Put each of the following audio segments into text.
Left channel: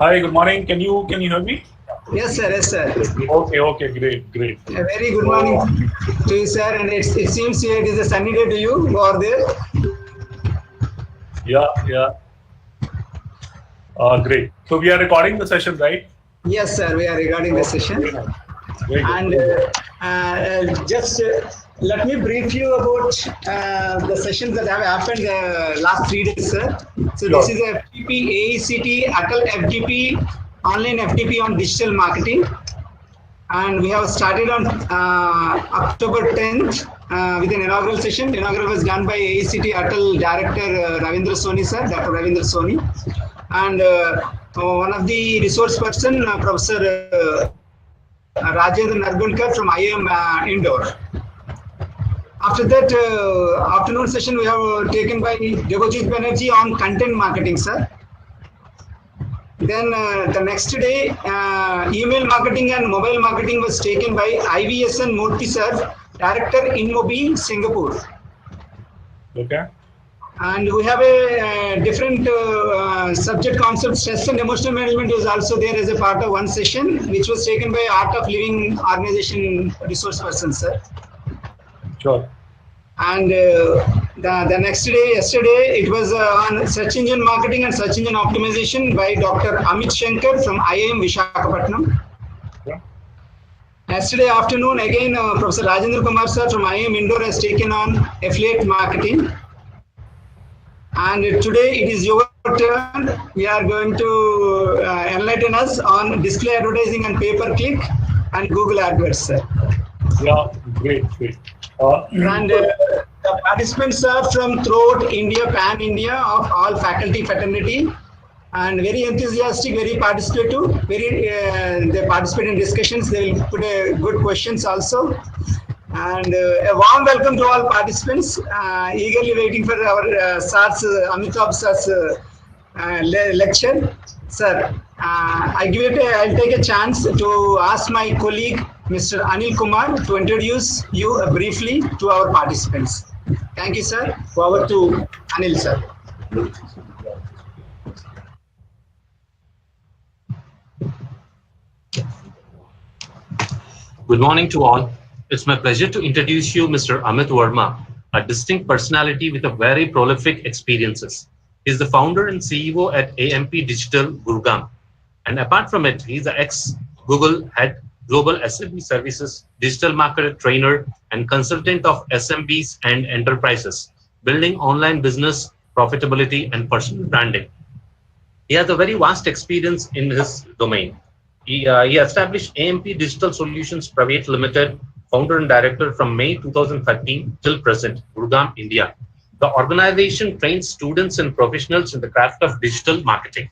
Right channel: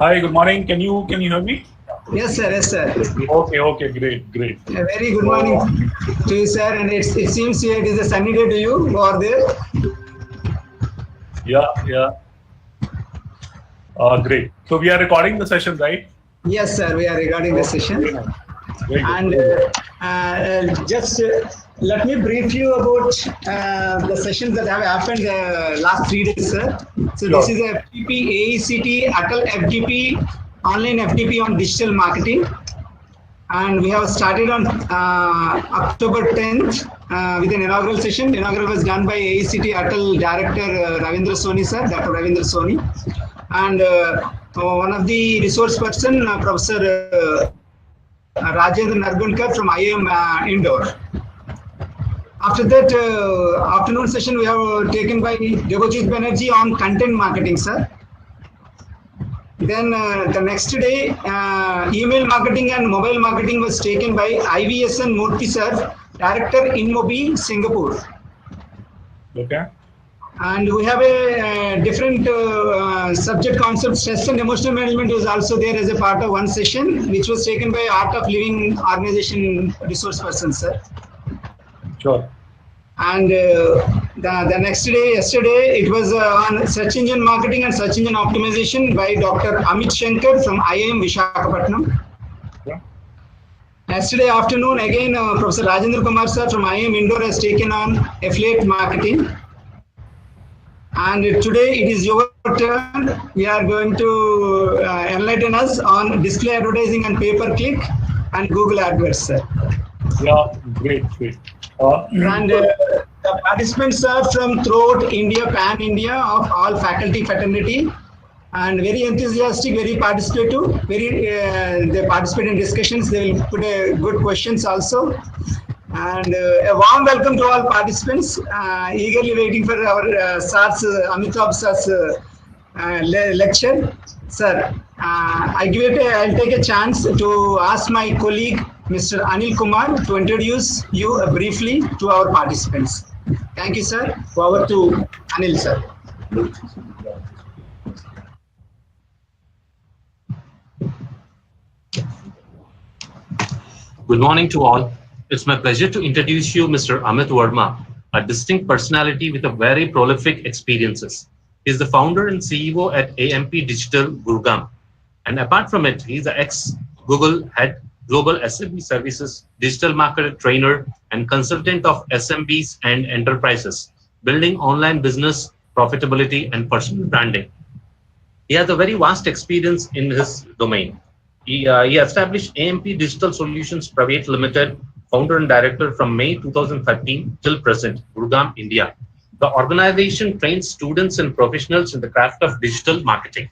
Hi, good morning. Can you hear me? Yes, sir. Yes, sir. Okay, great. A very good morning to you, sir. And it seems it is a sunny day to you over there. Yeah. Great. So we are recording the session, right? Yes, sir. We are recording the session. Very And just let me brief you about the sessions that have happened last 3 days, sir. So Sure. this is a FDP, AICTE-ATAL FDP, online FDP on digital marketing. And we have started on October 10th with an inaugural session. Inaugural was done by AICTE-ATAL Director Ravindra Soni, sir, Dr. Ravindra Soni. And one of the resource person, Professor Rajendra Nargulkar from IIM Indore. After that afternoon session, we have taken by Debojit Banerjee on content marketing, sir. Then the next day, email marketing and mobile marketing was taken by IVSN Murthy, sir, Director InMobi, Singapore. Okay. And we have a different subject concept. Stress and emotional management was also there as a part of one session, which was taken by Art of Living organization resource person, sir. Sure. And the next day, yesterday, it was on search engine marketing and search engine optimization by Dr. Amit Shankar from IIM Visakhapatnam. Yeah. Yesterday afternoon, again, Professor Rajendra Kumar sir from IIM Indore has taken on affiliate marketing. And today it is your turn. We are going to enlighten us on display advertising and pay-per-click and Google AdWords, sir. Yeah, great. And the participants are from throughout India, pan-India, of all faculty fraternity, and very enthusiastic, very participative, they participate in discussions, they will put good questions also. And a warm welcome to all participants, eagerly waiting for our Amtab sir's lecture. Sir, I'll take a chance to ask my colleague, Mr. Anil Kumar, to introduce you briefly to our participants. Thank you, sir. Over to Anil, sir. Good morning to all. It's my pleasure to introduce you Mr. Amit Verma, a distinct personality with a very prolific experiences. He is the founder and CEO at AMP Digital, Gurgaon. And apart from it, he's the ex-Google head, Global SMB Services, digital marketer trainer, and consultant of SMBs and enterprises, building online business, profitability, and personal branding. He has a very vast experience in his domain. He established AMP Digital Solutions Private Limited, founder and director from May 2013 till present, Gurgaon, India. The organization trains students and professionals in the craft of digital marketing.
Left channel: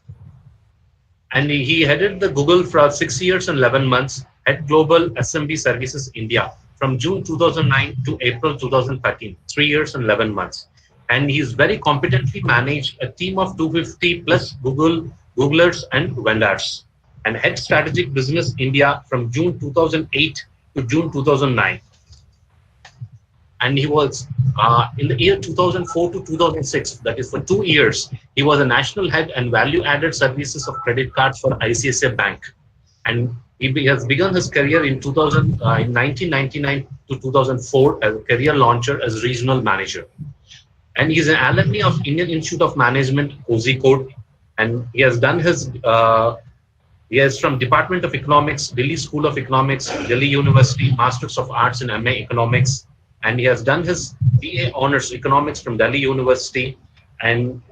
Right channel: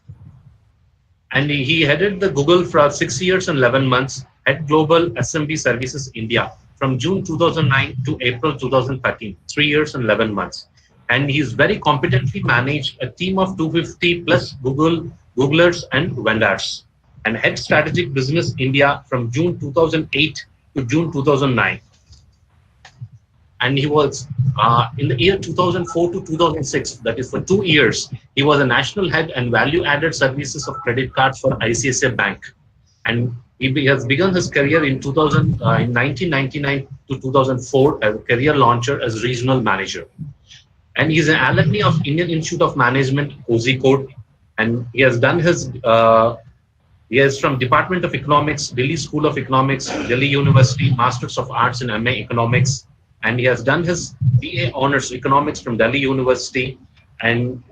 And he headed the Google for 6 years and 11 months at Global SMB Services India from June 2009 to April 2013, 3 years and 11 months. And he's very competently managed a team of 250 plus Googlers and vendors, and head strategic business India from June 2008 to June 2009. And he was in the year 2004 to 2006, that is for 2 years, he was a national head and value added services of credit cards for ICICI Bank. And he has begun his career in 1999 to 2004 as a career launcher as regional manager. And he is an alumni of Indian Institute of Management, Kozhikode, and he has done his he is from Department of Economics, Delhi School of Economics, Delhi University, Masters of Arts in MA Economics, and he has done his BA Honors Economics from Delhi University and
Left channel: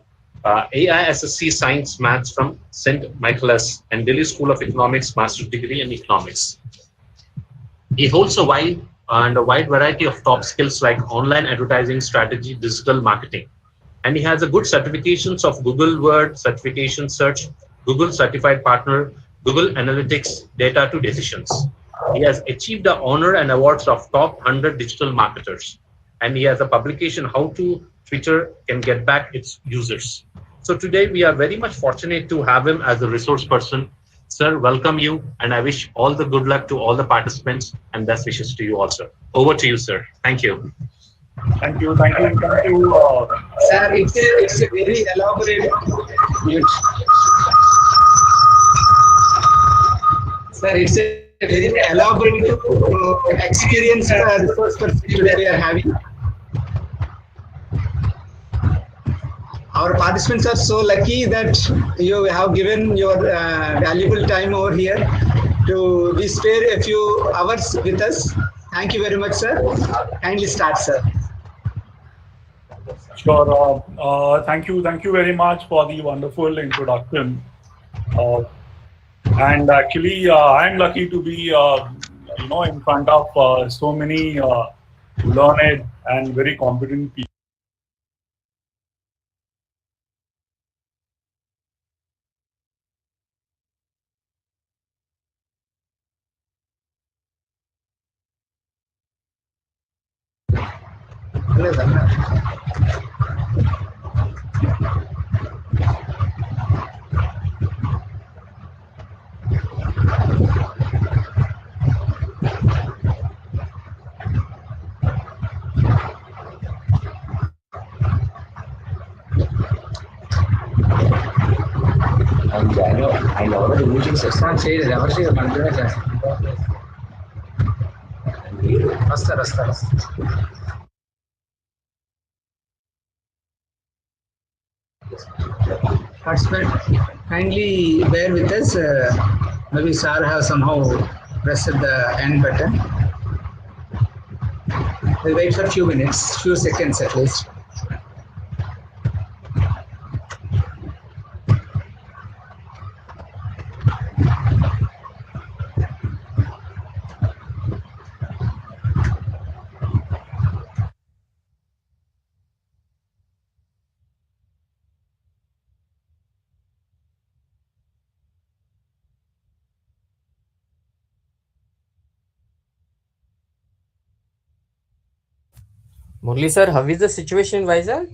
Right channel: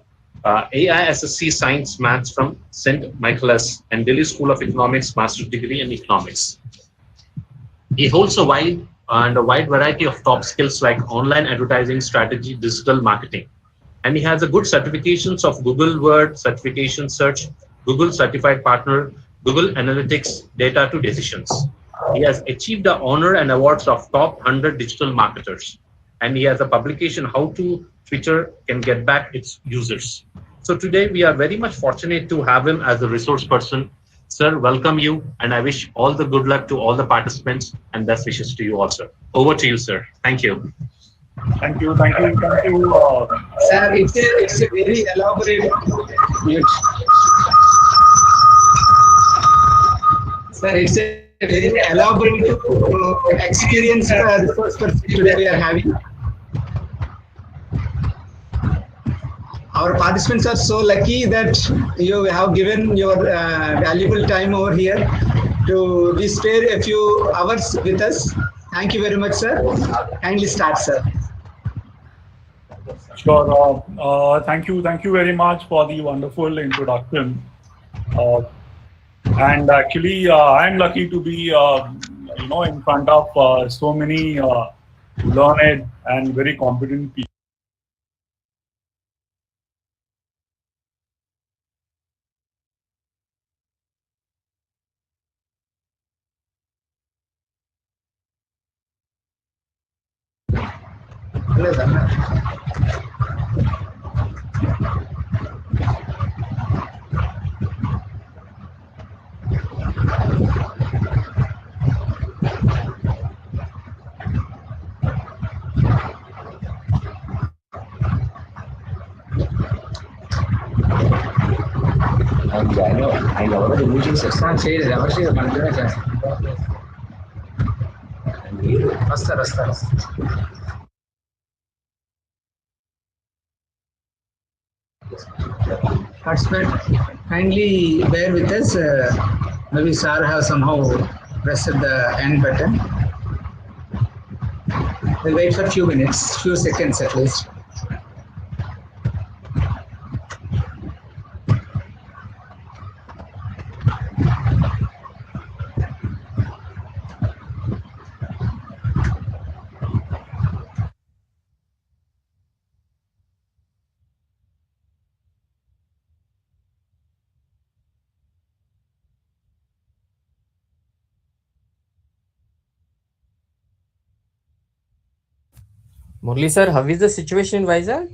AISSC Science Maths from St. Michaelis and Delhi School of Economics, Master's Degree in Economics. He holds a wide variety of top skills like online advertising, strategy, digital marketing. And he has a good certifications of Google Word, Certification Search, Google Certified Partner, Google Analytics, Data to Decisions. He has achieved the honor and awards of top 100 digital marketers. And he has a publication, How to Twitter Can Get Back Its Users. So today we are very much fortunate to have him as a resource person. Sir, welcome you. And I wish all the good luck to all the participants and best wishes to you also. Over to you, sir. Thank you. Thank you. Sir, it's a very elaborate. Sir, it's a very elaborate experience resource person today we are having. Our participants are so lucky that you have given your valuable time over here to be spare a few hours with us. Thank you very much, sir. Kindly start, sir. Sure. Thank you. Thank you very much for the wonderful introduction. And actually, I'm lucky to be, in front of so many learned and very competent people. I know the meetings are not said. Participant, kindly bear with us. Maybe sir have somehow pressed the end button. We'll wait for a few minutes, few seconds at least. Murali sir, how is the situation in Vizag?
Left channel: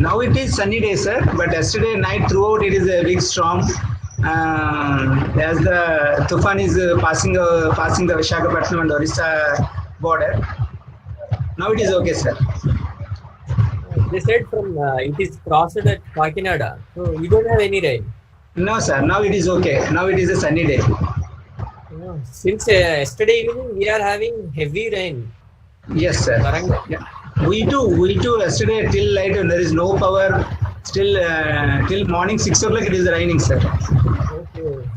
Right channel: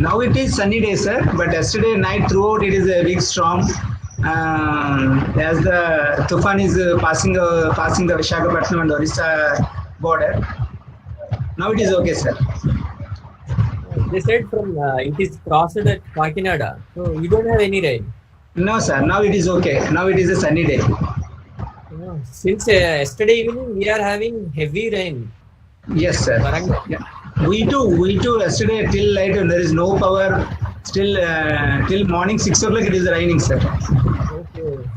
Now it is sunny day, sir, but yesterday night throughout it is a big storm. As the Tufan is passing the Visakhapatnam and Orissa border. Now it is okay, sir. They said from it is crossed at Kakinada, so you don't have any rain. No, sir. Now it is okay. Now it is a sunny day. Since yesterday evening we are having heavy rain. Yes, sir. Yeah. We too. Yesterday till light and there is no power. Still till morning 6 o'clock it is raining, sir. Okay.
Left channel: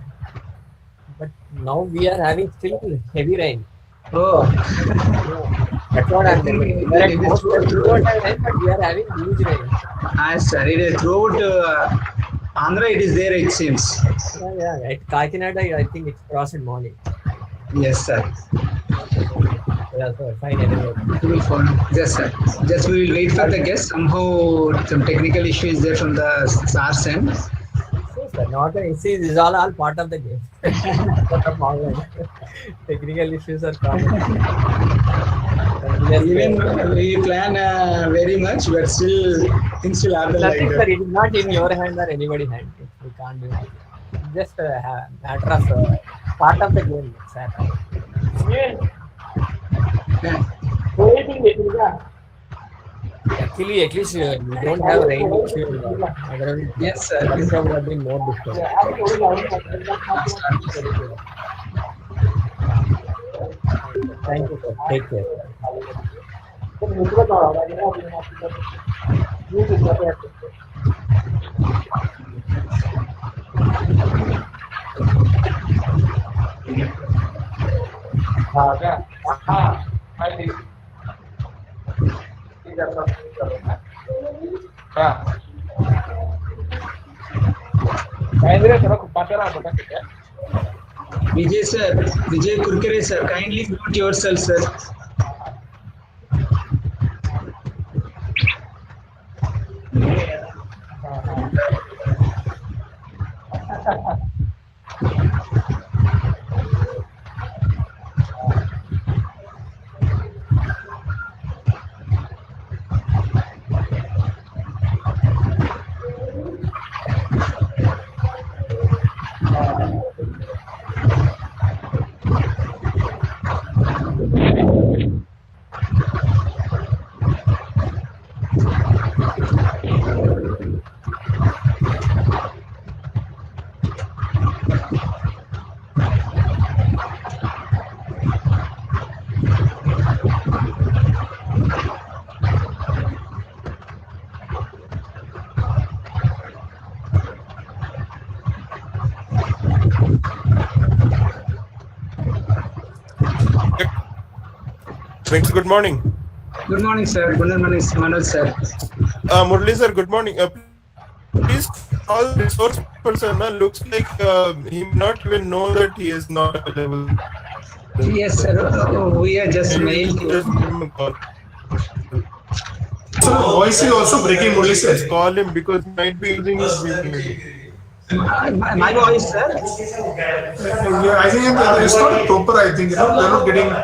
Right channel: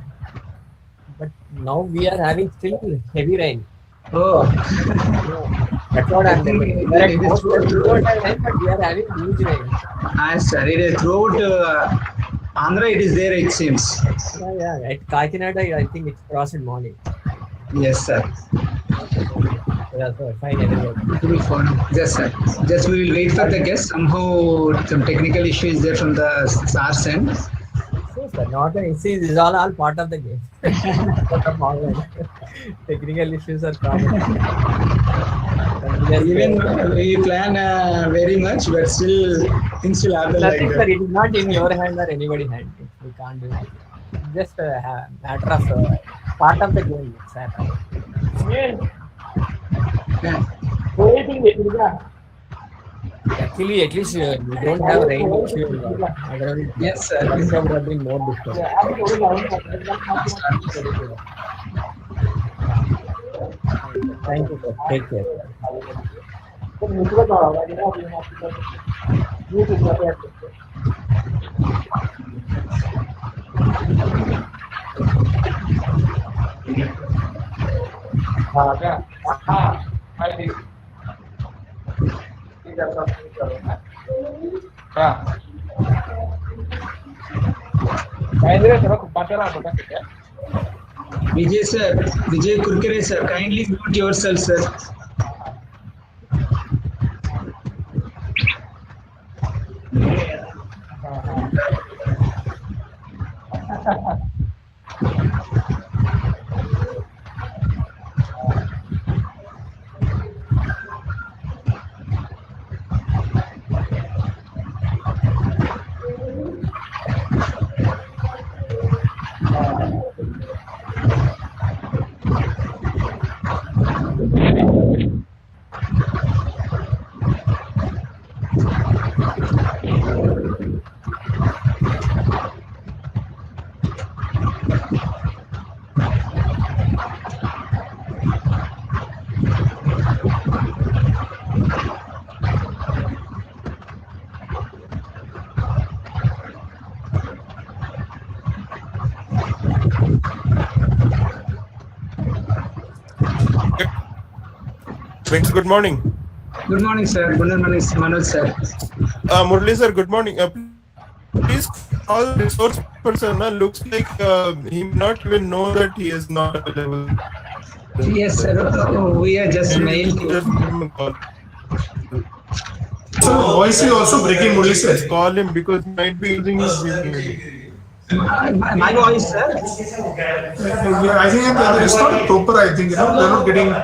But now we are having still heavy rain. Oh. That's what I'm telling you. But we are having huge rain. Yes, sir. It is throughout Andhra it is there, it seems. Yeah. At Kakinada, I think it's crossed in morning. Yes, sir. Yeah, sir. Fine. Anyway. Yes, sir. Just we will wait for the guest. Somehow some technical issue is there from the SARS end. So, sir, not an issue. This is all part of the game. Technical issues are common. Even we plan very much, but still things will happen. Nothing, sir. It is not in your hand or anybody's hand. We can't do it. Just a matter of part of the game, sir. Actually, at least we don't have rain issue. Yes, sir. Things would have been more difficult. Thank you, sir. Take care. Vijay sir, Vijay Kurkere sir, kindly mute yourself, sir. Good morning. Good morning, sir. Good morning, Manoj, sir. Murali sir, good morning. Please call the resource person. Looks like he may not even know that he is not available. Yes, sir. We are just mailed you. Just give him a call. So voice is also breaking, Murali sir. Just call him because he might be using his VPN. My voice, sir. Yeah, I think it's not proper. I think they're not getting.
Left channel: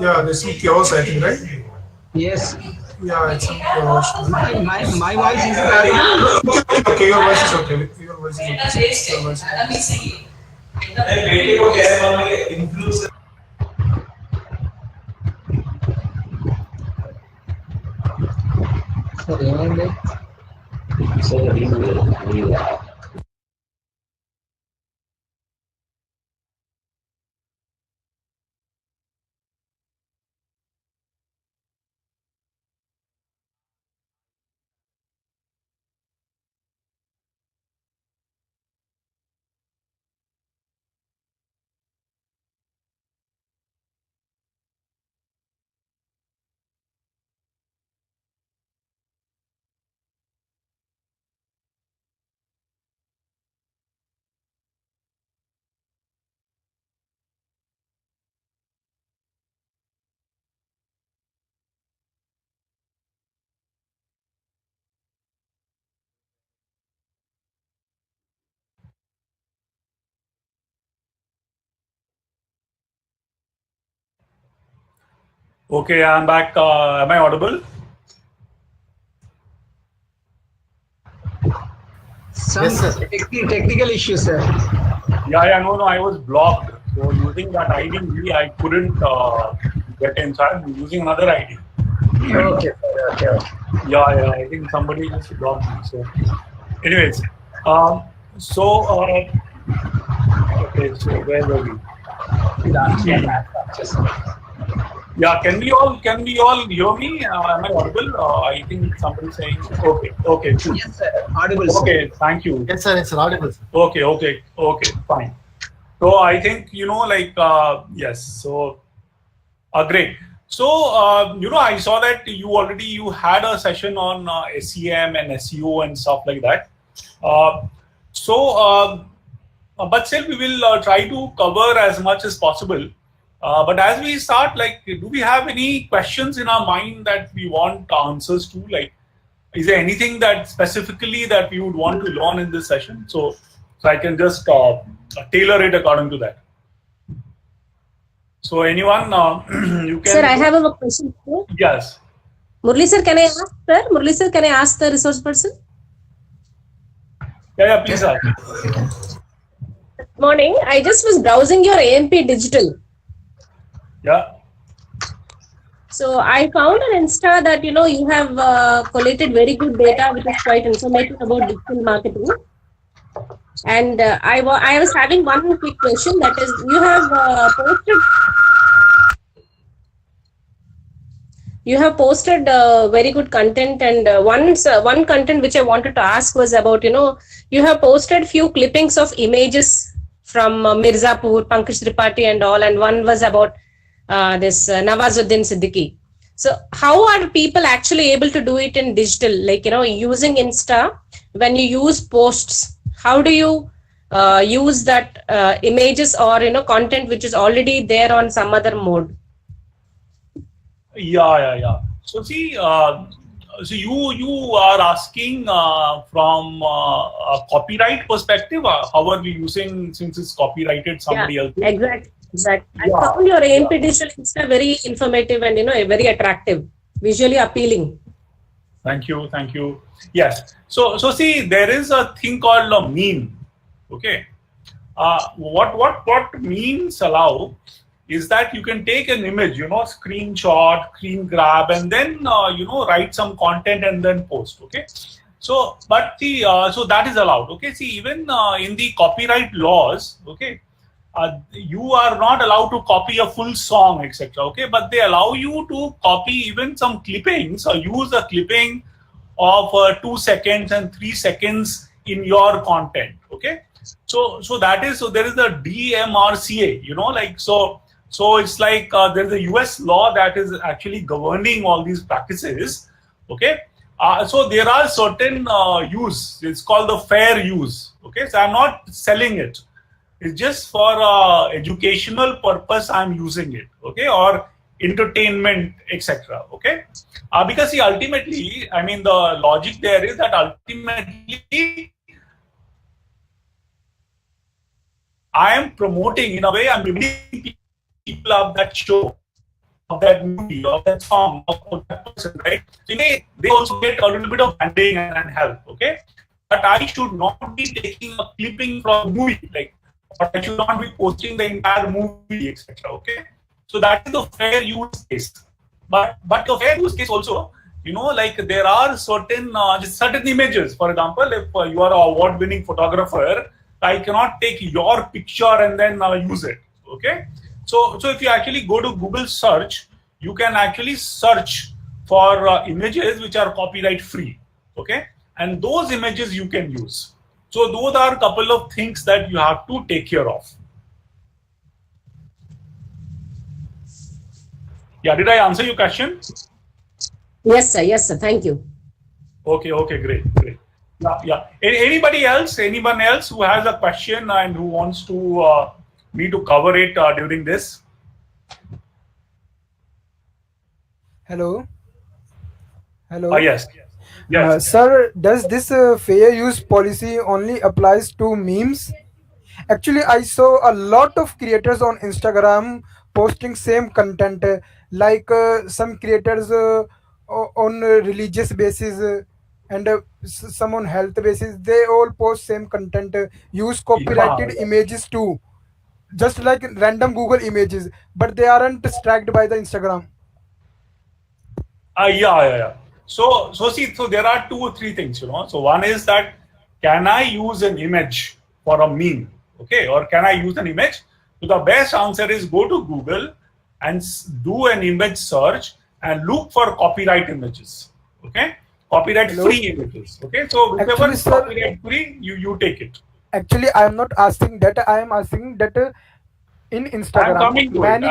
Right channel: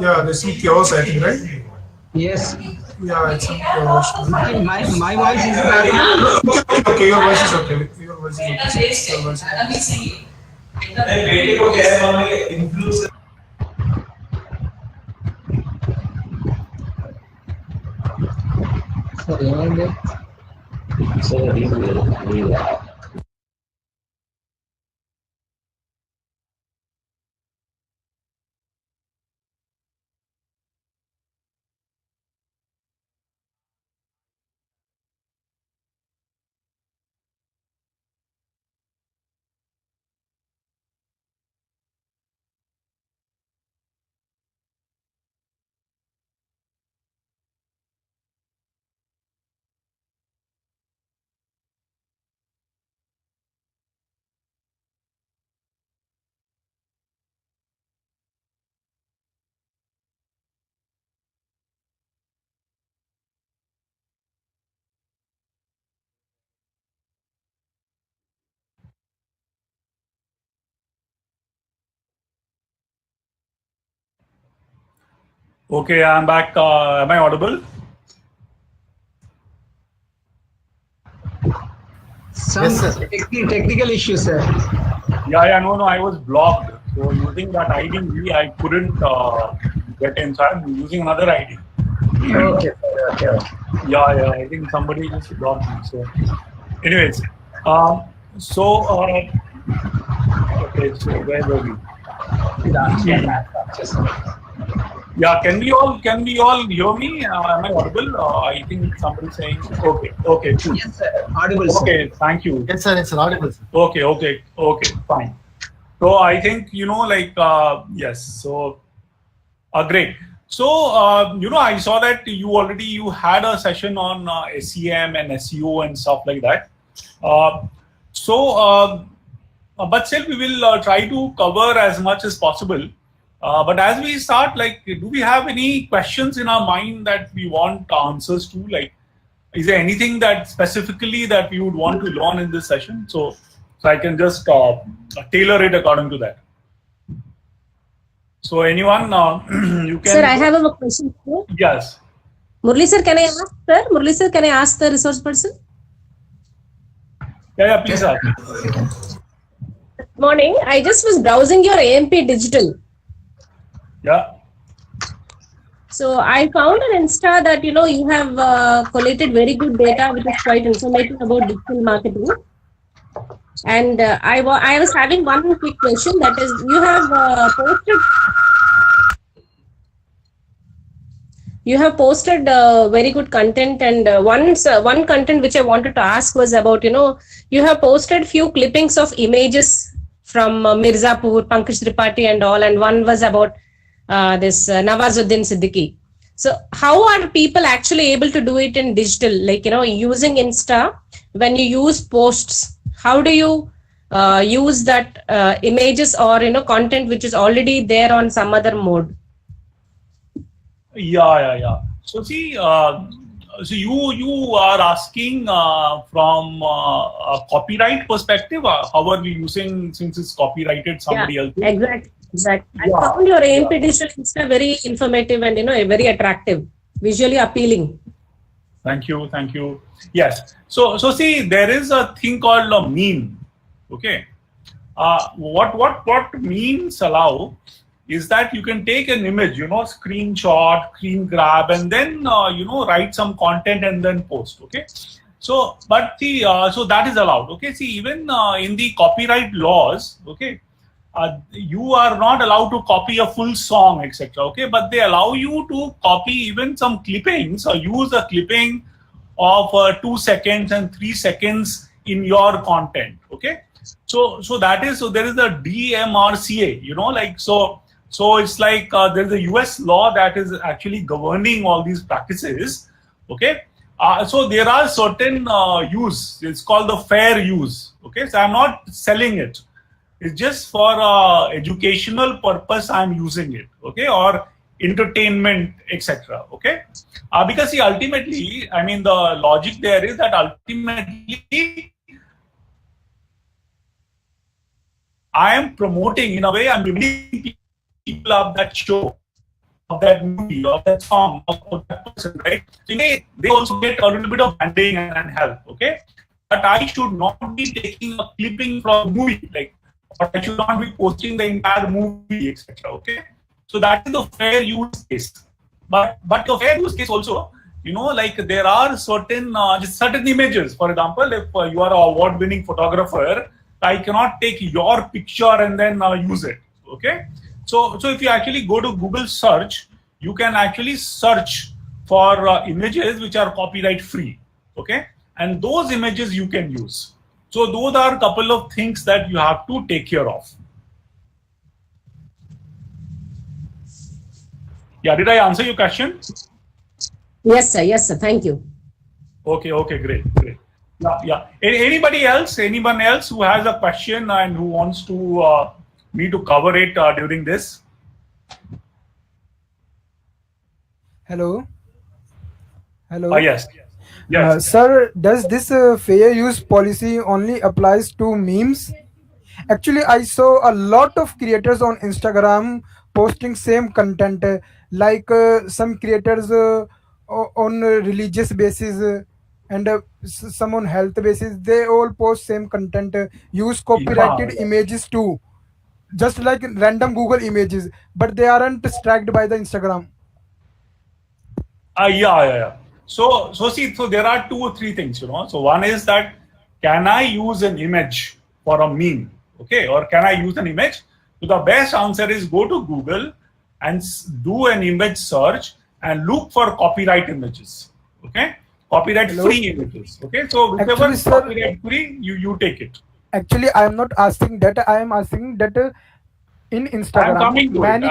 Yeah, there's some chaos. I think, right? Yes. Yeah, it's some chaos. My voice is Okay, your voice is okay. Your voice is okay. Your voice is okay. Okay, I'm back. Am I audible? some technical issue, sir. Yeah, no, I was blocked. So using that ID, I couldn't get inside. I'm using another ID. Okay. Yeah, I think somebody just blocked me. So, anyways, okay, so where were we? Yeah, can we all hear me? Am I audible? I think somebody's saying. Okay, cool. Yes, sir. Audible, sir. Okay, thank you. Yes, sir, it's audible, sir. Okay, fine. So I think yes. So, great. So I saw that you had a session on SEM and SEO and stuff like that. But still we will try to cover as much as possible. But as we start, do we have any questions in our mind that we want answers to? Is there anything that specifically that we would want to learn in this session? So I can just tailor it according to that. So anyone, you can. Sir, I have a question. Yes. Murali sir, can I ask, sir? Murali sir, can I ask the resource person? Yeah, please ask. Good morning. I just was browsing your AMP digital. Yeah. So I found on Insta that you have collated very good data, which is quite informative about digital marketing. And I was having one quick question. That is, you have posted very good content, and one content which I wanted to ask was about you have posted few clippings of images from Mirzapur, Pankaj Tripathi and all, and one was about this Nawazuddin Siddiqui. So how are people actually able to do it in digital? Using Insta, when you use posts, how do you use that images or content which is already there on some other mode? Yeah. So see, so you are asking from a copyright perspective. How are we using, since it's copyrighted somebody else? Exactly. I found your AMP digital Insta very informative and very attractive, visually appealing. Thank you. Yes. So see, there is a thing called a meme. Okay. What memes allow is that you can take an image, screenshot, screen grab, and then write some content and then post. Okay. So, but so that is allowed. Okay. See, even in the copyright laws, okay, you are not allowed to copy a full song, etc. Okay, but they allow you to copy even some clippings or use a clipping of 2 seconds and 3 seconds in your content. Okay, so there is a DMRCA. So it's like there's a US law that is actually governing all these practices. Okay. So there are certain use. It's called the fair use. Okay. So I'm not selling it. It's just for educational purpose I'm using it. Okay. Or entertainment, etc. Okay. Because see, ultimately, I mean, the logic there is that ultimately I am promoting, in a way, I'm giving people of that show, of that movie, of that song, of that person, right? So they also get a little bit of funding and help, okay? But I should not be taking a clipping from movie, like, or I should not be posting the entire movie, etc. Okay? So that is the fair use case. But the fair use case also, you know, like there are certain images. For example, if you are an award-winning photographer, I cannot take your picture and then use it. Okay. So if you actually go to Google search, you can actually search for images which are copyright free. Okay. And those images you can use. So those are a couple of things that you have to take care of. Yeah. Did I answer your question? Yes, sir. Yes, sir. Thank you. Okay. Great. Yeah. Anyone else who has a question and who wants to me to cover it during this? Hello. Yes. Sir, does this fair use policy only applies to memes? Actually, I saw a lot of creators on Instagram posting same content, like some creators on religious basis and some on health basis. They all post same content, use copyrighted images too, just like random Google images, but they aren't struck by the Instagram. Yeah. So there are 2 or 3 things, you know. So one is that, can I use an image for a meme? Okay, or can I use an image? So the best answer is go to Google and do an image search and look for copyright images. Okay, copyright free images. Okay, so whichever is copyright free, you take it. Actually, I am not asking that. I am asking that in Instagram. I'm coming to it.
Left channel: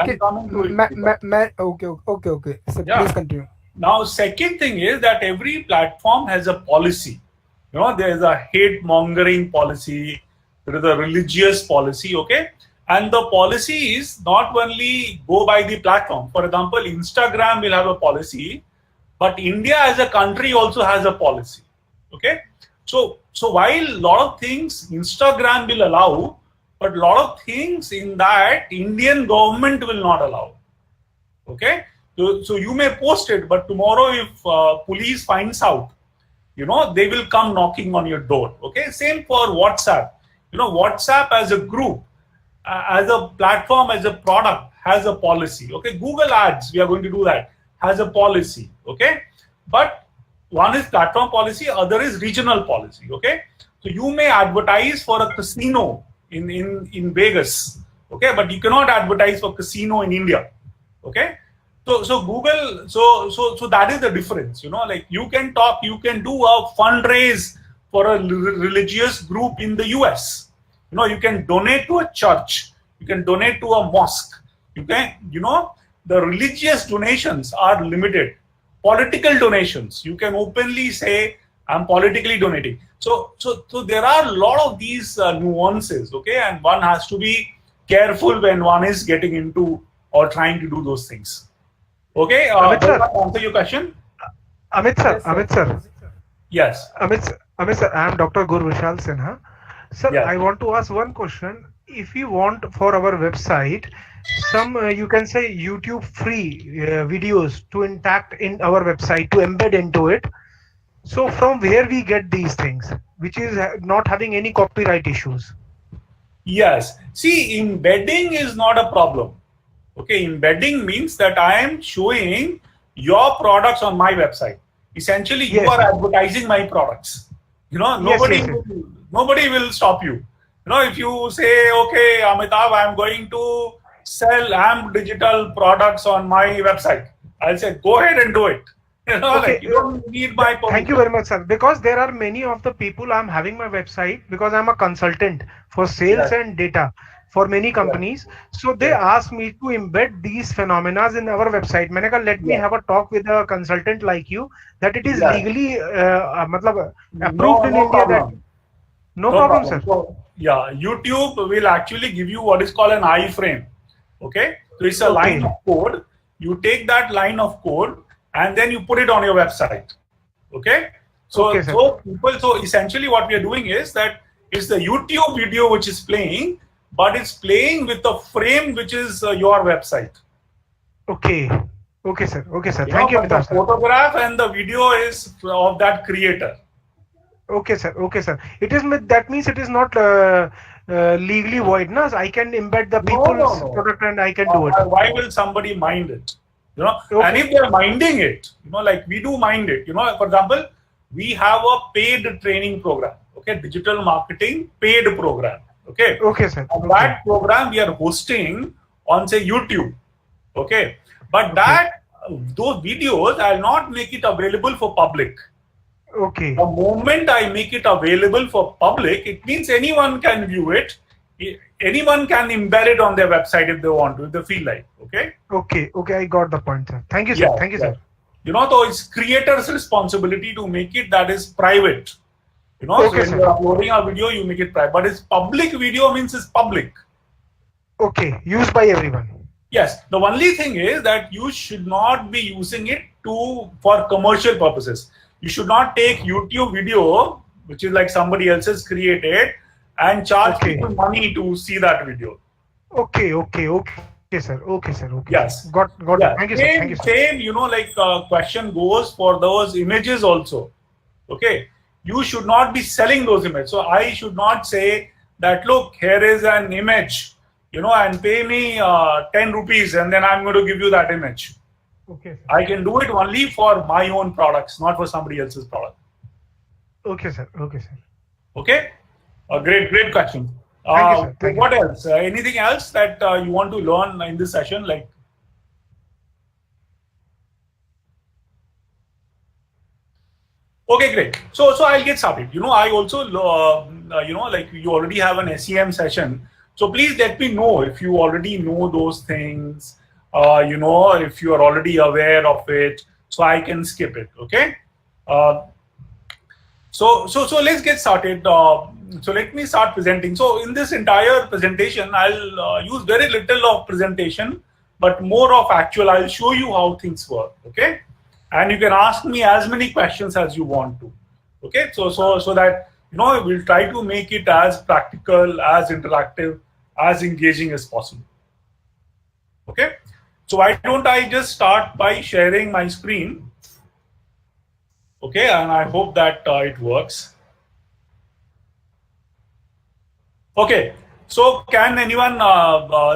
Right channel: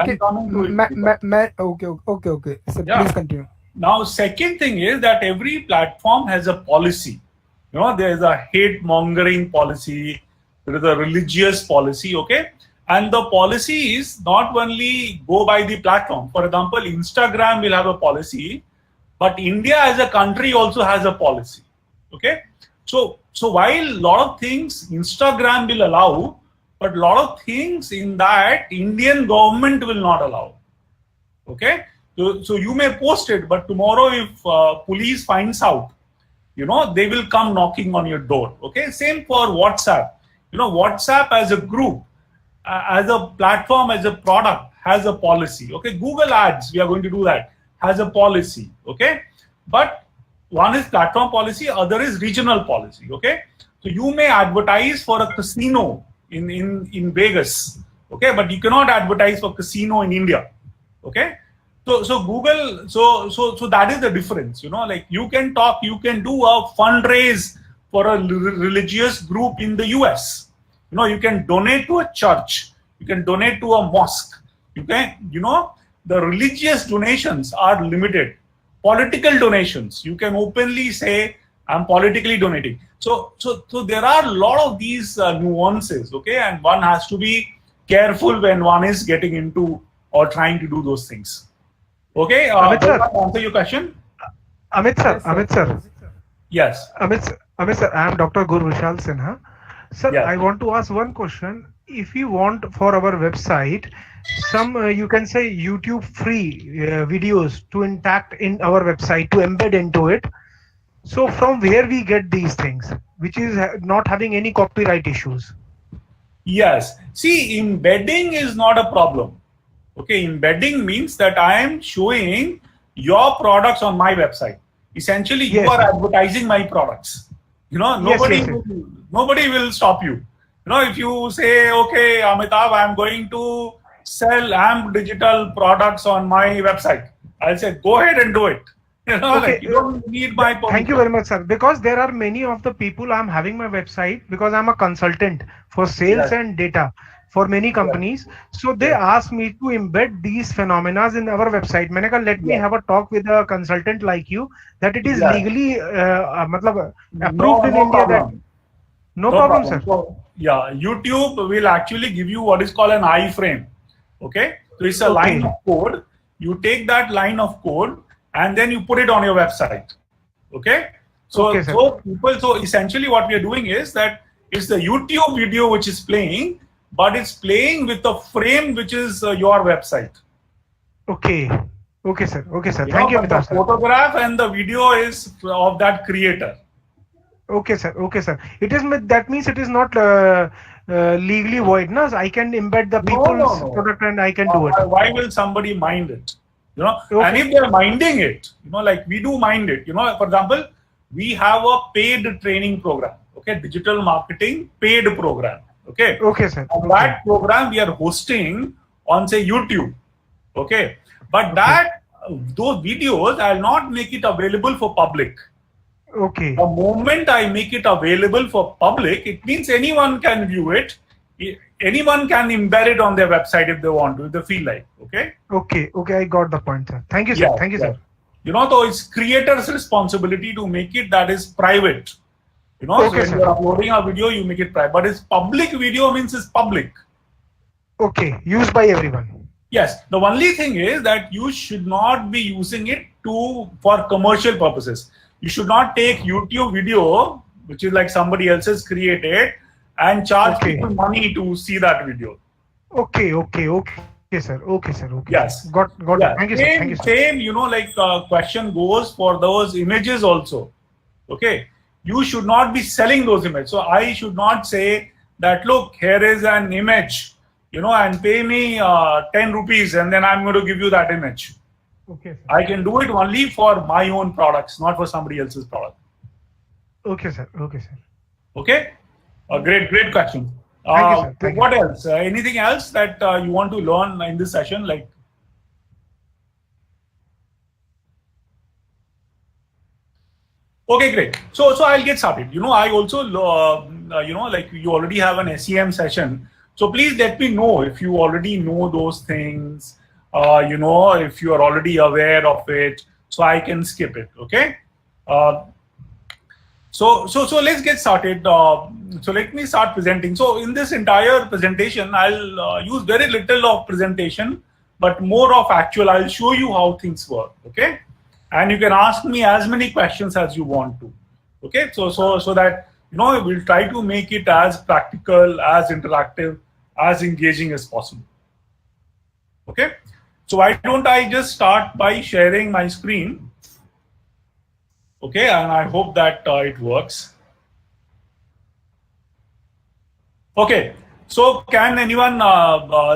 Okay. So please continue. Now, second thing is that every platform has a policy. You know, there is a hate mongering policy. There is a religious policy. Okay, and the policy is not only go by the platform. For example, Instagram will have a policy, but India as a country also has a policy. Okay, so while a lot of things Instagram will allow, but a lot of things in that Indian government will not allow. Okay, so you may post it, but tomorrow if police finds out, you know, they will come knocking on your door. Okay, same for WhatsApp. You know, WhatsApp as a group, as a platform, as a product, has a policy. Okay, Google Ads, we are going to do that, has a policy. Okay, but one is platform policy, other is regional policy. Okay, so you may advertise for a casino in Vegas. Okay, but you cannot advertise for casino in India. Okay, so Google, so that is the difference. You know, like you can do a fundraise for a religious group in the US. You know, you can donate to a church, you can donate to a mosque. You can, you know, the religious donations are limited. Political donations, you can openly say, I'm politically donating. So there are a lot of these nuances, okay, and one has to be careful when one is getting into or trying to do those things. Okay, Amit sir, answer your question. Amit sir. Yes. Amit sir, I am Dr. Gurvishal Sinha. Sir, Yes. I want to ask one question. If you want for our website, some you can say YouTube free videos to intact in our website to embed into it. So from where we get these things, which is not having any copyright issues? Yes. See, embedding is not a problem. Okay, embedding means that I am showing your products on my website. Essentially, you Yes. are advertising my products. You know, nobody will stop you. You know, if you say, okay, Amitav, I'm going to sell AMP digital products on my website, I'll say, go ahead and do it. You know, Okay. like, you don't need my permission. Thank you very much, sir. Because there are many of the people I'm having my website because I'm a consultant for sales Yes. and data. for many companies. So they asked me to embed these phenomena in our website. मैंने कहा let me have a talk with a consultant like you that it is legally मतलब approved in India that no problem, sir. So, yeah, YouTube will actually give you what is called an iframe. Okay, so it's a line of code. You take that line of code and then you put it on your website. Okay, so so essentially what we are doing is that it's the YouTube video which is playing, but it's playing with a frame which is your website. Okay, sir. Thank you. The photograph and the video is of that creator. Okay, sir. It is that means it is not legally void, no? I can embed the people's product and I can do it. Why will somebody mind it? And if they're minding it, like we do mind it. For example, we have a paid training program. Okay, digital marketing paid program. Okay, sir. And that program we are hosting on say YouTube. Okay, but those videos I'll not make it available for public. Okay. The moment I make it available for public, it means anyone can view it. Anyone can embed it on their website if they want to, if they feel like. Okay, I got the point, sir. Thank you, sir. Thank you, sir. So it's creator's responsibility to make it that is private. So when you're uploading a video, you make it private. But it's public video means it's public. Okay, used by everyone. Yes. The only thing is that you should not be using it for commercial purposes. You should not take YouTube video, which is like somebody else's created, and charge people money to see that video. Okay, sir. Yes. Got it. Thank you, sir. Thank you, sir. Same, question goes for those images also. Okay. You should not be selling those images. So I should not say that, look, here is an image, and pay me 10 rupees and then I'm going to give you that image. Okay, sir. I can do it only for my own products, not for somebody else's product. Okay, sir. Okay? Great question. Thank you, sir. What else? Anything else that you want to learn in this session? Okay, great. So I'll get started. I also, you already have an SEM session. So please let me know if you already know those things, if you are already aware of it, so I can skip it. Okay. So let's get started. So let me start presenting. So in this entire presentation, I'll use very little of presentation, but more of actual. I'll show you how things work. Okay. And you can ask me as many questions as you want to. Okay, so that we'll try to make it as practical, as interactive, as engaging as possible. Okay, so why don't I just start by sharing my screen? Okay, and I hope that it works. Okay, so can anyone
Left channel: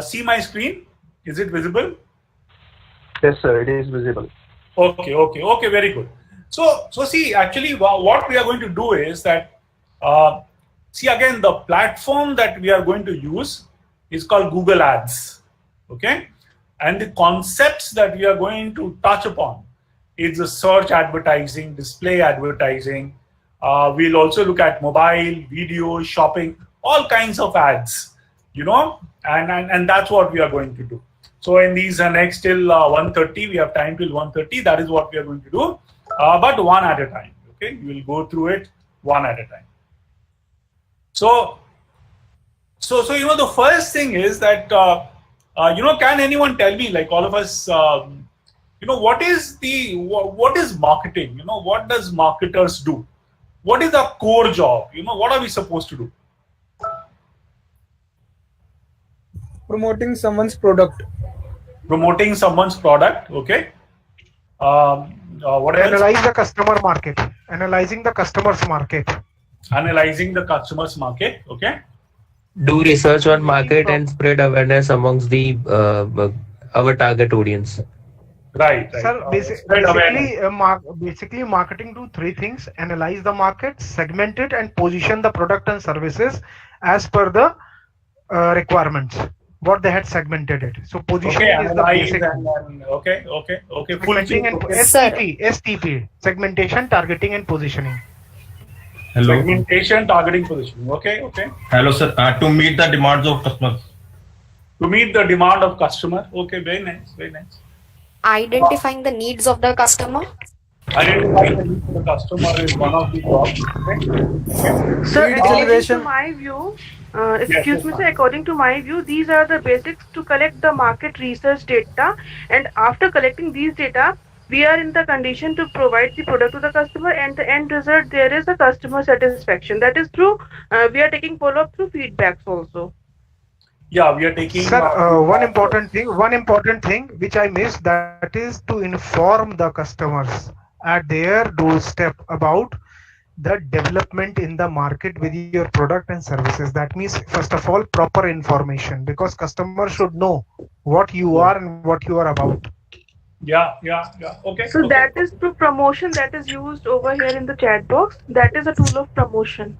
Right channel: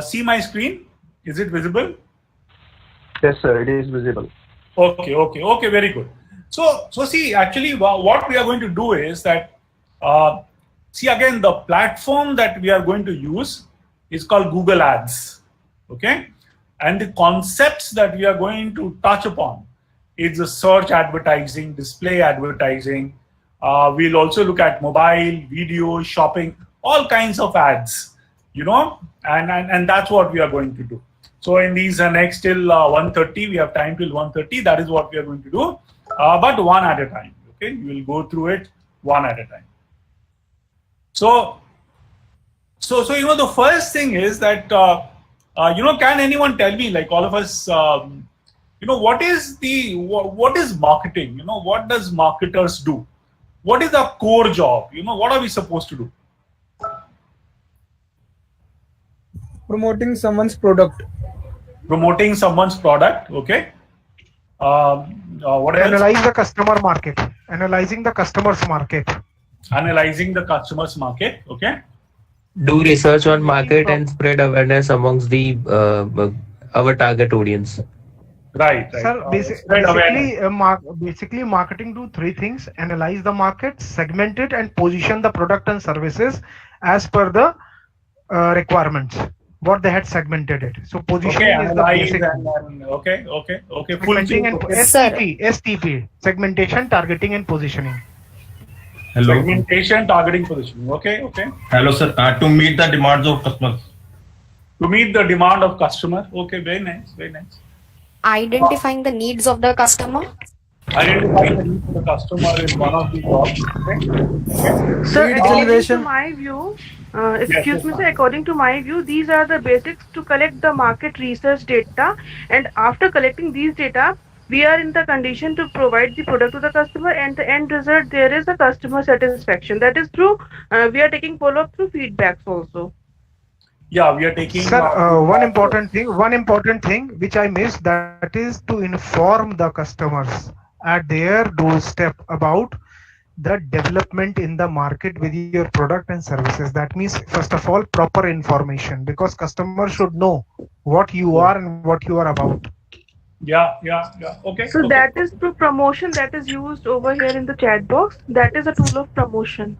see my screen? Is it visible? Yes, sir, it is visible. Okay, very good. So see, actually what we are going to do is that, see again, the platform that we are going to use is called Google Ads, okay? And the concepts that we are going to touch upon is the search advertising, display advertising. We'll also look at mobile, video, shopping, all kinds of ads, and that's what we are going to do. So in these next till 1:30, we have time till 1:30. That is what we are going to do, but one at a time. Okay, we will go through it one at a time. So the first thing is that can anyone tell me, like all of us, what is marketing? What does marketers do? What is our core job? What are we supposed to do? Promoting someone's product. Promoting someone's product, okay. What else? Analyze the customer market. Analyzing the customer's market. Analyzing the customer's market, okay. Do research on market and spread awareness amongst the our target audience. Right. Sir, basically marketing do three things: analyze the market, segment it, and position the product and services as per the requirements. What they had segmented it. So positioning is the basic. Okay. Segmenting and STP, segmentation, targeting, and positioning. Hello. Segmentation, targeting, positioning. Okay. Hello, sir. To meet the demands of customers. To meet the demand of customer. Okay, very nice, very nice. Identifying the needs of the customer. Identifying the needs of the customer is one of the jobs. Okay. So Lead according generation. to my view, Yes, excuse me, ma'am. sir, according to my view, these are the basics to collect the market research data. And after collecting these data, we are in the condition to provide the product to the customer, and the end result, there is a customer satisfaction. That is true. We are taking follow-up through feedbacks also. Yeah, we are taking. Sir, one important thing which I missed, that is to inform the customers at their doorstep about the development in the market with your product and services. That means, first of all, proper information, because customers should know what you are and what you are about. Yeah. Okay. So okay. that is through promotion that is used over here in the chat box. That is a tool of promotion.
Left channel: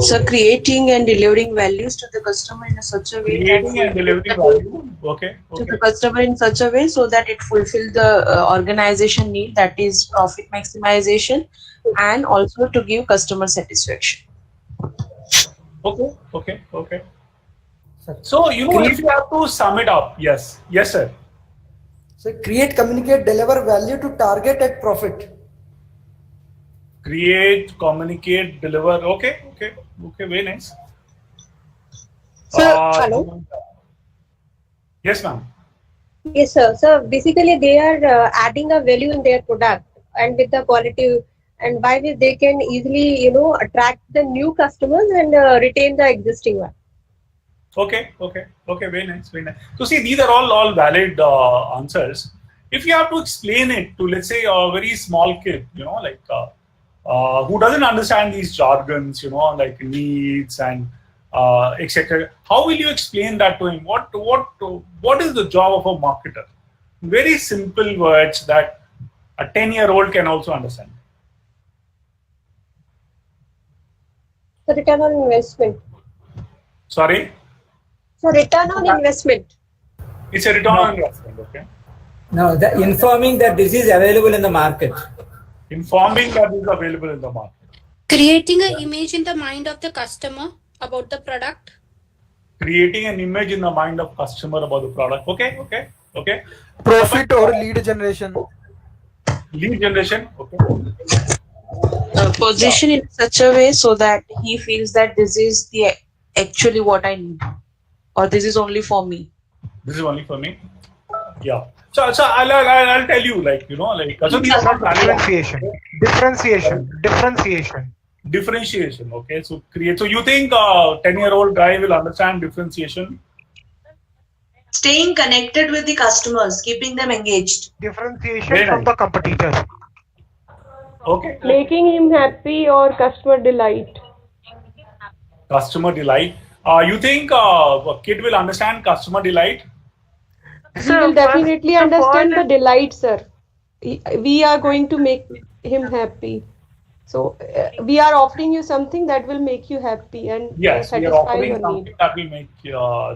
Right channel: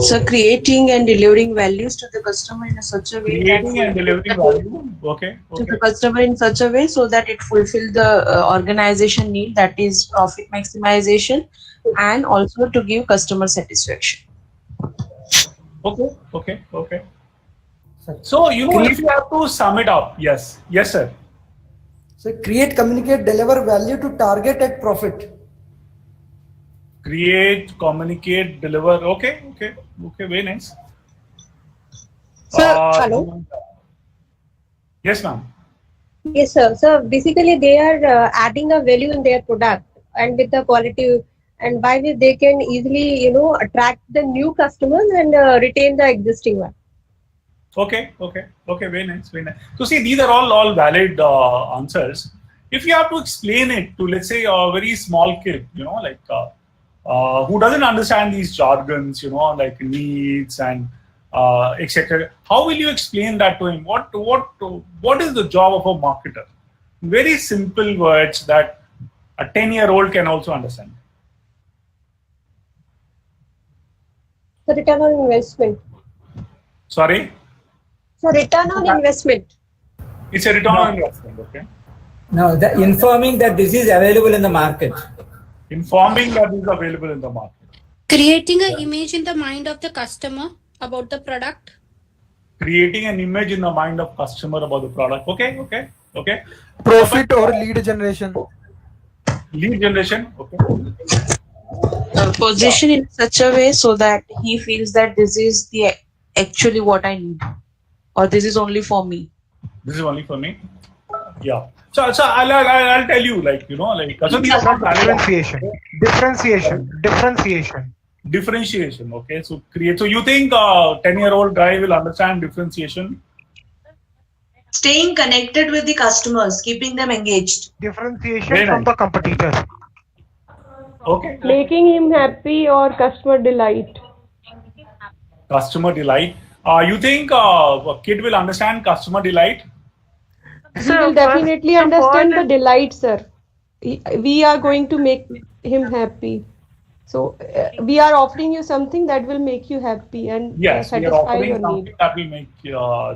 So creating and delivering values to the customer in such a way Creating and delivering value. Okay. to the customer in such a way so that it fulfill the organization need, that is profit maximization, and also to give customer satisfaction. Okay. So if you have to sum it up, yes, sir. So create, communicate, deliver value to target at profit. Create, communicate, deliver. Okay, very nice. Hello. Yes, ma'am. Yes, sir. So basically, they are adding a value in their product and with the quality, and by which they can easily, attract the new customers and retain the existing one. Okay, very nice. So see, these are all valid answers. If you have to explain it to, let's say, a very small kid, who doesn't understand these jargons, like needs and etc. How will you explain that to him? What is the job of a marketer? Very simple words that a 10-year-old can also understand. So return on investment. Sorry? So return on investment. It's a return on investment, okay? No, informing that this is available in the market. Informing that this is available in the market. Creating an image in the mind of the customer about the product. Creating an image in the mind of customer about the product. Okay. Profit or lead generation. Lead generation, okay. Position in such a way so that he feels that this is the actually what I need, or this is only for me. This is only for me. Yeah. So I'll tell you, so these are not differentiation. Okay. So create. So you think a 10-year-old guy will understand differentiation? Staying connected with the customers, keeping them engaged. Differentiation from the competitors. Okay. Making him happy or customer delight. Customer delight. You think a kid will understand customer delight? He will definitely understand the delight, sir. We are going to make him happy. So we are offering you something that will make you happy and yes, we are satisfy offering your something need. that will make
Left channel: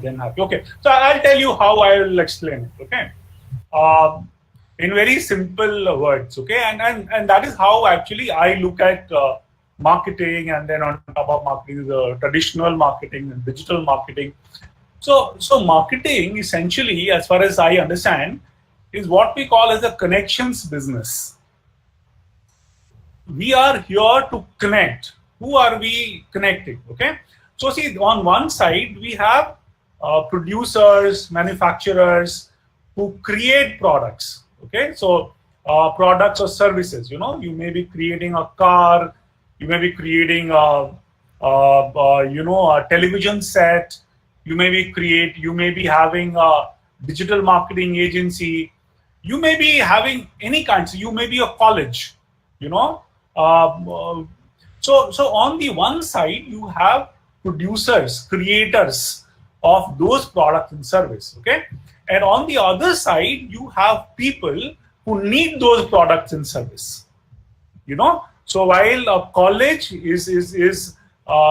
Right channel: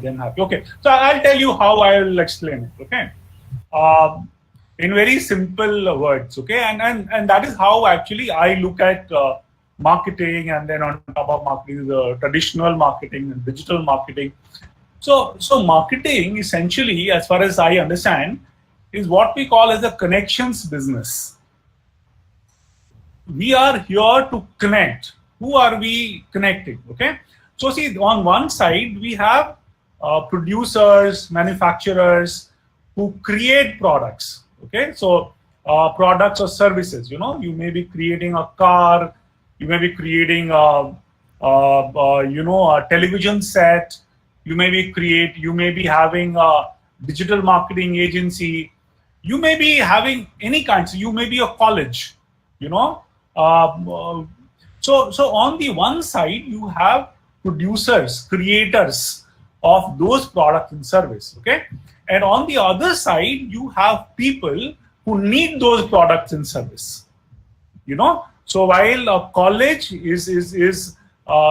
them happy. Okay. So I'll tell you how I will explain it. Okay. In very simple words. Okay. And that is how actually I look at marketing, and then on top of marketing, the traditional marketing and digital marketing. So marketing essentially, as far as I understand, is what we call as a connections business. We are here to connect. Who are we connecting? Okay. So see, on one side, we have producers, manufacturers who create products. Okay. So products or services, you may be creating a car, you may be creating a television set, you may be having a digital marketing agency, you may be having any kind. So you may be a college, So on the one side, you have producers, creators of those products and service. Okay. And on the other side, you have people who need those products and service. So while a college is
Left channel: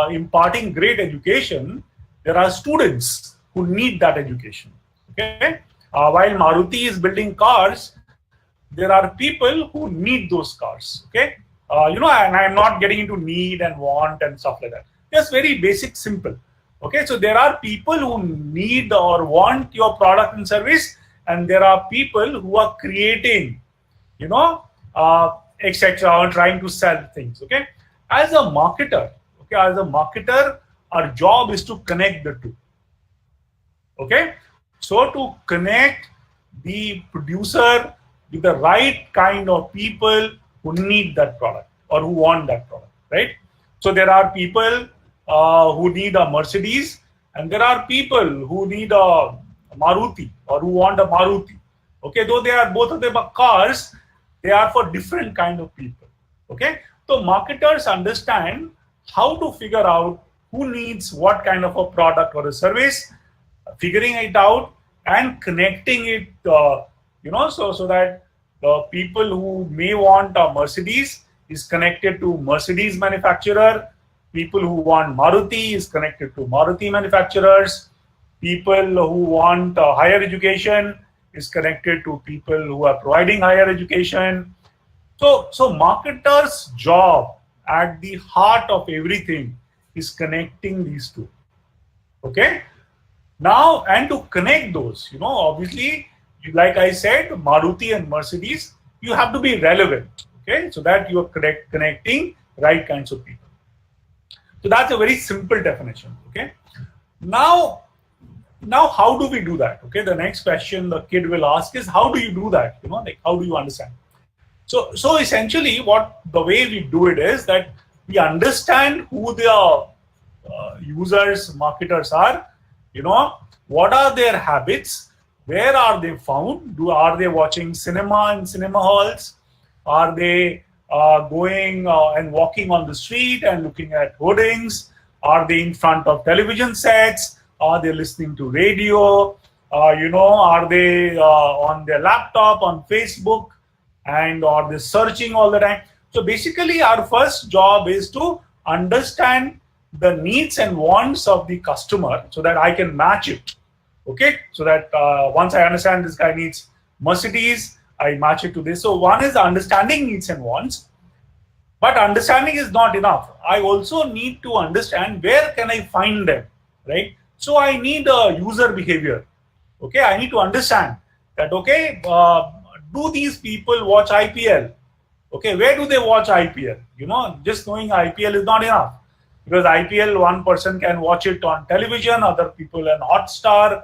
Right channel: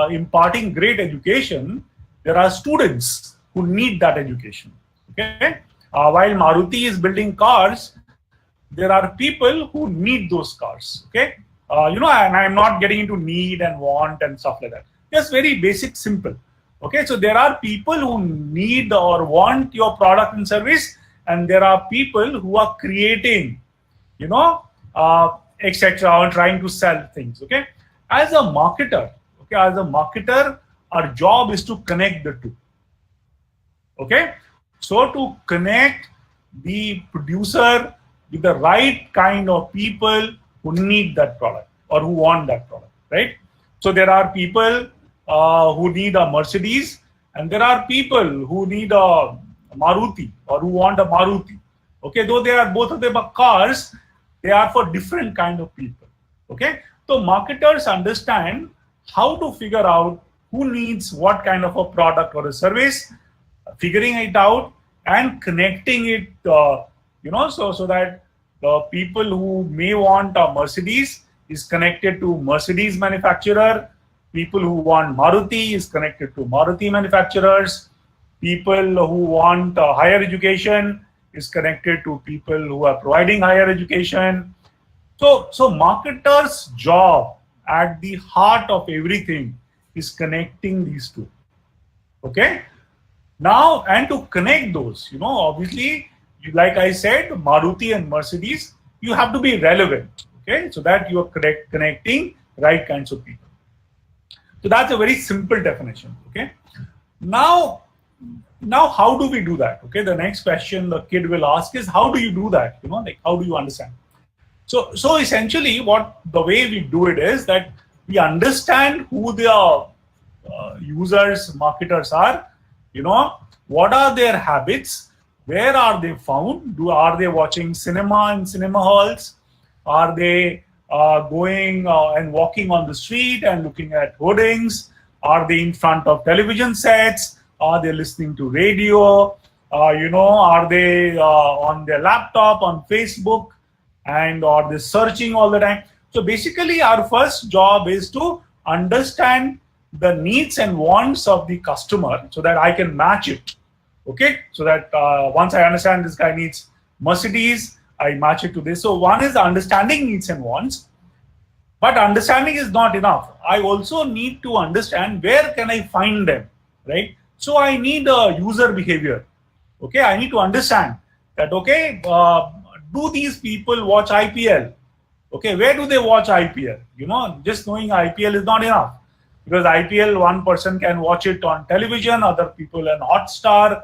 imparting great education, there are students who need that education. Okay. While Maruti is building cars, there are people who need those cars. Okay. And I'm not getting into need and want and stuff like that. Just very basic, simple. Okay, so there are people who need or want your product and service, and there are people who are creating, etc., or trying to sell things. Okay, as a marketer, our job is to connect the two. Okay, so to connect the producer with the right kind of people who need that product or who want that product, right? So there are people who need a Mercedes, and there are people who need a Maruti or who want a Maruti. Okay, though they are both of them are cars, they are for different kind of people. Okay, so marketers understand how to figure out who needs what kind of a product or a service, figuring it out and connecting it, so that the people who may want a Mercedes is connected to Mercedes manufacturer. People who want Maruti is connected to Maruti manufacturers. People who want higher education is connected to people who are providing higher education. So marketers' job at the heart of everything is connecting these two. Okay. Now, and to connect those, obviously, like I said, Maruti and Mercedes, you have to be relevant. Okay, so that you are connecting right kinds of people. So that's a very simple definition. Okay. Now how do we do that? Okay. The next question the kid will ask is, how do you do that? Like, how do you understand? So essentially, the way we do it is that we understand who the users, marketers are. What are their habits? Where are they found? Are they watching cinema in cinema halls? Are they going and walking on the street and looking at hoardings? Are they in front of television sets? Are they listening to radio? Are they on their laptop, on Facebook? And are they searching all the time? So basically, our first job is to understand the needs and wants of the customer so that I can match it. Okay, so that once I understand this guy needs Mercedes, I match it to this. So one is understanding needs and wants, but understanding is not enough. I also need to understand where can I find them, right? So I need a user behavior. Okay, I need to understand that, okay, do these people watch IPL? Okay, where do they watch IPL? Just knowing IPL is not enough, because IPL, one person can watch it on television, other people on Hotstar,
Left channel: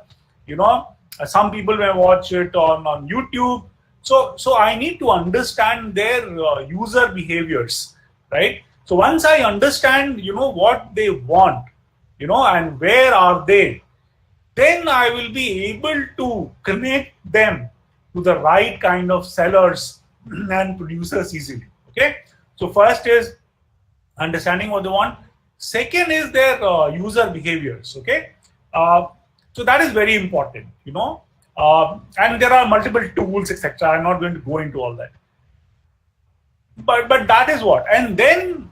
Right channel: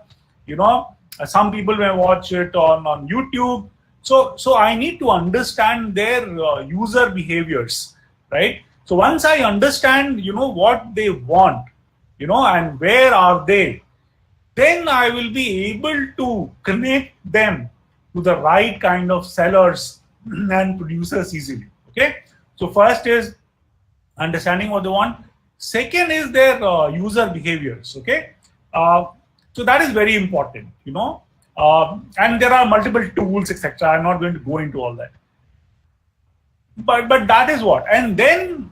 some people may watch it on YouTube. So I need to understand their user behaviors, right? So once I understand, what they want, and where are they, then I will be able to connect them to the right kind of sellers and producers easily. Okay. So first is understanding what they want. Second is their user behaviors. Okay. So that is very important, and there are multiple tools, etc. I'm not going to go into all that. But that is what. And then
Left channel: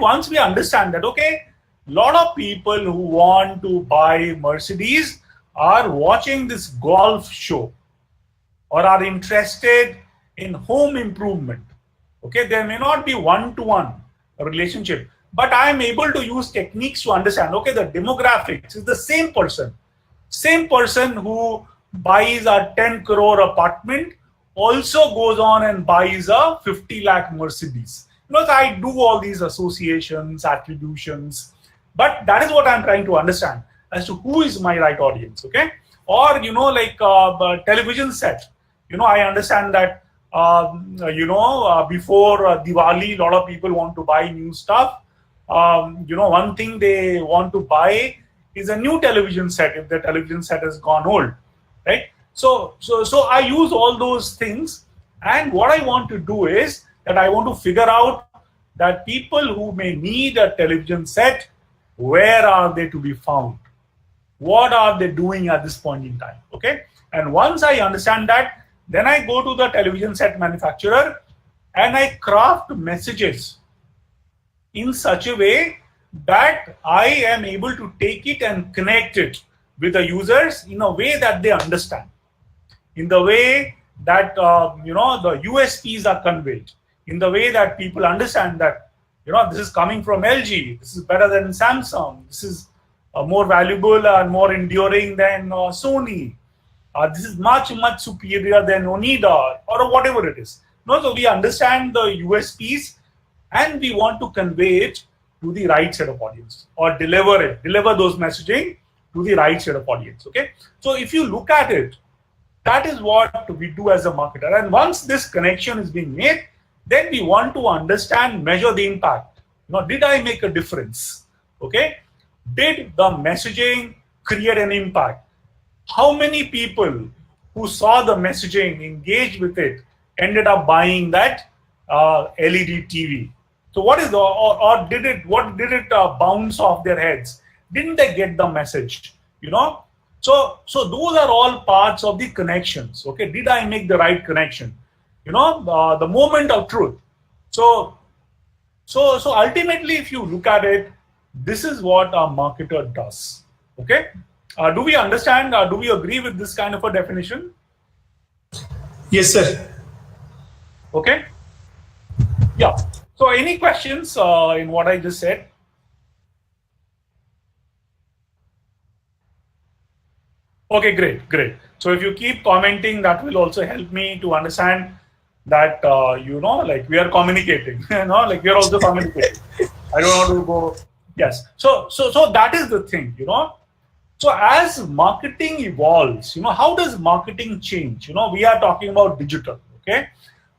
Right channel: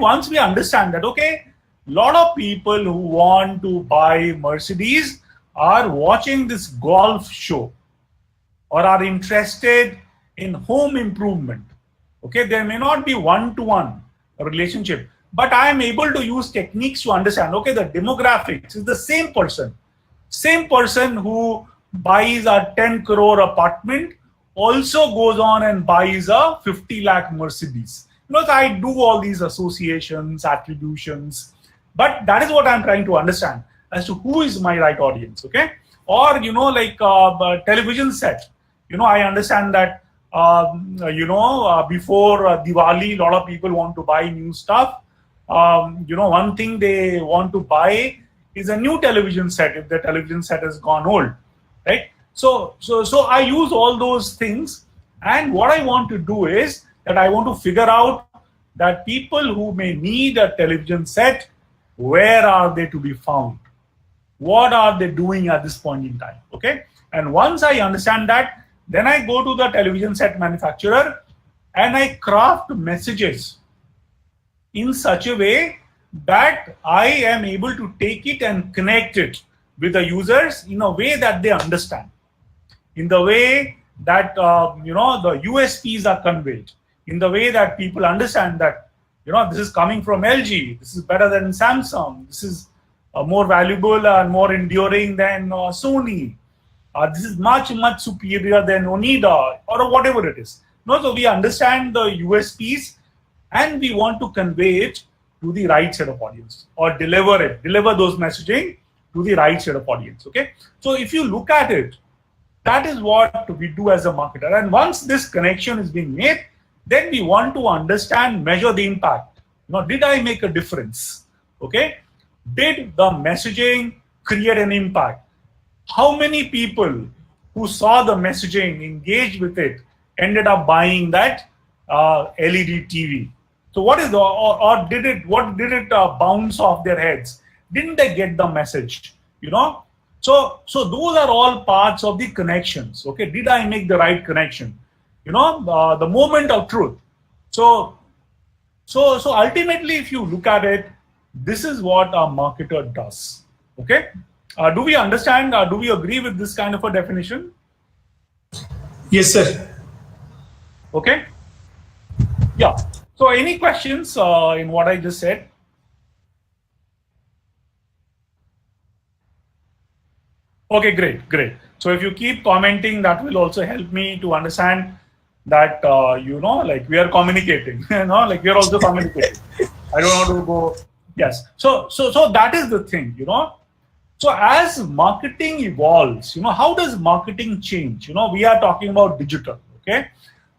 once we understand that, okay, a lot of people who want to buy Mercedes are watching this golf show or are interested in home improvement. Okay, there may not be one-to-one relationship, but I am able to use techniques to understand, okay, the demographics is the same person who buys a 10 crore apartment also goes on and buys a 50 lakh Mercedes. I do all these associations, attributions, but that is what I'm trying to understand as to who is my right audience. Okay, or like a television set. I understand that before Diwali, a lot of people want to buy new stuff. One thing they want to buy is a new television set if the television set has gone old, right? So I use all those things, and what I want to do is that I want to figure out that people who may need a television set, where are they to be found? What are they doing at this point in time? Okay, and once I understand that, then I go to the television set manufacturer and I craft messages in such a way that I am able to take it and connect it with the users in a way that they understand, in the way that the USPs are conveyed, in the way that people understand that this is coming from LG, this is better than Samsung, this is more valuable and more enduring than Sony. This is much superior than Oneida or whatever it is. No, so we understand the USPs and we want to convey it to the right set of audience or deliver those messaging to the right set of audience. Okay, so if you look at it, that is what we do as a marketer. And once this connection is being made, then we want to understand, measure the impact. Did I make a difference? Okay, did the messaging create an impact? How many people who saw the messaging, engaged with it, ended up buying that LED TV? So what is or did it bounce off their heads? Didn't they get the message? So those are all parts of the connections. Okay, did I make the right connection? The moment of truth. So ultimately, if you look at it, this is what a marketer does. Okay, do we understand? Do we agree with this kind of a definition? Yes, sir. Okay. Yeah. So any questions in what I just said? Okay, great. So if you keep commenting, that will also help me to understand that, like we are communicating, like we are also communicating. I don't want to go, yes. So that is the thing, So as marketing evolves, how does marketing change? We are talking about digital, okay?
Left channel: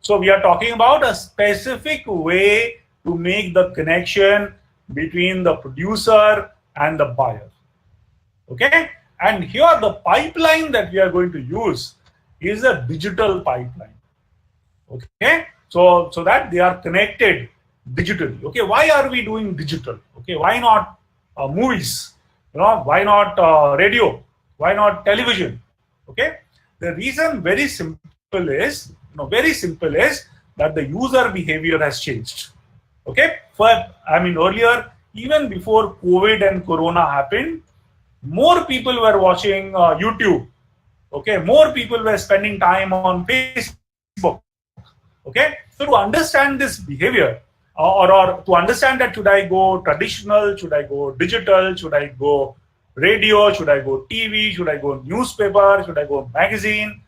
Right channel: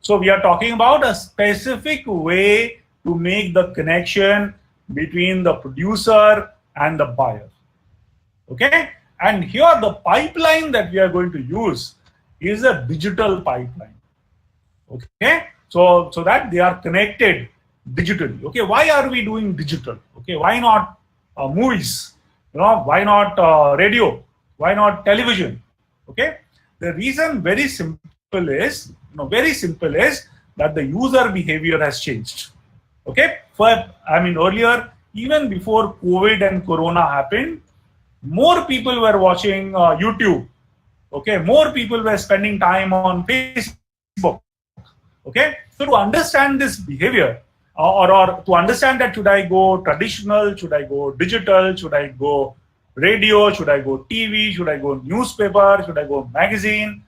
So we are talking about a specific way to make the connection between the producer and the buyer, okay? And here the pipeline that we are going to use is a digital pipeline, okay? So that they are connected digitally, okay? Why are we doing digital? Okay, why not movies? Why not radio? Why not television? Okay, the reason very simple is that the user behavior has changed. Okay, earlier, even before COVID and Corona happened, more people were watching YouTube. Okay, more people were spending time on Facebook. Okay, so to understand this behavior, or to understand that should I go traditional, should I go digital, should I go radio, should I go TV, should I go newspaper, should I go magazine,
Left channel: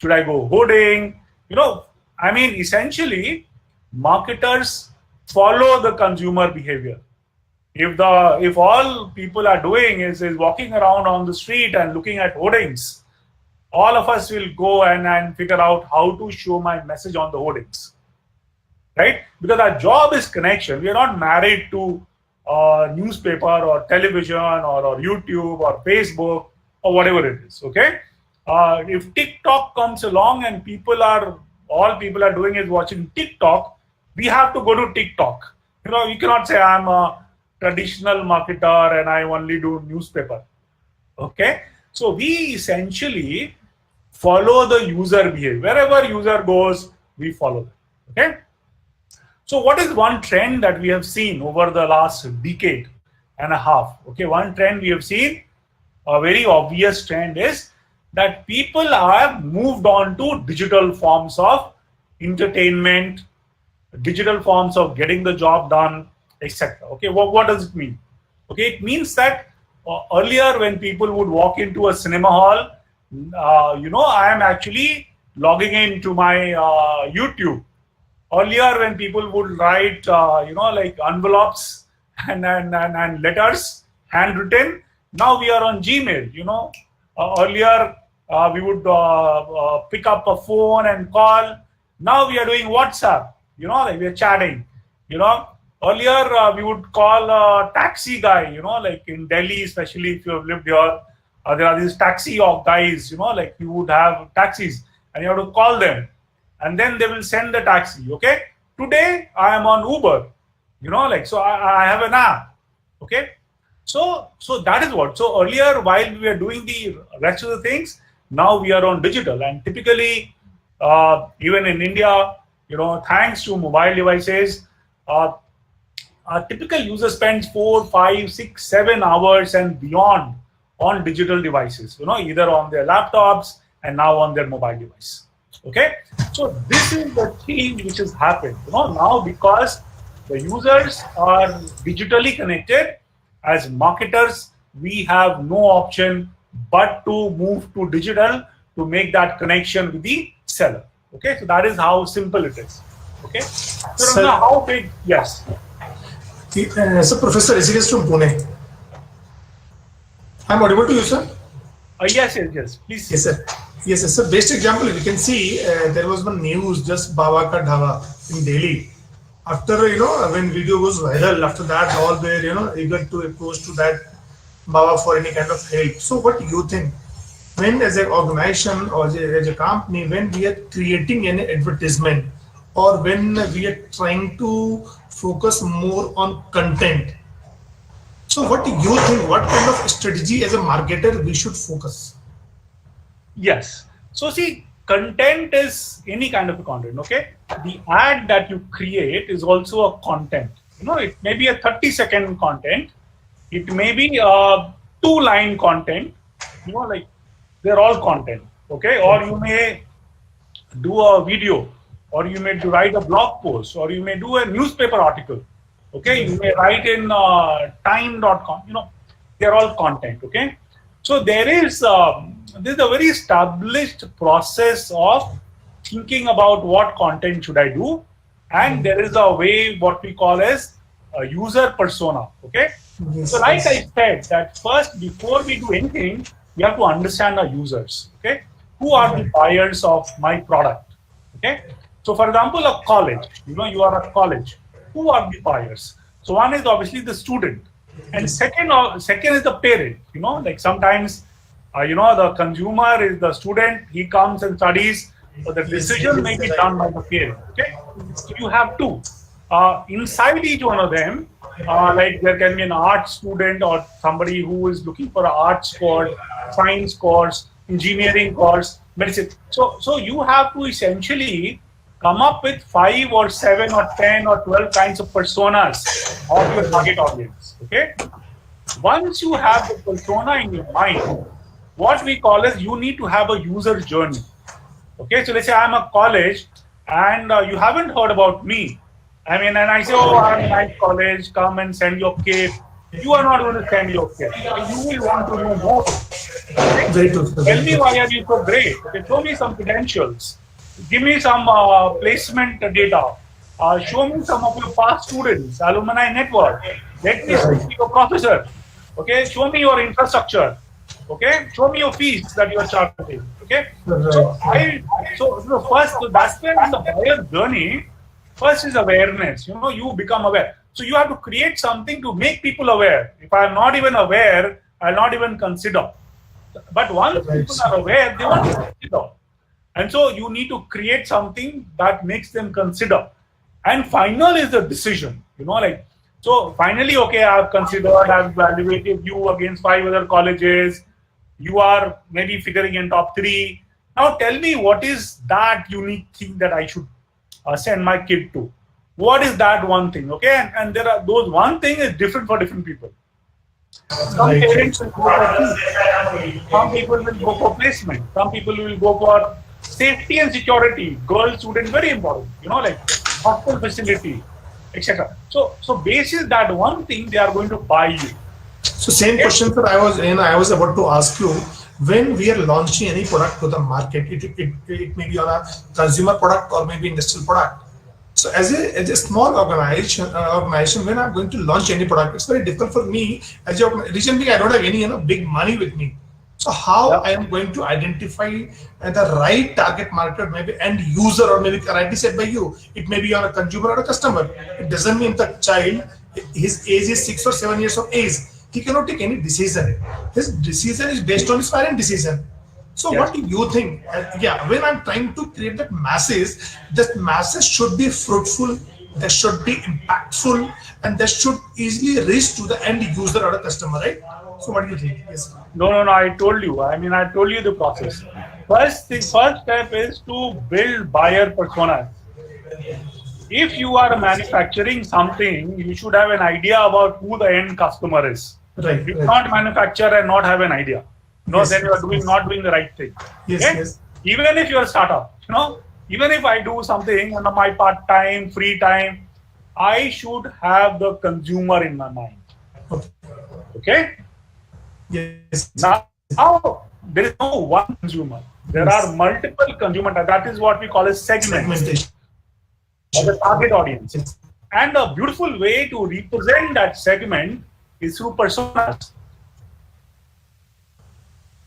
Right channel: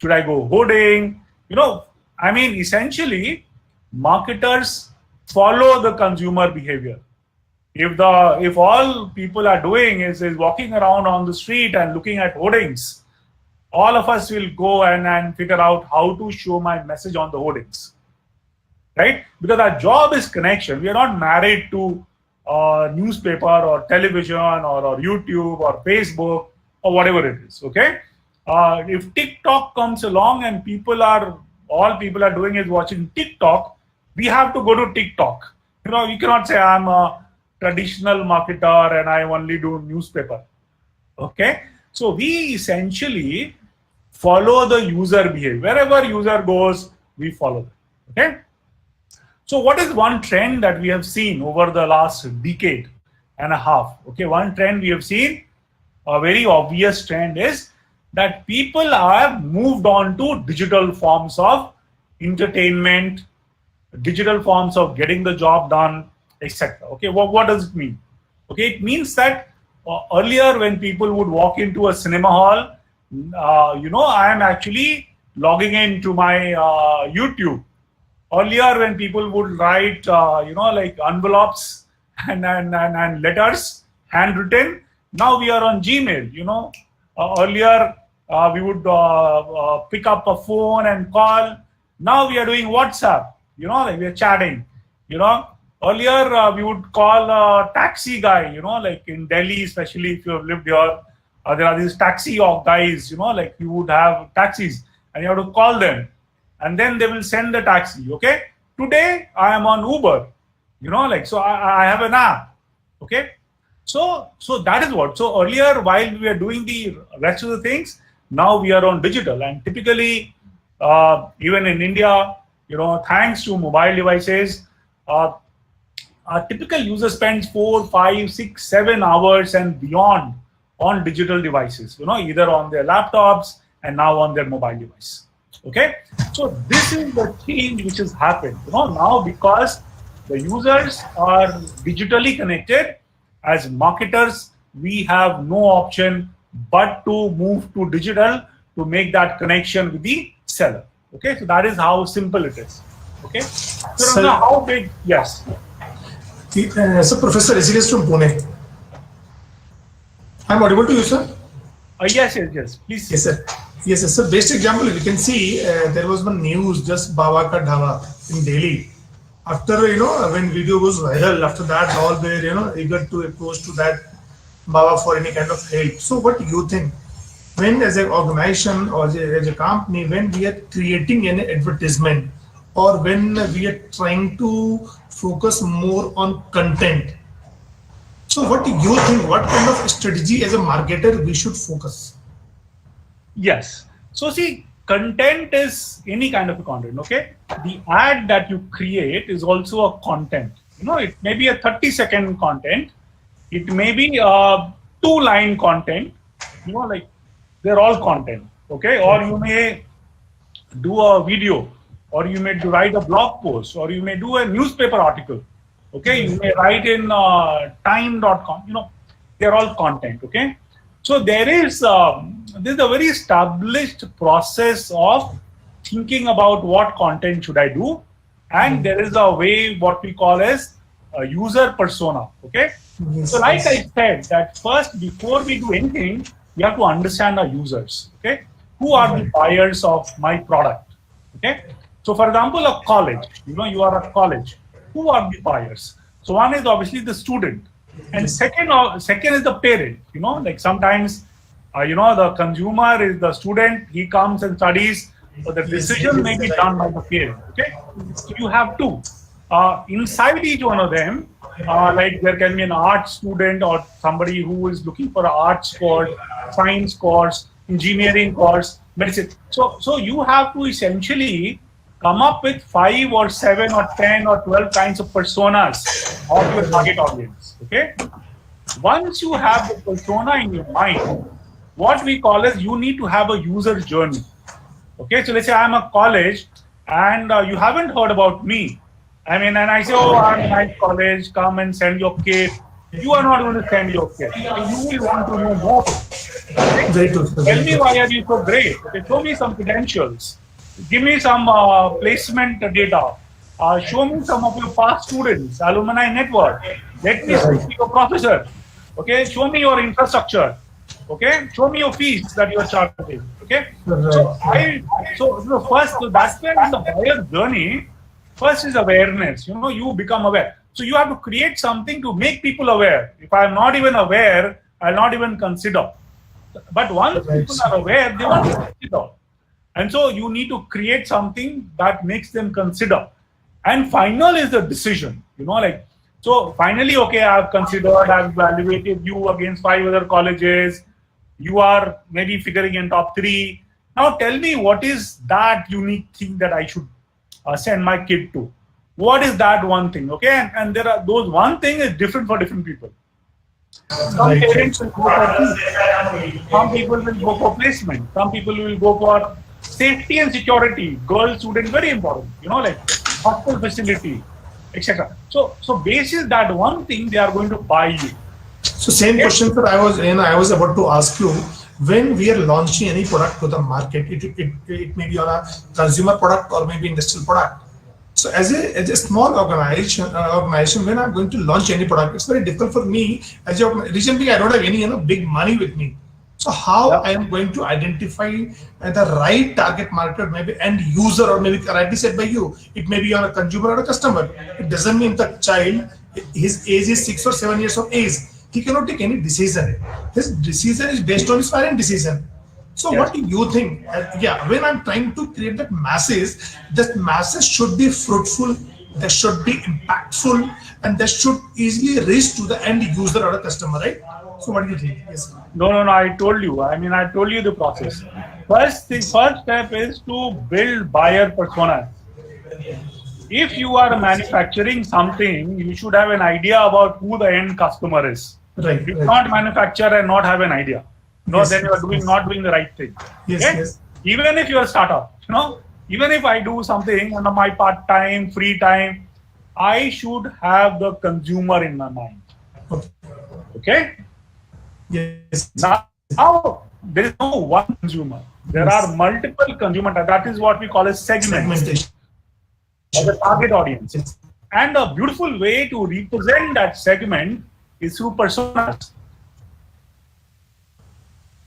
should I go hoarding? Essentially, marketers follow the consumer behavior. If all people are doing is walking around on the street and looking at hoardings, all of us will go and figure out how to show my message on the hoardings. Right? Because our job is connection. We are not married to newspaper or television or YouTube or Facebook or whatever it is. Okay? If TikTok comes along and all people are doing is watching TikTok, we have to go to TikTok. You cannot say I'm a traditional marketer and I only do newspaper. Okay? So we essentially follow the user behavior. Wherever user goes, we follow them. Okay? So what is one trend that we have seen over the last decade and a half? Okay, one trend we have seen, a very obvious trend is that people have moved on to digital forms of entertainment, digital forms of getting the job done, etc. Okay, what does it mean? Okay, it means that earlier when people would walk into a cinema hall, I am actually logging into my YouTube. Earlier, when people would write, like envelopes and letters, handwritten, now we are on Gmail. Earlier we would pick up a phone and call. Now we are doing WhatsApp. Like we are chatting. Earlier we would call a taxi guy. Like in Delhi, especially if you have lived here, there are these taxi guys. Like you would have taxis and you have to call them. And then they will send the taxi. Okay. Today I am on Uber. So I have an app. Okay. So that is what. So earlier, while we are doing the rest of the things, now we are on digital. And typically, even in India, thanks to mobile devices, a typical user spends 4, 5, 6, 7 hours and beyond on digital devices. Either on their laptops and now on their mobile device. Okay, so this is the change which has happened. Now because the users are digitally connected, as marketers, we have no option but to move to digital to make that connection with the seller. Okay, so that is how simple it is. Okay, so now how big? Yes. So Professor Rishikesh from Pune. I'm audible to you, sir? Yes. Please. Yes, sir. Yes, sir. So best example, you can see there was one news just Baba Ka Dhaba in Delhi. After when video goes viral, after that all were eager to approach to that Baba for any kind of help. So what do you think? When as an organization or as a company, when we are creating an advertisement or when we are trying to focus more on content, so what do you think? What kind of strategy as a marketer we should focus? Yes. So see, content is any kind of a content. Okay. The ad that you create is also a content. It may be a 30-second content. It may be a 2-line content. Like they're all content. Okay. Or you may do a video, or you may write a blog post, or you may do a newspaper article. Okay, you may write in time.com, they're all content. Okay, so there's a very established process of thinking about what content should I do, and there is a way what we call as a user persona. Okay, so like I said, that first before we do anything, we have to understand our users. Okay, who are the buyers of my product? Okay, so for example, a college. You are a college. Who are the buyers? So one is obviously the student, and second is the parent. Like sometimes, the consumer is the student. He comes and studies, so the decision may be done by the parent. Okay, so you have two. Inside each one of them, like there can be an art student or somebody who is looking for an arts course, science course, engineering course, medicine. So you have to essentially come up with 5 or 7 or 10 or 12 kinds of personas of your target audience. Okay. Once you have the persona in your mind, what we call is you need to have a user journey. Okay. So let's say I'm a college and you haven't heard about me. And I say, oh, I'm a nice college, come and send your kit. You are not going to send your kit. You will want to know more. Okay? Tell me why are you so great. Okay, show me some credentials. Give me some placement data. Show me some of your past students, alumni network. Let me speak to your professor. Okay, show me your infrastructure. Okay, show me your fees that you are charging. Okay, so first, that's when the buyer journey. First is awareness. You become aware. So you have to create something to make people aware. If I am not even aware, I'll not even consider. But once people are aware, they want to consider. And so you need to create something that makes them consider. And final is the decision. So finally, okay, I've considered, I've evaluated you against 5 other colleges. You are maybe figuring in top 3. Now tell me, what is that unique thing that I should send my kid to? What is that one thing? Okay, and there are those one thing is different for different people. Some parents will go for fees. Some people will go for placement. Some people will go for safety and security. Girl student, very important. Like hospital facility, etc. So basis that one thing, they are going to buy you. So same question, sir. I was about to ask you. When we are launching any product to the market, it may be on a consumer product or maybe industrial product. So as a small organization, when I'm going to launch any product, it's very difficult for me. Recently, I don't have any big money with me. So how I am going to identify the right target market, maybe end user, or maybe rightly said by you, it may be on a consumer or a customer. It doesn't mean the child, his age is 6 or 7 years of age. He cannot take any decision. His decision is based on his parent decision. So what do you think? When I'm trying to create that masses should be fruitful, they should be impactful, and they should easily reach to the end user or a customer, right? So what do you think? Yes. No, I told you. I told you the process. First step is to build buyer personas. If you are manufacturing something, you should have an idea about who the end customer is. Right. You cannot manufacture and not have an idea. Then you are not doing the right thing. Yes. Even if you are a startup, even if I do something under my part-time, free time, I should have the consumer in my mind. Okay? Yes. Now there is no one consumer. There are multiple consumers. That is what we call as segmentation of the target audience. And a beautiful way to represent that segment is through personas.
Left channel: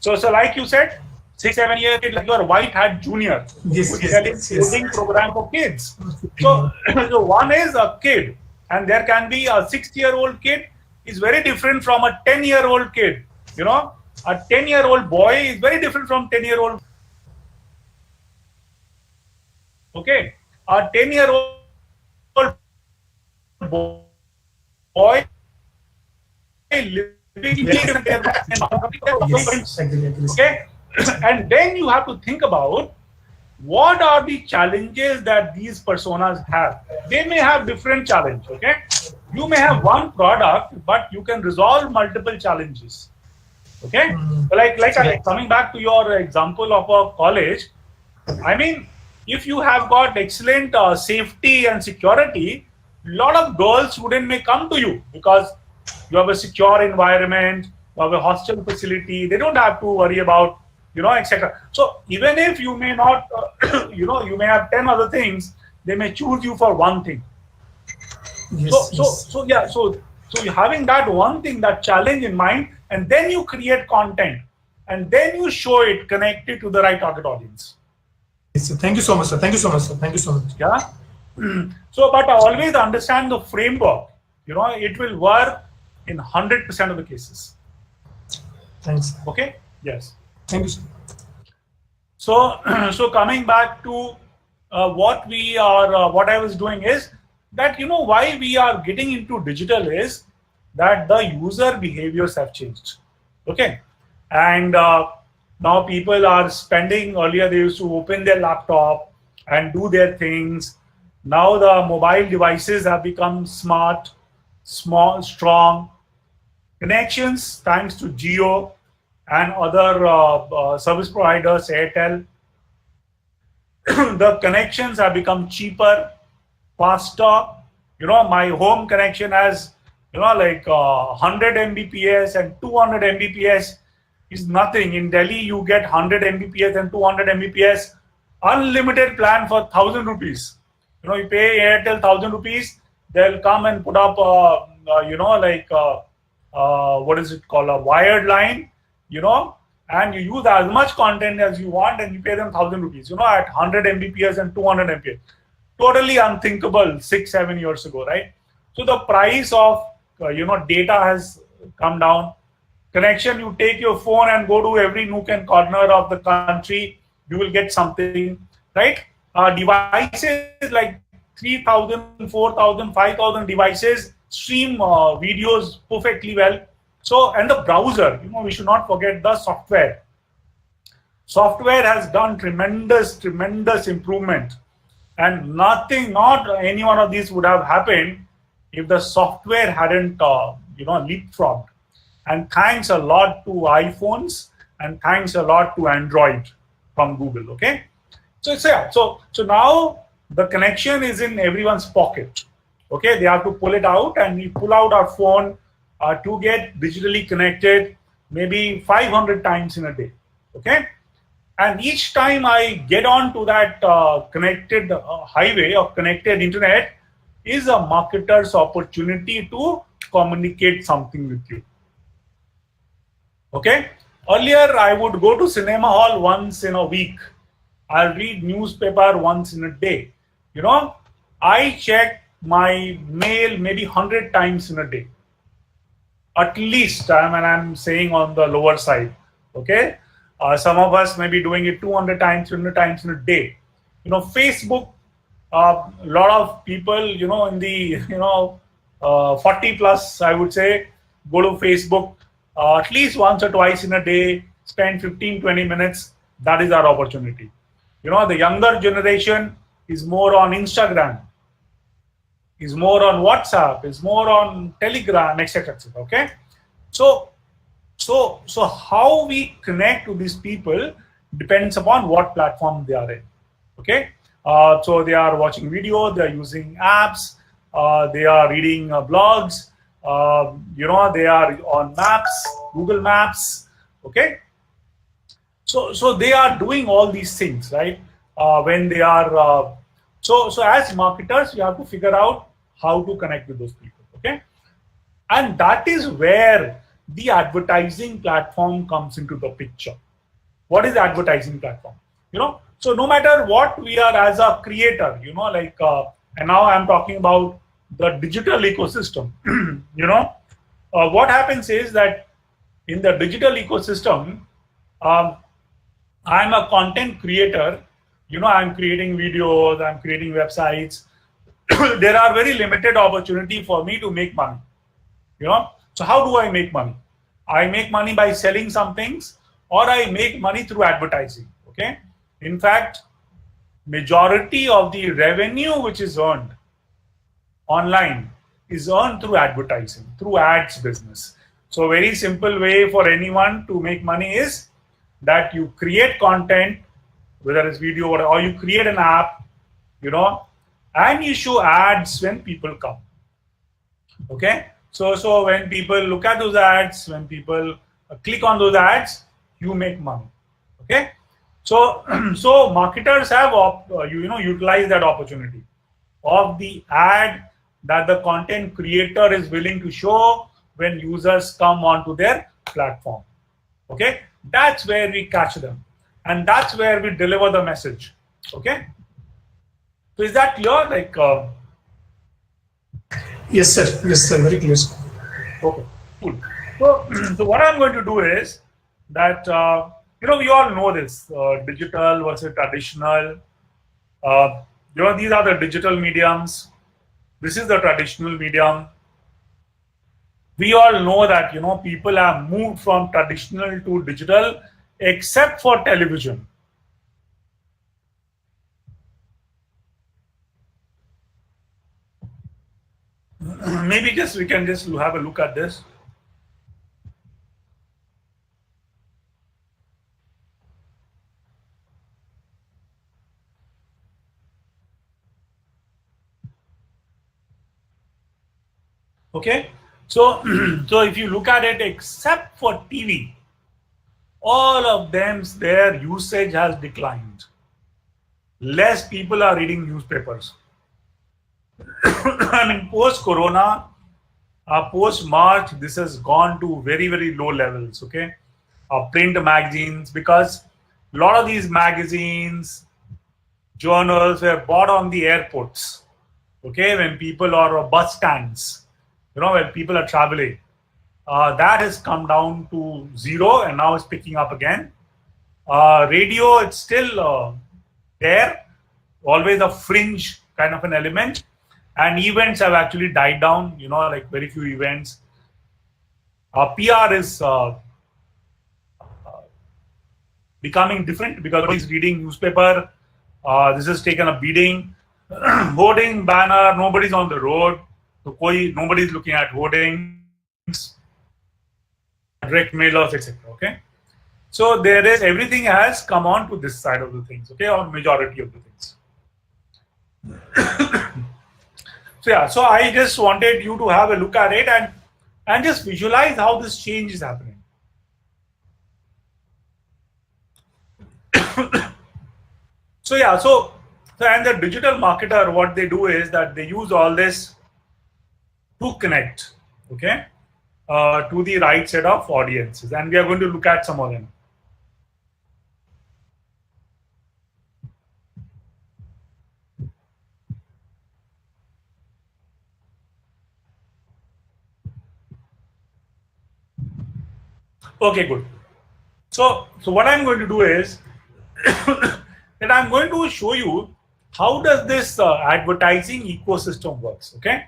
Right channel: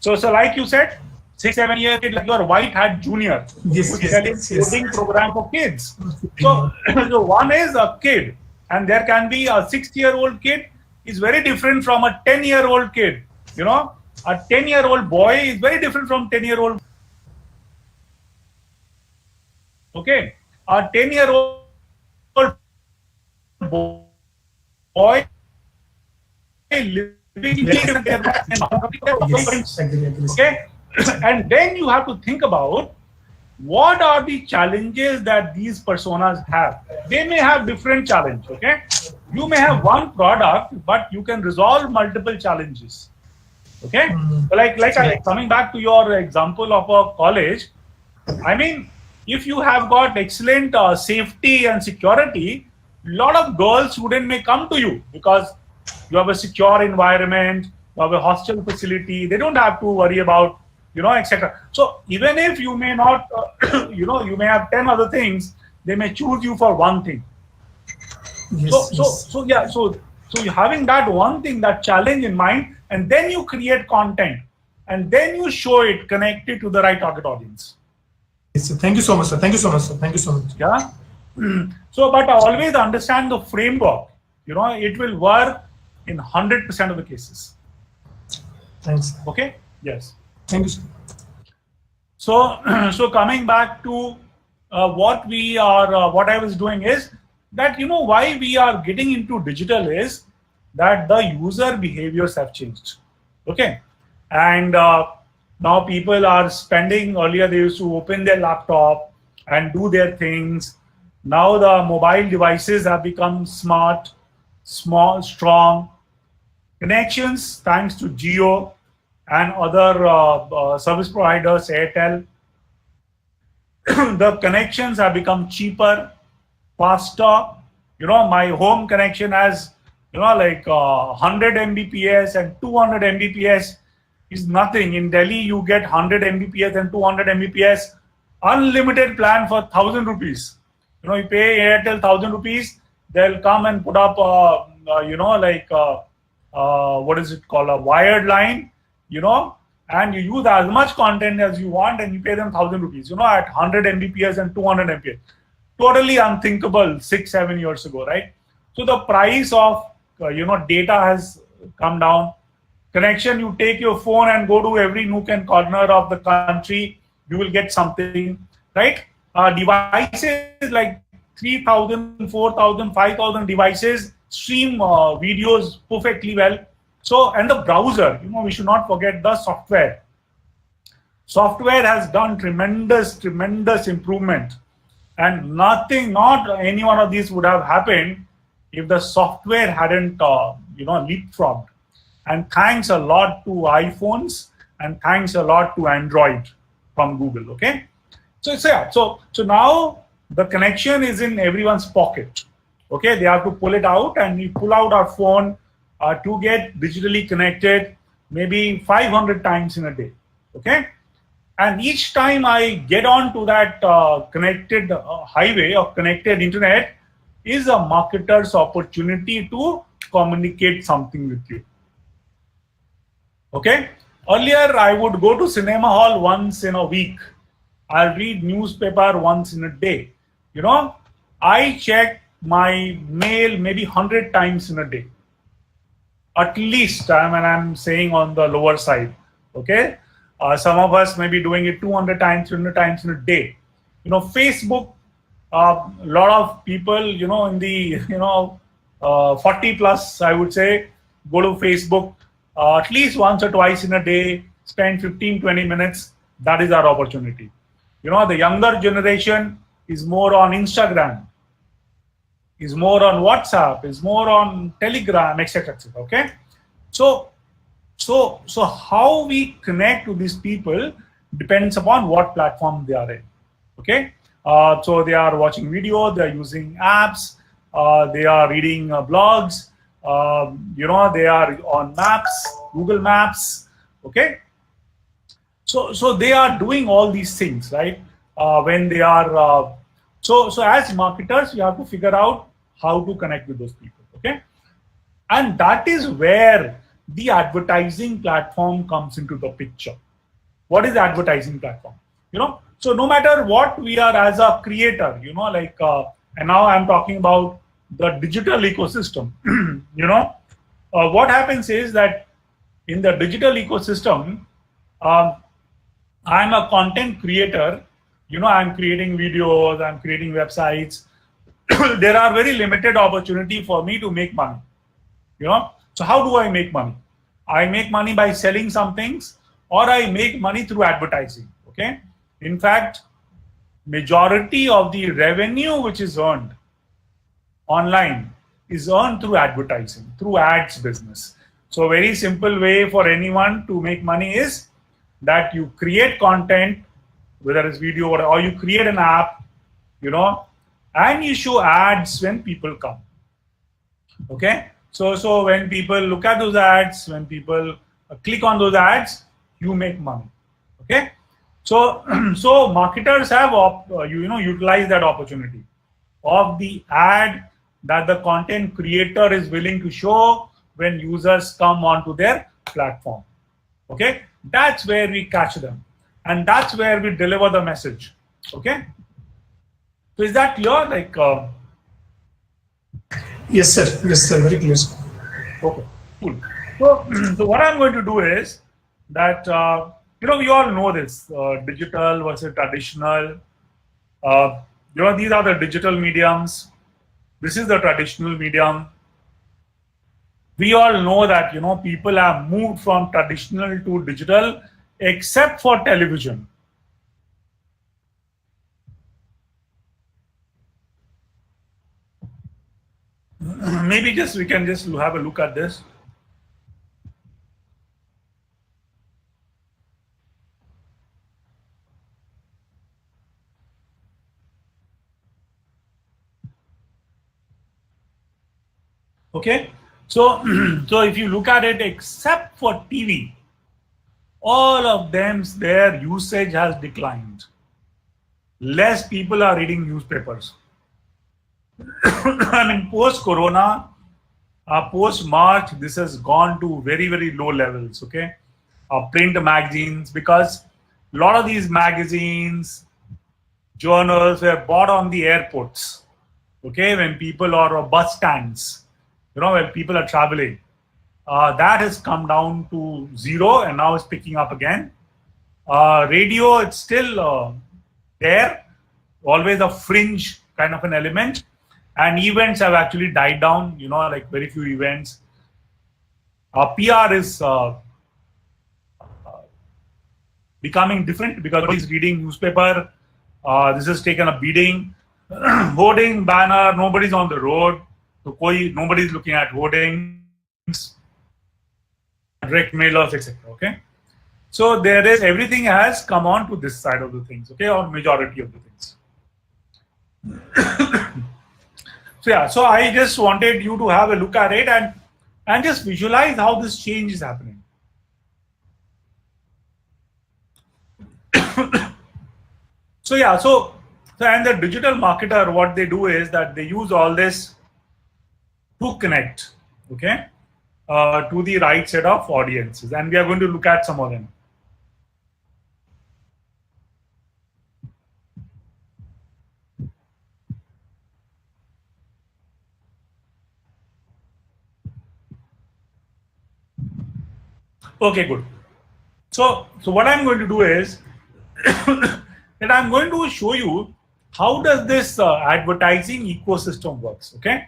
So like you said, 6-7 year kid, like your white hat junior, who's selling coding program for kids. So, so one is a kid, and there can be a 6-year-old kid is very different from a 10-year-old kid. You know, a 10-year-old boy is very different from 10-year-old. Okay, a 10-year-old boy living in okay, and then you have to think about what are the challenges that these personas have. They may have different challenges. Okay, you may have one product, but you can resolve multiple challenges. Okay, coming back to your example of a college, I mean, if you have got excellent safety and security, a lot of girls students may come to you because you have a secure environment, you have a hostel facility. They don't have to worry about, you know, etc. So even if you may not, you know, you may have 10 other things, they may choose you for one thing. So you're having that one thing, that challenge in mind, and then you create content, and then you show it connected to the right target audience. Yes, thank you so much, sir. Thank you so much, sir. Thank you so much. Yeah. So, but I always understand the framework. You know, it will work in 100% of the cases. Thanks. Okay. Yes. Thank you, sir. So, so coming back to what I was doing is that, you know, why we are getting into digital is that the user behaviors have changed. Okay. And now people are spending, earlier they used to open their laptop and do their things. Now the mobile devices have become smart, small, strong. Connections, thanks to Jio and other service providers, AirTel, the connections have become cheaper, faster. You know, my home connection has, you know, like 100 Mbps and 200 Mbps is nothing. In Delhi, you get 100 Mbps and 200 Mbps, unlimited plan for 1,000 rupees. You know, you pay Airtel 1,000 rupees, they'll come and put up, you know, like, what is it called, a wired line, you know, and you use as much content as you want and you pay them 1,000 rupees, you know, at 100 Mbps and 200 Mbps. Totally unthinkable 6-7 years ago, right? So the price of, you know, data has come down. Connection, you take your phone and go to every nook and corner of the country, you will get something, right? Devices like 3,000, 4,000, 5,000 devices stream videos perfectly well. So, and the browser, you know, we should not forget the software. Software has done tremendous improvement, and not any one of these would have happened if the software hadn't, you know, leapfrogged. And thanks a lot to iPhones and thanks a lot to Android from Google. Okay, so now the connection is in everyone's pocket. Okay, they have to pull it out, and we pull out our phone to get digitally connected maybe 500 times in a day. Okay, and each time I get on to that connected highway of connected internet is a marketer's opportunity to communicate something with you. Okay, earlier I would go to cinema hall once in a week. I'll read newspaper once in a day. You know, I check my mail maybe 100 times in a day. At least, I'm saying on the lower side. Okay, some of us may be doing it 200 times, 300 times in a day. You know, Facebook, a lot of people, you know, in the, you know, 40 plus, I would say, go to Facebook at least once or twice in a day, spend 15-20 minutes. That is our opportunity. You know, the younger generation is more on Instagram, is more on WhatsApp, is more on Telegram, etc. Okay, so how we connect to these people depends upon what platform they are in. Okay, so they are watching video, they are using apps, they are reading blogs, you know, they are on maps, Google Maps. Okay, so they are doing all these things, right? When they are so as marketers, you have to figure out how to connect with those people. Okay, and that is where the advertising platform comes into the picture. What is the advertising platform? So no matter what we are as a creator, and now I'm talking about the digital ecosystem. What happens is that in the digital ecosystem, I'm a content creator. I'm creating videos, I'm creating websites. There are very limited opportunity for me to make money. So how do I make money? I make money by selling some things, or I make money through advertising. Okay. In fact, majority of the revenue which is earned online is earned through advertising, through ads business. So a very simple way for anyone to make money is that you create content, whether it's video or you create an app, and you show ads when people come. Okay. So when people look at those ads, when people click on those ads, you make money. Okay. So marketers have utilized that opportunity of the ad that the content creator is willing to show when users come onto their platform. Okay, that's where we catch them, and that's where we deliver the message. Okay, so is that clear? Yes, sir. Yes, sir. Very clear. Okay, cool. So what I'm going to do is that we all know this digital versus traditional. These are the digital mediums. This is the traditional medium. We all know that people have moved from traditional to digital, except for television. Maybe we can just have a look at this. Okay, so if you look at it, except for TV, all of their usage has declined. Less people are reading newspapers. I mean, post-corona, post-March, this has gone to very, very low levels. Okay, print magazines, because a lot of these magazines, journals were bought on the airports. Okay, when people are bus stands. When people are traveling, that has come down to zero and now it's picking up again. Radio, it's still there, always a fringe kind of an element, and events have actually died down, very few events. PR is becoming different because nobody's reading newspaper. This has taken a beating. Hoarding, banner, nobody's on the road. So nobody's looking at hoardings, direct mailers, etc. Okay, so everything has come on to this side of the things. Okay, or majority of the things. So I just wanted you to have a look at it and just visualize how this change is happening. So and the digital marketer, what they do is that they use all this to connect, okay, to the right set of audiences, and we are going to look at some of them. Okay, good. So what I'm going to do is that I'm going to show you how does this advertising ecosystem works. Okay.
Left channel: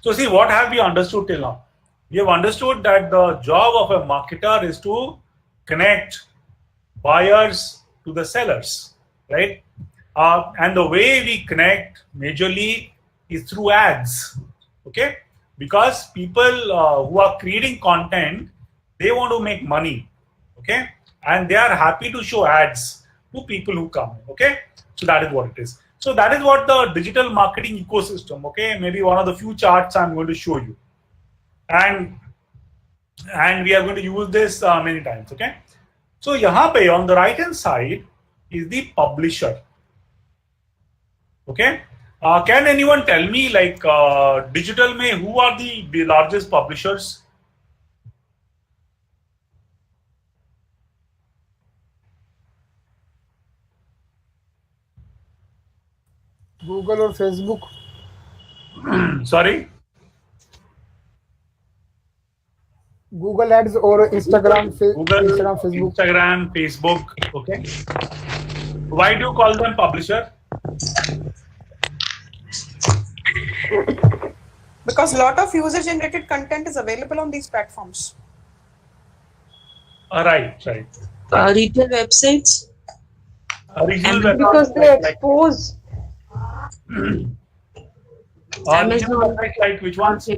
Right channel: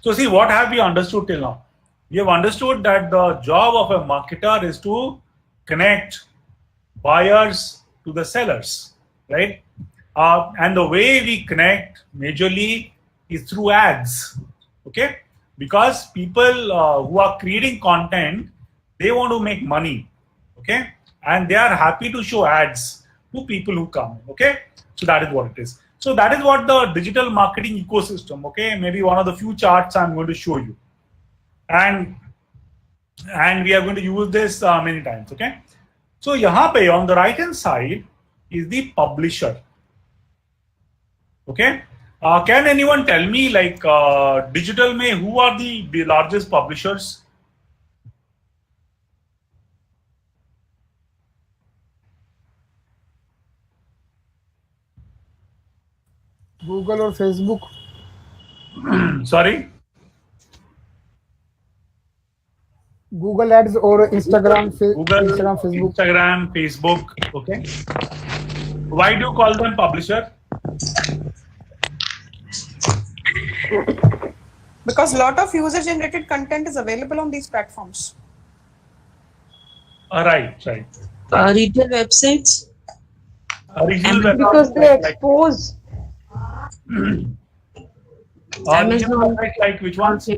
So see, what have we understood till now? We have understood that the job of a marketer is to connect buyers to the sellers, right? And the way we connect majorly is through ads, okay? Because people who are creating content, they want to make money, okay? And they are happy to show ads to people who come, okay? So that is what it is. So that is what the digital marketing ecosystem, okay? Maybe one of the few charts I'm going to show you. And and we are going to use this many times. Okay, so yahan pe on the right hand side is the publisher. Okay, can anyone tell me, like, digital mein who are the largest publishers? Google or Facebook? Sorry? Google Ads or Instagram, Google, Instagram, Facebook. Instagram, Facebook. Okay. Why do you call them publisher? Because a lot of user-generated content is available on these platforms. Right. Retail websites. Because they expose. Amazon, like which ones?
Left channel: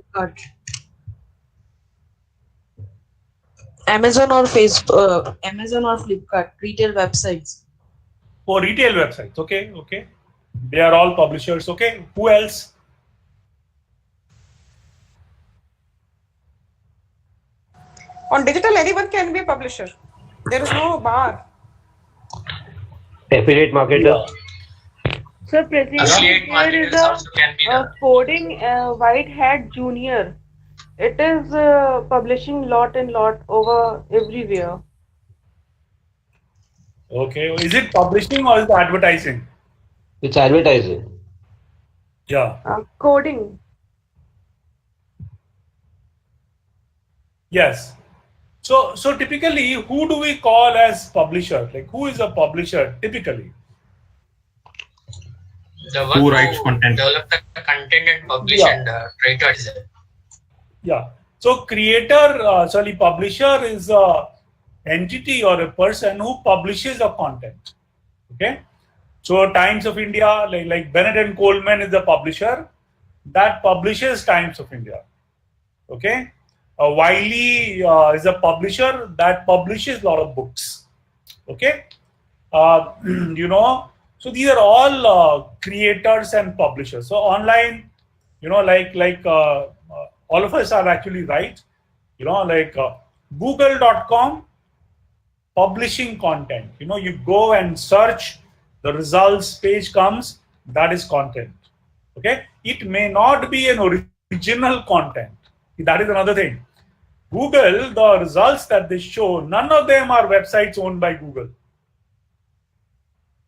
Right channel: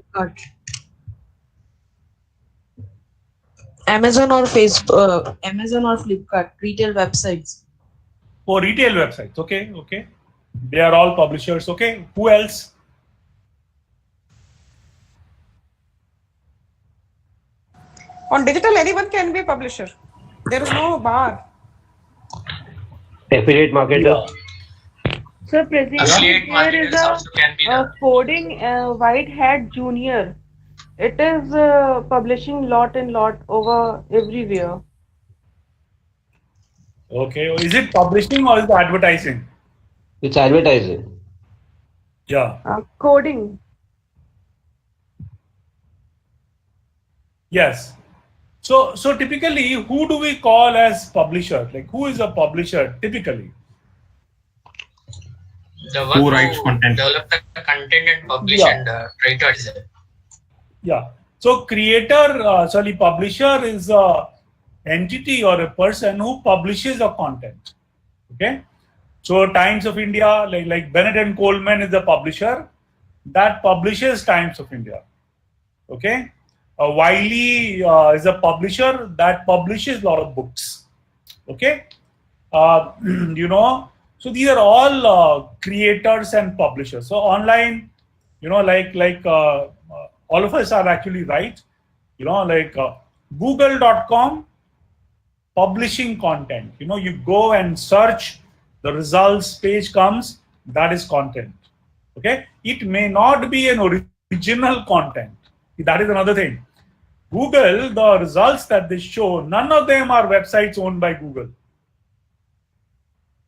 Amazon or Facebook, Amazon or Flipkart, retail websites. Oh, retail websites. Okay. They are all publishers. Okay. Who else? On digital, anyone can be a publisher. There is no bar. Affiliate marketers. So presently there is a coding White Hat Junior. It is publishing lot over everywhere. Okay. Is it publishing or is it advertising? It's advertising. Yeah. Coding. Yes. So typically, who do we call as publisher? Like, who is a publisher typically? The one who writes content, develop the content and publish and try to advertise it. Yeah. So publisher is a entity or a person who publishes a content. Okay. So Times of India, like Bennett and Coleman is the publisher that publishes Times of India. Okay. Wiley is a publisher that publishes a lot of books. Okay. So these are all creators and publishers. So online, all of us are actually right. Google.com, publishing content. You go and search, the results page comes, that is content. Okay. It may not be an original content. That is another thing. Google, the results that they show, none of them are websites owned by Google.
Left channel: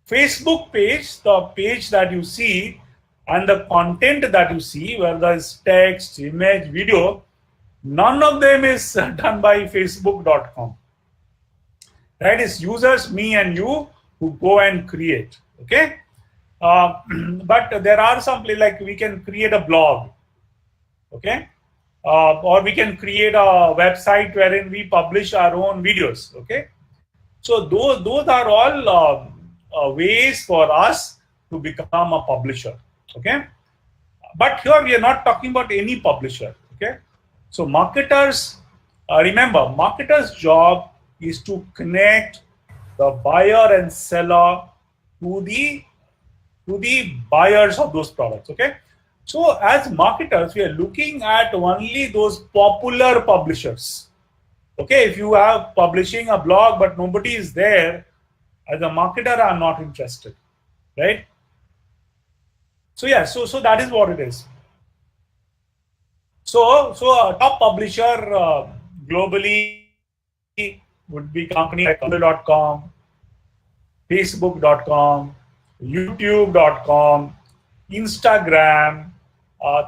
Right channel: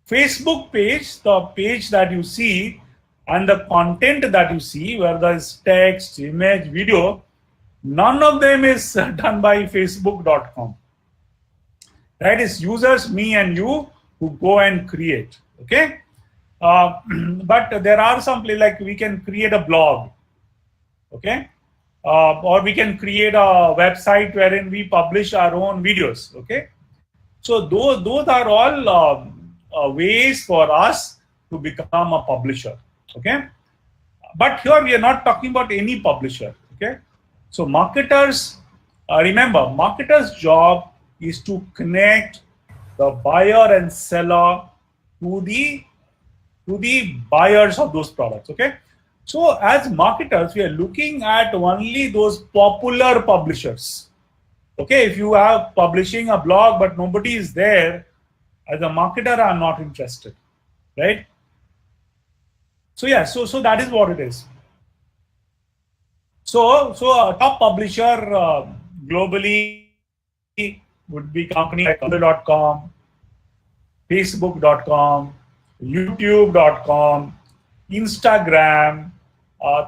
Facebook page, the page that you see and the content that you see, whether it's text, image, video, none of them is done by Facebook.com. That is users, me and you, who go and create. Okay. But there are some places, like we can create a blog. Okay. Or we can create a website wherein we publish our own videos. Okay. So those are all ways for us to become a publisher. Okay. But here we are not talking about any publisher. Okay. So marketers, remember, marketers' job is to connect the buyer and seller to the buyers of those products. Okay. So as marketers, we are looking at only those popular publishers. Okay, if you have publishing a blog but nobody is there, as a marketer, I'm not interested, right? So yeah, so that is what it is. So a top publisher globally would be companies like Google.com, Facebook.com, YouTube.com, Instagram,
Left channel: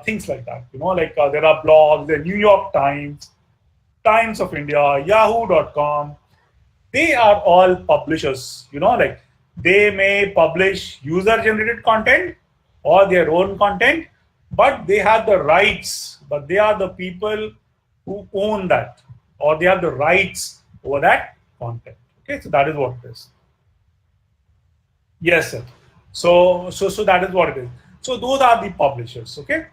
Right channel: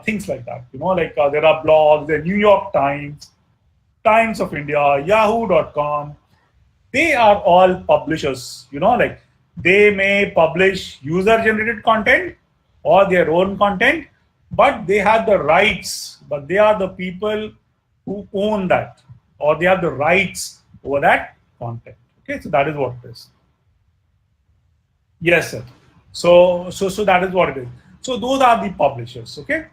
things like that. There are blogs, the New York Times, Times of India, Yahoo.com. They are all publishers. They may publish user-generated content or their own content, but they have the rights. But they are the people who own that, or they have the rights over that content. Okay, so that is what it is. Yes, sir. So that is what it is. So those are the publishers. Okay,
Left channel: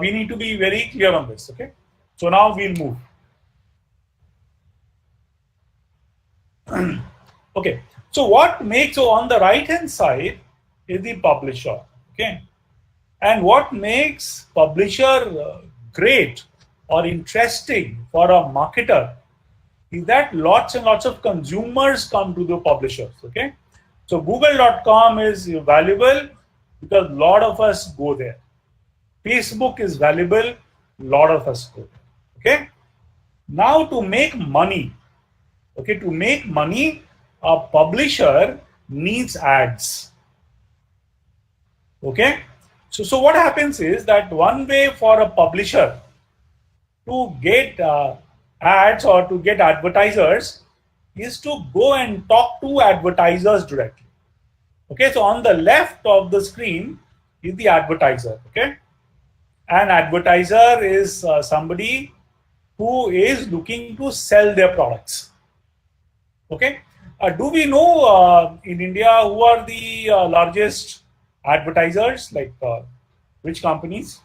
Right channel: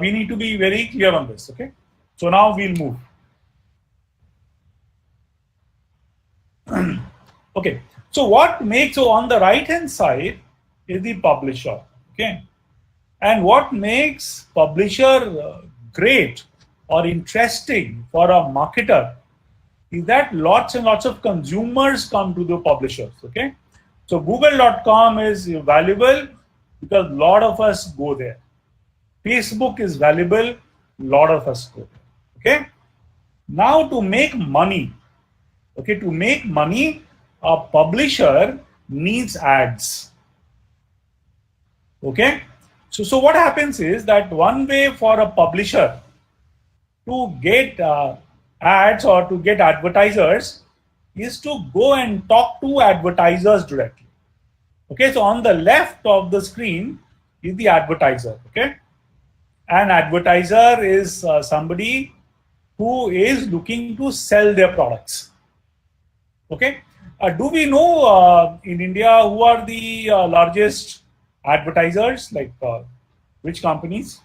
we need to be very clear on this. Okay, so now we'll move. Okay, so on the right hand side is the publisher. Okay, and what makes publisher great or interesting for a marketer is that lots and lots of consumers come to the publishers. Okay, so Google.com is valuable because a lot of us go there. Facebook is valuable, a lot of us go there. Okay, now to make money, a publisher needs ads. Okay, so what happens is that one way for a publisher to get ads or to get advertisers is to go and talk to advertisers directly. Okay, so on the left of the screen is the advertiser. Okay, an advertiser is somebody who is looking to sell their products. Okay, do we know in India who are the largest advertisers, like which companies?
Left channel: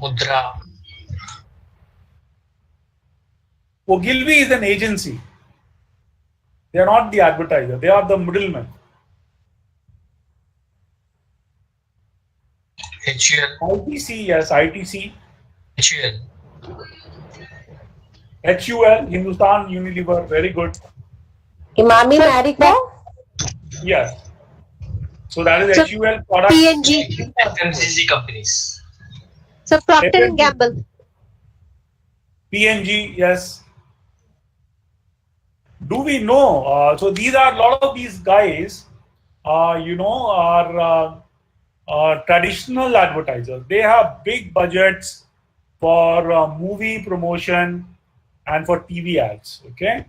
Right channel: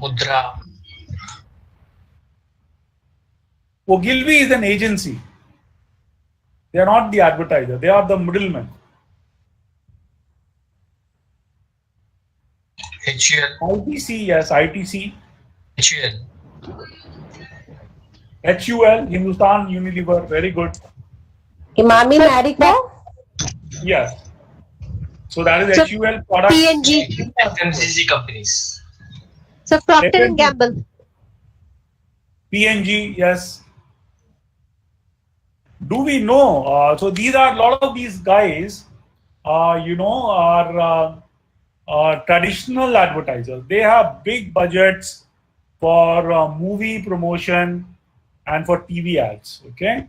Mudra. Ogilvy is an agency. They are not the advertiser. They are the middlemen. HUL. ITC, yes, ITC. HUL. HUL, Hindustan Unilever, very good. Imami Marico? Yes. So that is HUL product. P&G. FMCG companies. So Procter and Gamble. P&G, yes. Do we know? So these are a lot of these guys, are traditional advertisers. They have big budgets for movie promotion and for TV ads. Okay,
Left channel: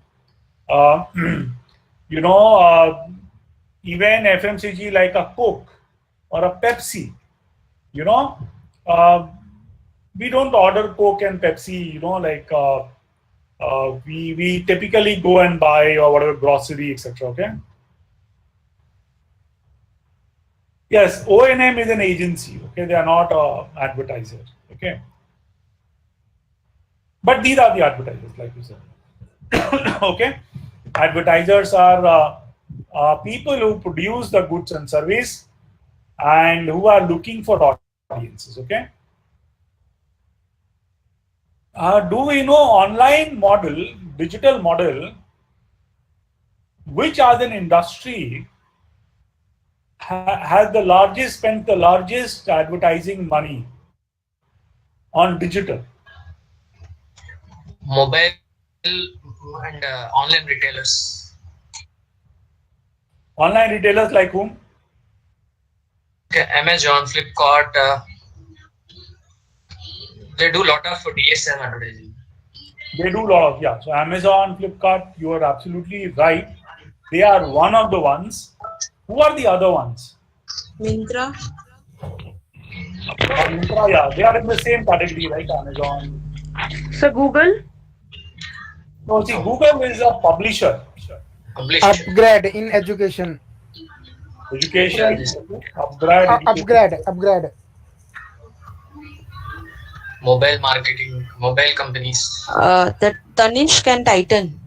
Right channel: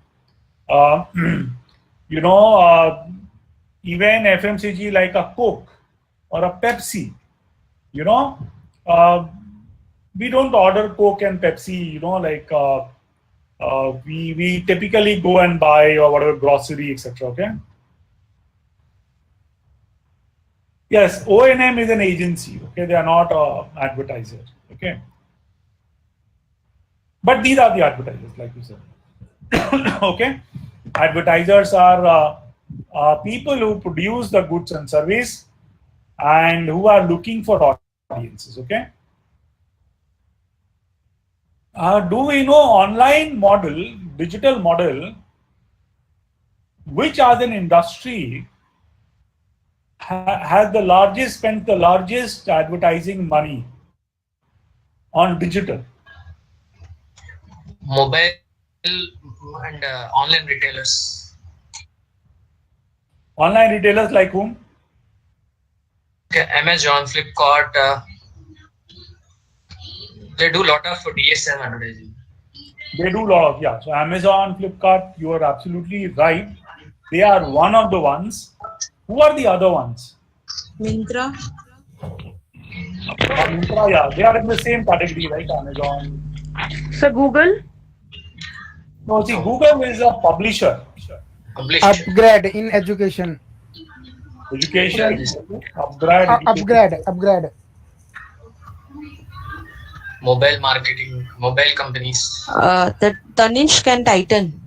even FMCG like a Coke or a Pepsi, we don't order Coke and Pepsi. We typically go and buy or whatever grocery, etc. Okay. Yes, O&M is an agency. Okay, they are not advertisers. Okay, but these are the advertisers, like you said. Okay, advertisers are people who produce the goods and service and who are looking for audiences. Okay. Do we know online model, digital model, which as an industry has spent the largest advertising money on digital? Mobile and online retailers. Online retailers like whom? Okay, Amazon, Flipkart. They do a lot of DSM advertising. They do a lot of, yeah. So Amazon, Flipkart, you are absolutely right. They are one of the ones. Who are the other ones? Myntra. Myntra, yeah. They are in the same category, right? Amazon. So Google? No, see, Google is a publisher. Upgrade in education. Education. Upgrade. Mobile marketing, mobile companies. The Tanishq and Titan.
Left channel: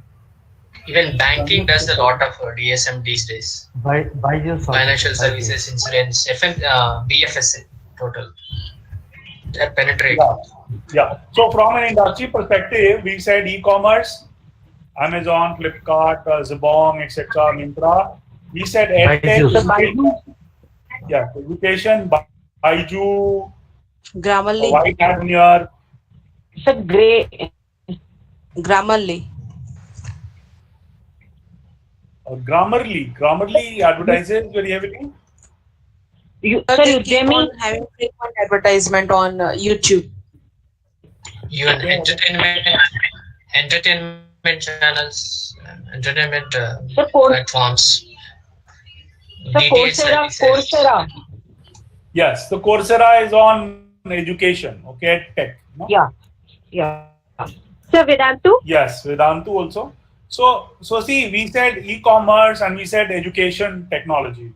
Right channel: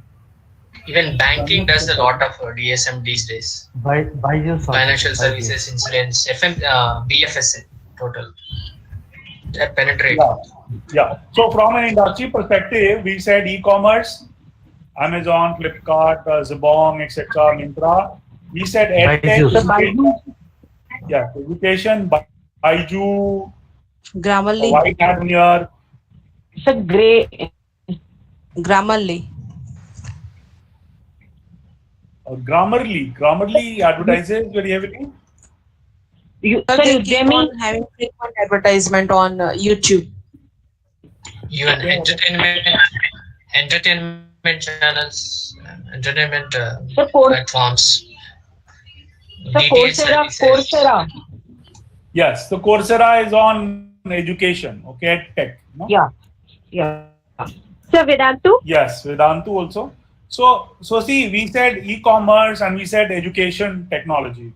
Even banking does a lot of DSM these days. Financial services, insurance, BFSA, total. They penetrate. Yeah. So from an industry perspective, we said e-commerce, Amazon, Flipkart, Zibong, etc., Myntra. We said EdTech. Yeah, education, Baiju, Grammarly. White Hat here. It's a grey. Grammarly. Grammarly advertises very heavily. They keep on having frequent advertisement on YouTube. Even entertainment channels, entertainment platforms. Coursera. Yes, the Coursera is on education. Okay, tech. No? Yeah. So Vedantu? Yes, Vedantu also. So see, we said e-commerce and we said education technology.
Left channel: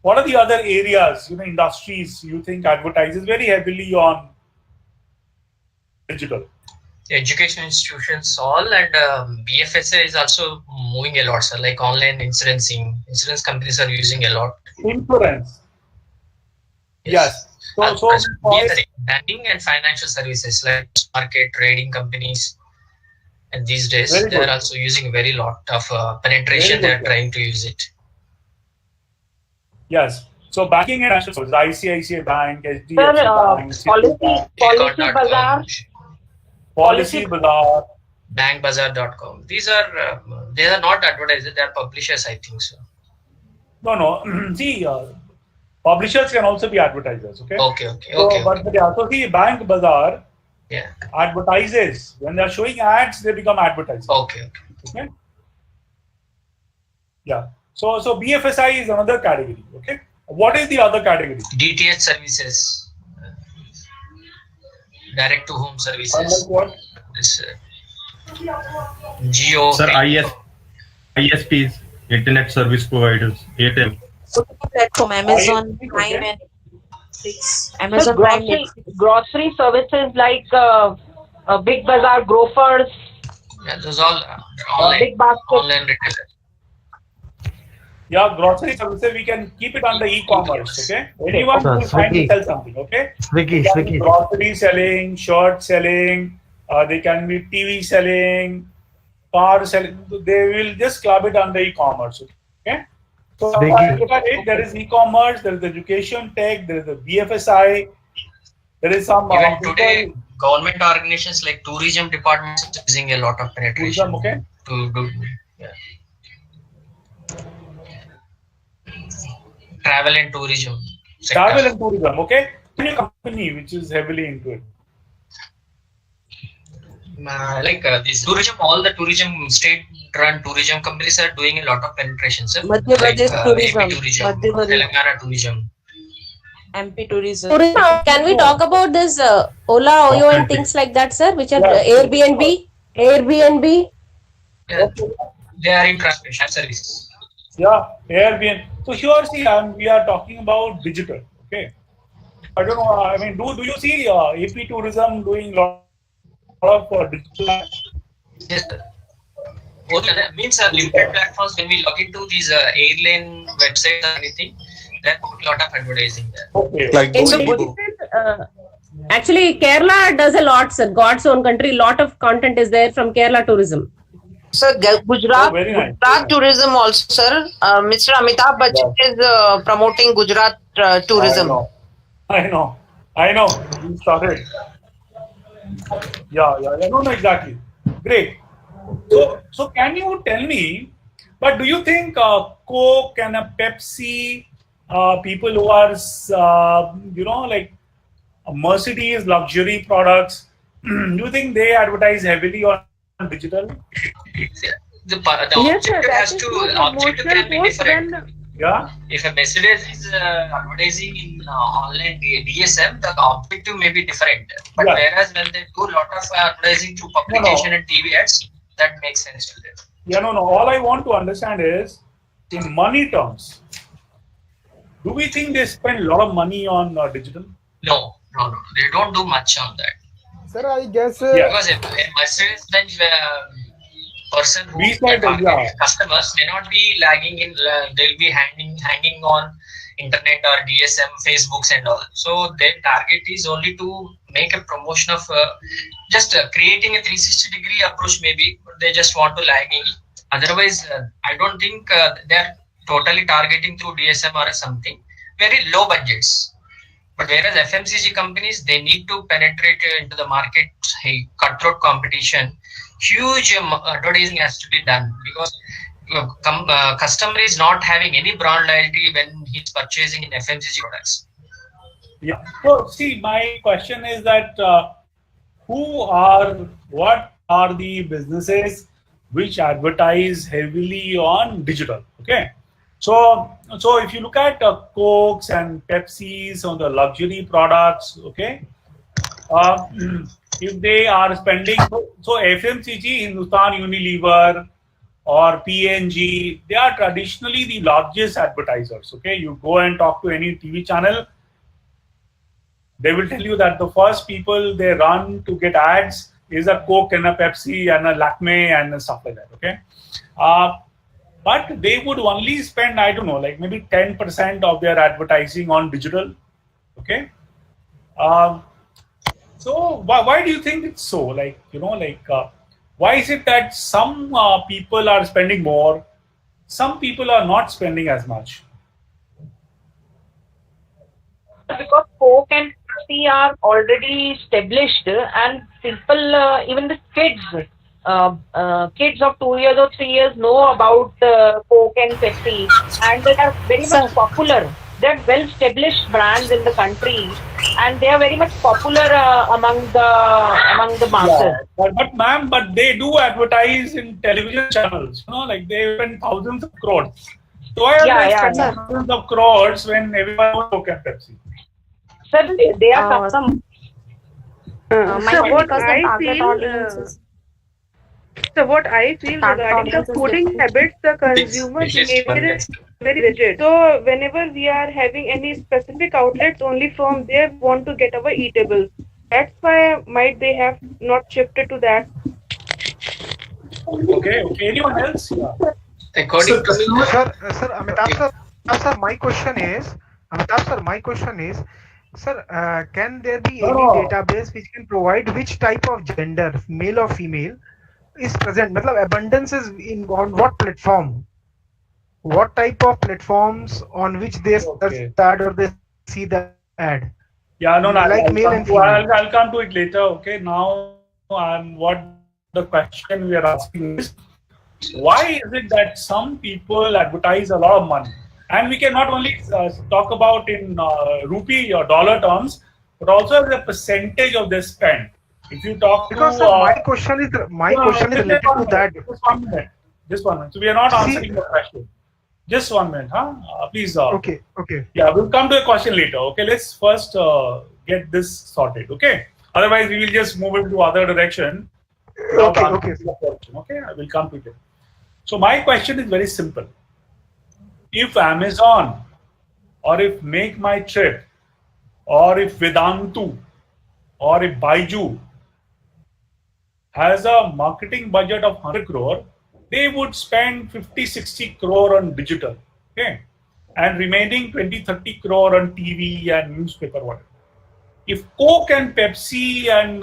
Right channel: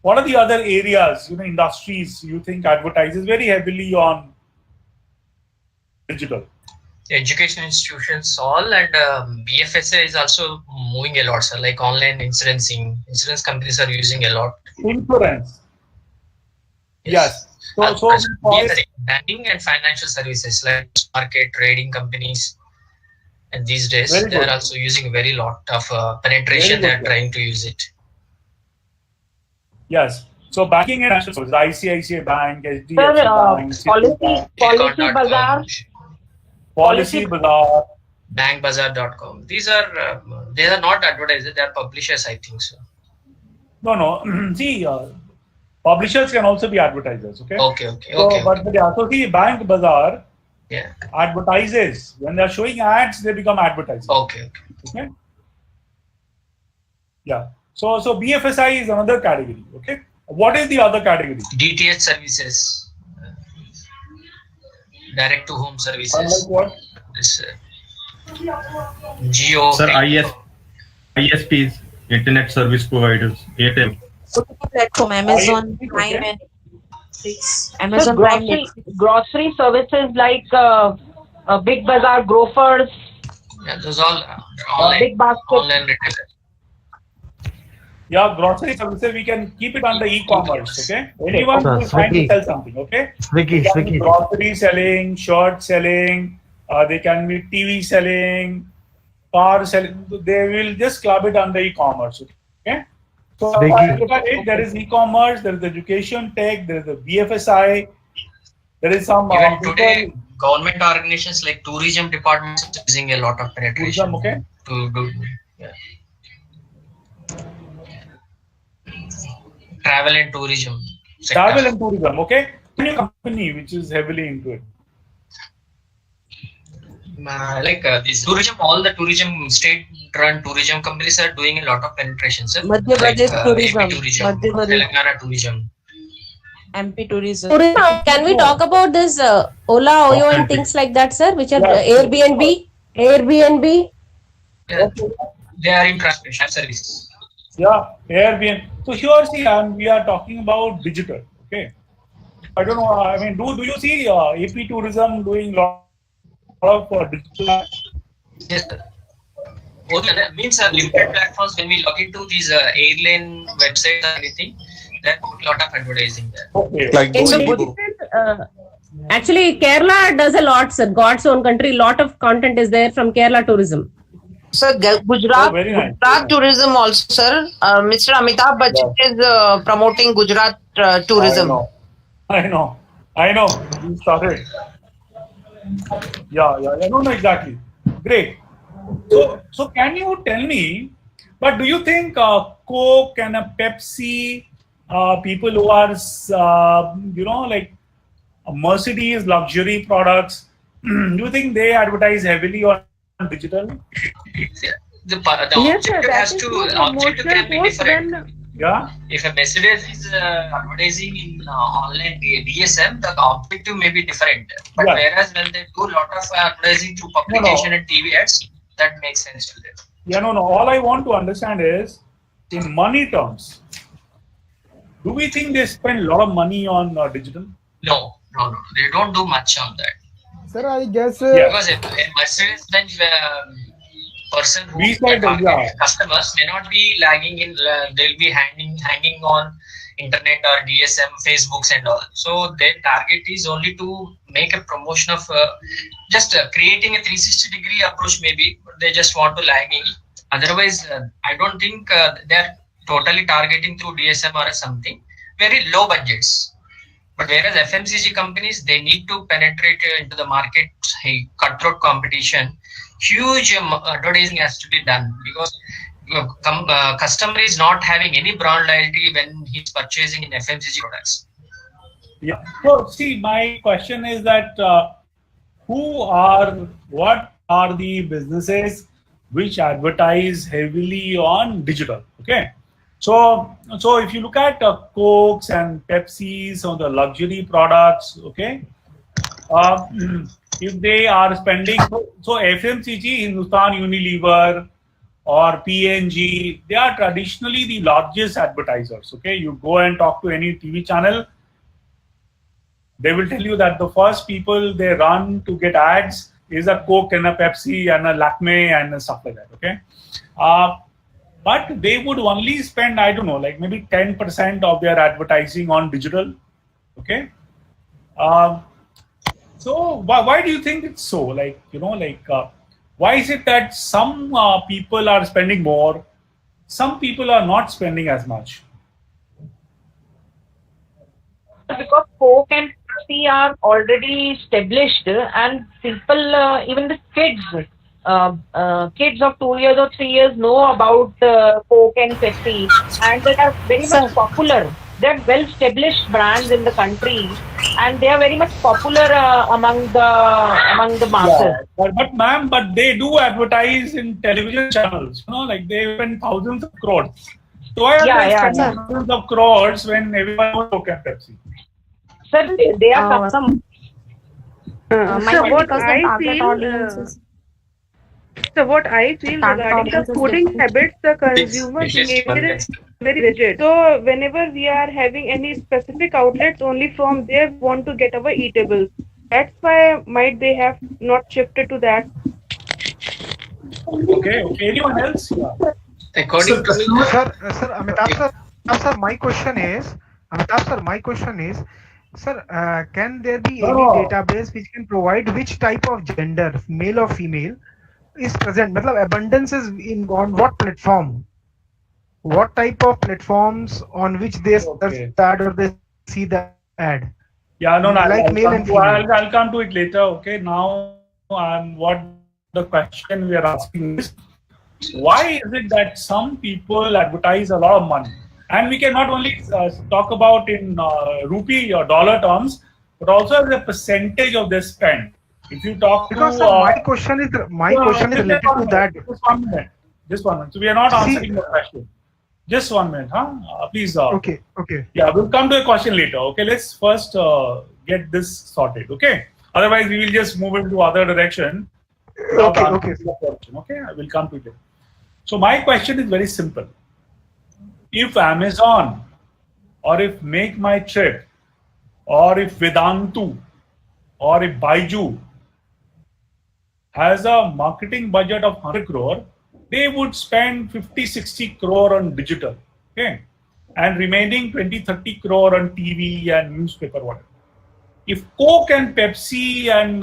What are the other areas, industries you think advertises very heavily on digital? Education institutions, all, and BFSA is also moving a lot, sir, like online insurencing. Insurance companies are using a lot. Insurance. Yes. So banking and financial services like market trading companies. And these days, Very they are good. also using very lot of penetration. They Very are good, trying to use it. Yes. So banking and financial services, ICICI Bank, HDFC Sir, Bank, policy bazaar. Policy Bazaar. Bankbazaar.com. These are not advertisers. They are publishers, I think so. No. See, publishers can also be advertisers. Okay. Okay. So see, Bank Bazaar. Yeah. Advertises. When they are showing ads, they become advertisers. Okay. Yeah. So BFSI is another category. Okay. What is the other category? DTH services, direct to home services. Like what? This, Geo. Sir, ISPs, Internet Service Providers, ATM. Platform Amazon Prime and Netflix. Amazon Prime, Netflix. Grocery services like Big Bazaar, Grofers. Yeah, those all online. Big Basket. Online retailers. Yeah, grocery services, we can keep it under e-commerce, okay? Anyone who is trying to sell something, okay? Swiggy. Grocery selling, shirt selling, they can be TV selling, car selling. They will just club it under e-commerce, okay? So there is e-commerce, there is education tech, there is the BFSI, there is some even today government organizations like tourism departments using a lot of penetration. Tourism, okay? To do, yeah. Travel and tourism sector. Travel and tourism, okay? Any company which is heavily into it. Like this tourism, all the tourism state-run tourism companies are doing a lot of penetration, sir. Madhya Pradesh tourism, AP tourism, Telangana tourism. MP tourism. Can we talk about this Ola, Oyo and things like that, sir, which are Airbnb? Yeah, they are in transportation services. Yeah, Airbnb. So here, see, we are talking about digital, okay? I don't know, I mean, do you see AP tourism doing a lot of digital? Yes, sir. That means limited platforms. When we log into these airline websites or anything, there are a lot of advertising there. Okay. Like Actually, Kerala does a lot, sir. God's own country, lot of content is there from Kerala tourism. Sir, Gujarat, very nice. Gujarat tourism also, sir. Mr. Amtab Bachchan is promoting Gujarat tourism. I know. You started. Yeah. No, exactly. Great. So can you tell me, but do you think Coke and Pepsi, people who are, like Mercedes luxury products, do you think they advertise heavily on digital? The objective has to objective can be different. Yeah. If a Mercedes is advertising in online DSM, the objective may be different. But whereas when they do a lot of advertising through publication and TV ads, that makes sense to them. Yeah, no. All I want to understand is, in money terms, do we think they spend a lot of money on digital? No. They don't do much on that. Sir, I guess. Because a Mercedes-Benz person who customers may not be lagging in. They'll be hanging on internet or DSM, Facebooks and all. So their target is only to make a promotion of just creating a 360-degree approach. Maybe but they just want to lag in. Otherwise, I don't think they're totally targeting through DSM or something. Very low budgets. But whereas FMCG companies, they need to penetrate into the market, cutthroat competition, huge advertising has to be done because customer is not having any brand loyalty when he's purchasing in FMCG products. Yeah. So see, my question is that what are the businesses which advertise heavily on digital? Okay. So if you look at Cokes and Pepsis or the luxury products, okay, if they are spending, so FMCG, Hindustan Unilever or P&G, they are traditionally the largest advertisers, okay. You go and talk to any TV channel, they will tell you that the first people they run to get ads is a Coke and a Pepsi and a Lakme and stuff like that, okay. But they would only spend, I don't know, like maybe 10% of their advertising on digital, okay. So why do you think it's so? Like, why is it that some people are spending more, some people are not spending as much? Because Coke and Pepsi are already established, and people, even the kids of 2 years or 3 years know about Coke and Pepsi, and they are very much popular. They're well-established brands in the country, and they are very much popular among the masses. But ma'am, but they do advertise in television channels. Like they spend thousands of crores. So why are they spending thousands of crores when everyone knows Coke and Pepsi? Sir, they are some. So what I feel regarding the fooding habits, the consumer behavior is very rigid. So whenever we are having any specific outlets, only from there we want to get our eatables. That's why might they have not shifted to that. Okay. Anyone else? Yeah. According to me, Amitabh sir, my question is, sir, can there be any database which can provide which type of gender, male or female, is present? Matlab, abundance is on what platform? What type of platforms on which they search that or they see the ad? Yeah, no, like male and female. I'll come to it later. Okay, now what the question we are asking is, why is it that some people advertise a lot of money? And we can not only talk about in rupee or dollar terms, but also as a percentage of their spend. If you talk because to, my question is related to that. Just 1 minute. So we are not answering the question. Just 1 minute, huh? Please. Okay. Yeah, we'll come to a question later. Okay, let's first get this sorted. Okay. Otherwise, we will just move into other direction. Okay. Okay, I will come to it. So my question is very simple. If Amazon, or if Make My Trip, or if Vedantu, or if Baiju has a marketing budget of 100 crore, they would spend 50-60 crore on digital, okay, and remaining 20-30 crore on TV and newspaper, whatever. If Coke and Pepsi and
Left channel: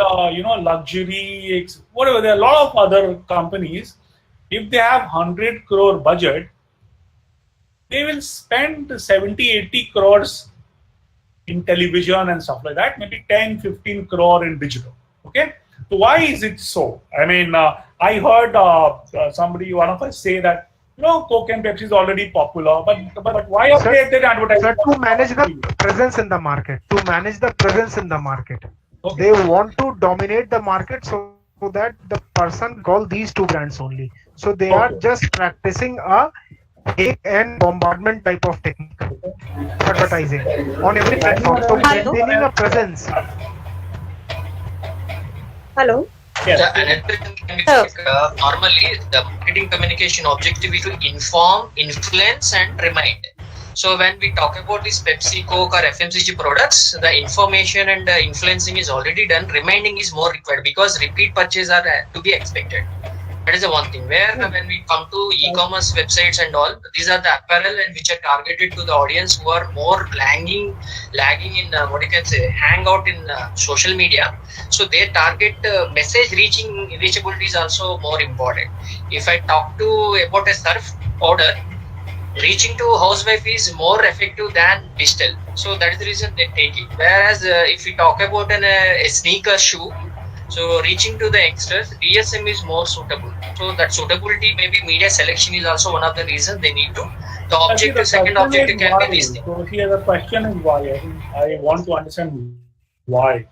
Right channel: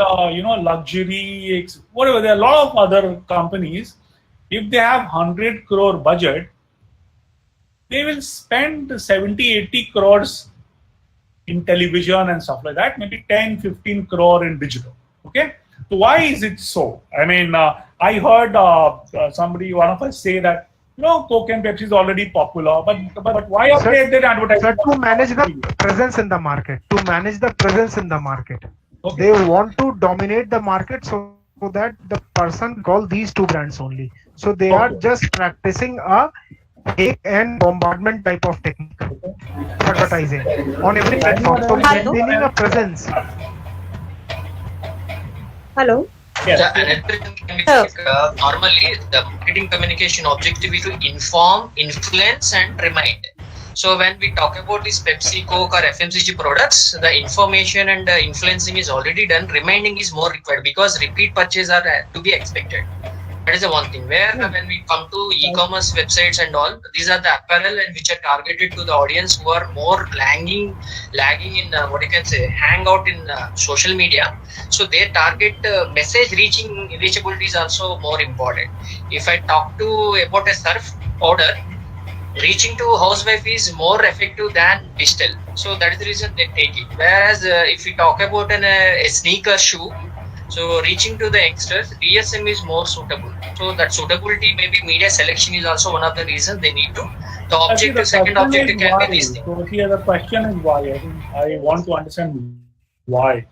luxury, whatever, there are a lot of other companies, if they have 100 crore budget, they will spend 70-80 crores in television and stuff like that, maybe 10-15 crore in digital. Okay, so why is it so? I mean, I heard one of us say that Coke and Pepsi is already popular, but why are they advertising? Sir, to manage the presence in the market, they want to dominate the market so that the person call these two brands only. So they are just practicing a hate and bombardment type of technique, advertising on every platform. So maintaining a presence. Hello. Normally, the marketing communication objective is to inform, influence, and remind. So when we talk about these Pepsi, Coke, or FMCG products, the information and the influencing is already done. Reminding is more required because repeat purchases are to be expected. That is the one thing. Where when we come to e-commerce websites and all, these are the apparel and which are targeted to the audience who are more lagging in hang out in social media. So their target message reachability is also more important. If I talk about a surf powder, reaching to housewife is more effective than digital. So that is the reason they take it. Whereas if we talk about a sneaker shoe, so reaching to the youngsters, DSM is more suitable. So that suitability, maybe media selection is also one of the reasons they need to. The objective, second objective can be these things. So here the question is why. I want to understand why.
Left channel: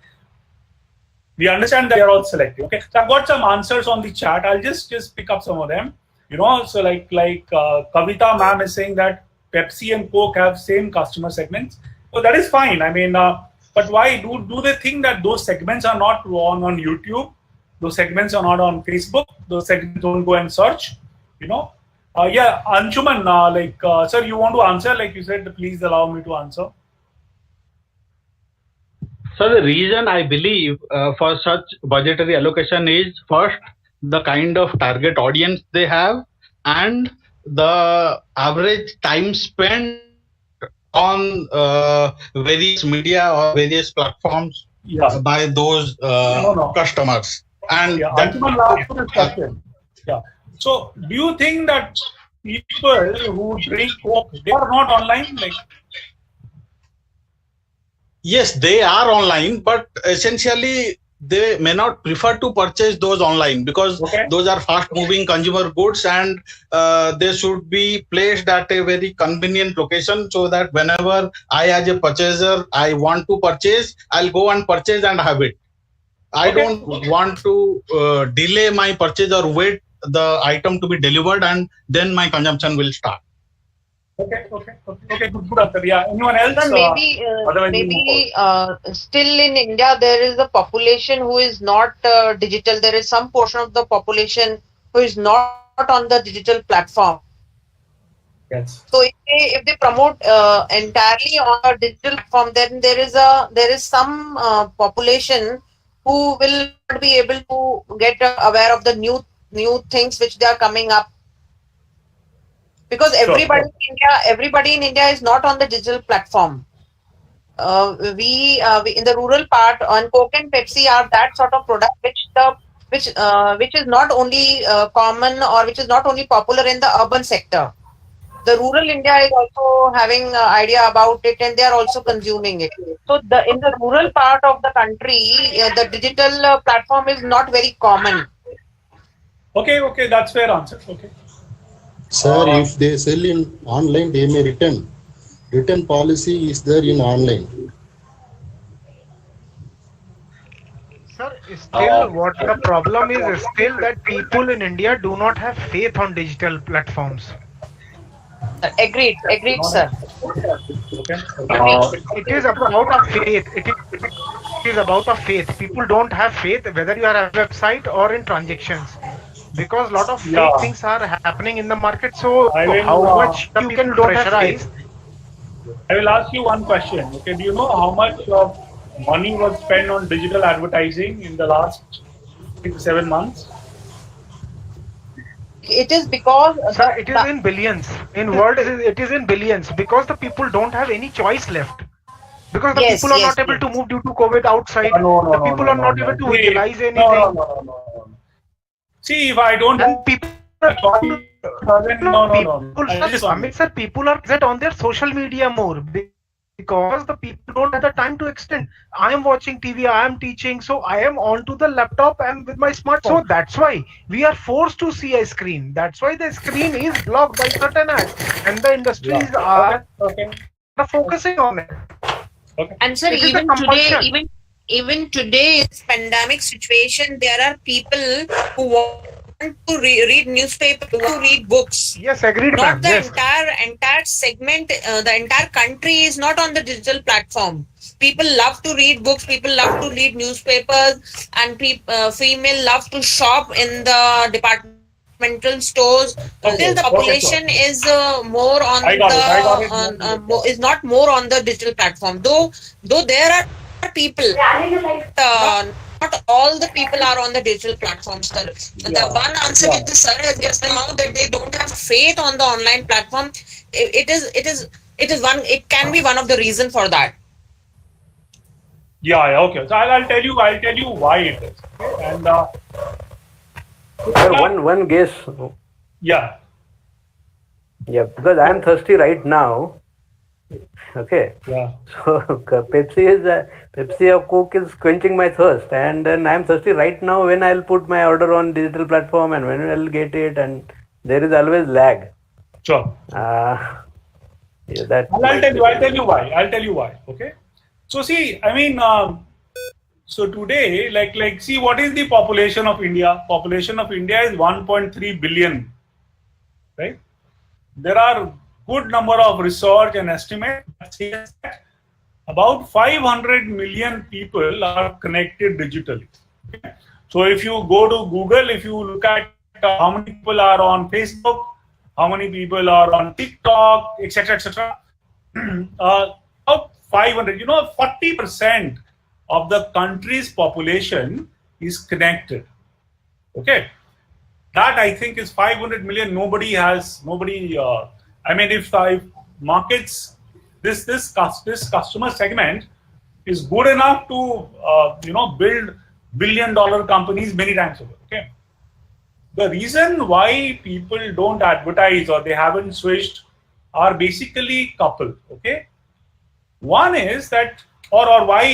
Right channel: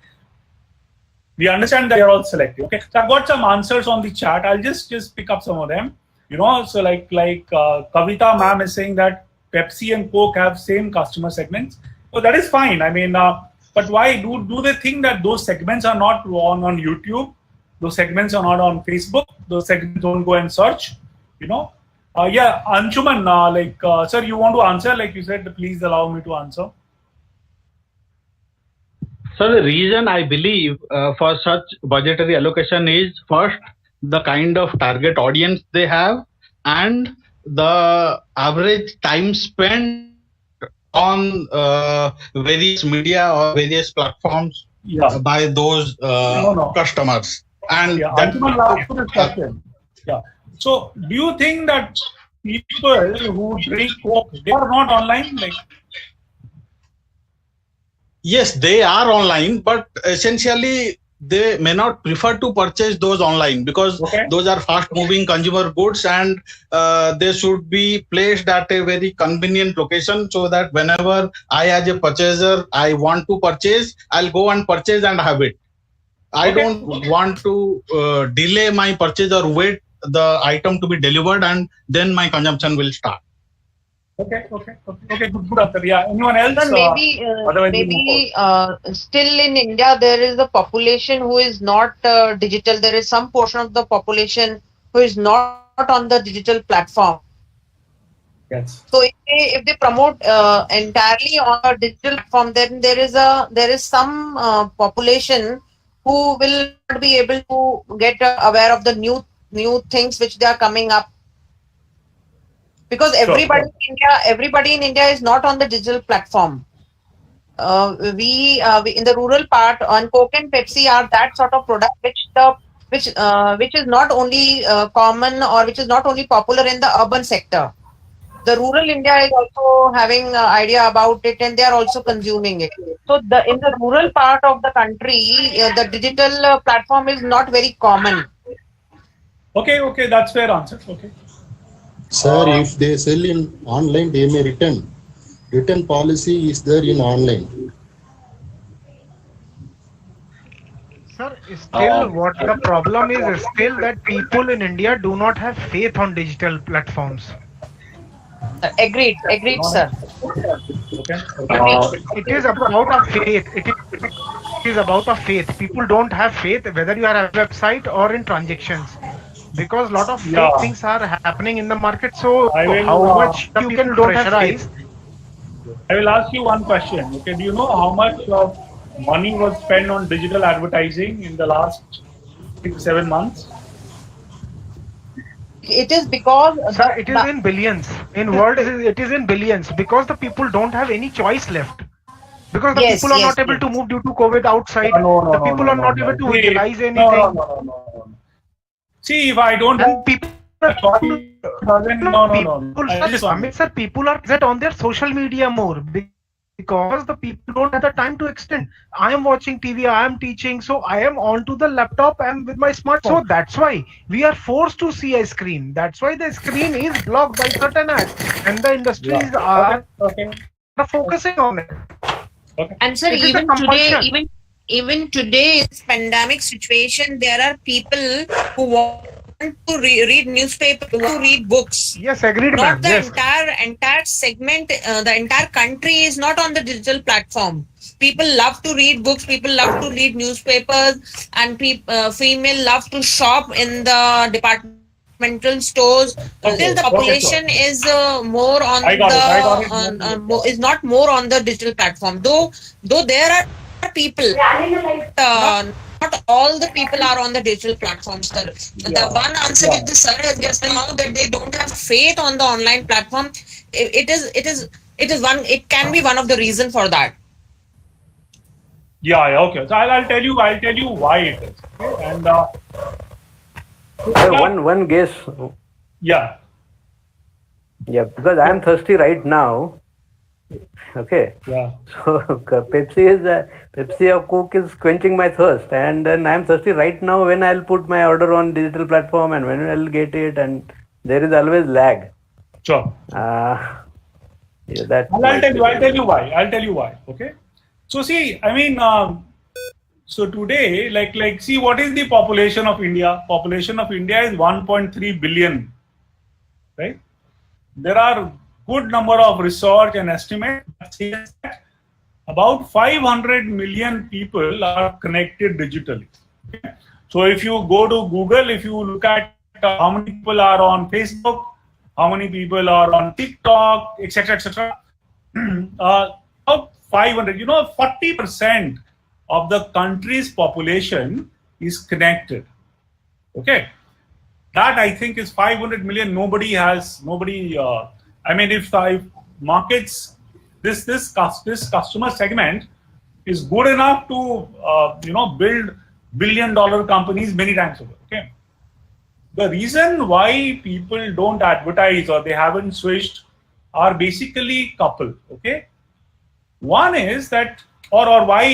We understand that they are all selective. Okay, so I've got some answers on the chat. I'll just pick up some of them. So like Kavita ma'am is saying that Pepsi and Coke have same customer segments. So that is fine. I mean, but why do they think that those segments are not on YouTube? Those segments are not on Facebook. Those segments don't go and search. Yeah, Anshuman, sir, you want to answer? Like you said, please allow me to answer. So the reason I believe for such budgetary allocation is first the kind of target audience they have and the average time spent on various media or various platforms by those customers. And that, yeah. So, do you think that people who drink Coke, they are not online? Like, yes, they are online, but essentially they may not prefer to purchase those online because those are fast-moving consumer goods, and they should be placed at a very convenient location so that whenever I, as a purchaser, I want to purchase, I'll go and purchase and have it. I don't want to delay my purchase or wait the item to be delivered and then my consumption will start. Okay, good answer. Yeah, anyone else? Sir, maybe still in India there is a population who is not digital. There is some portion of the population who is not on the digital platform. Yes. So if they promote entirely on a digital platform, then there is some population who will not be able to get aware of the new things which they are coming up. Because everybody in India is not on the digital platform. We in the rural part on Coke and Pepsi are that sort of product which is not only common or which is not only popular in the urban sector. The rural India is also having an idea about it, and they are also consuming it. So in the rural part of the country, the digital platform is not very common. Okay, that's fair answer. Okay. Sir, if they sell in online, they may return. Return policy is there in online. Sir, still what the problem is still that people in India do not have faith on digital platforms. Agreed, sir. It is about a faith. It is about a faith. People don't have faith whether you are a website or in transactions, because a lot of fake things are happening in the market. So how much you can pressurize? I will ask you one question. Okay, do you know how much of money was spent on digital advertising in the last 6 to 7 months? It is because it is in billions. In world, it is in billions because the people don't have any choice left. Because the people are not able to move due to COVID outside. The people are not able to utilize anything. No. See, if I don't have people, Sir, people are present on their social media more because the people don't have the time to extend. I am watching TV, I am teaching, so I am onto the laptop and with my smartphone. So that's why we are forced to see a screen. That's why the screen is blocked by certain ads, and the industries are focusing on it. And sir, even today's pandemic situation, there are people who want to read newspaper, to read books. Yes, agreed. Not the entire segment. The entire country is not on the digital platform. People love to read books. People love to read newspapers, and female love to shop in the departmental stores. Still, the population is more on is not more on the digital platform. Though there are people. Not all the people are on the digital platforms. The one answer with the sir just now that they don't have faith on the online platform. It can be one of the reason for that. Yeah, okay. So I'll tell you why it is. Okay? And one guess. Yeah, because I am thirsty right now. Okay. Yeah. So Pepsi or Coke is quenching my thirst, and then I am thirsty right now when I'll put my order on digital platform and when I'll get it, and there is always lag. Sure. I'll tell you why. Okay. So see, I mean, so today, like, see, what is the population of India? Population of India is 1.3 billion, right? There are good number of research and estimates that about 500 million people are connected digitally. Okay? So if you go to Google, if you look at how many people are on Facebook, how many people are on TikTok, etc., about 500, 40% of the country's population is connected. Okay, that I think is 500 million. I mean, if markets, this customer segment is good enough to build billion-dollar companies many times over. Okay, the reason why people don't advertise or they haven't switched are basically couple. Okay, one is that or why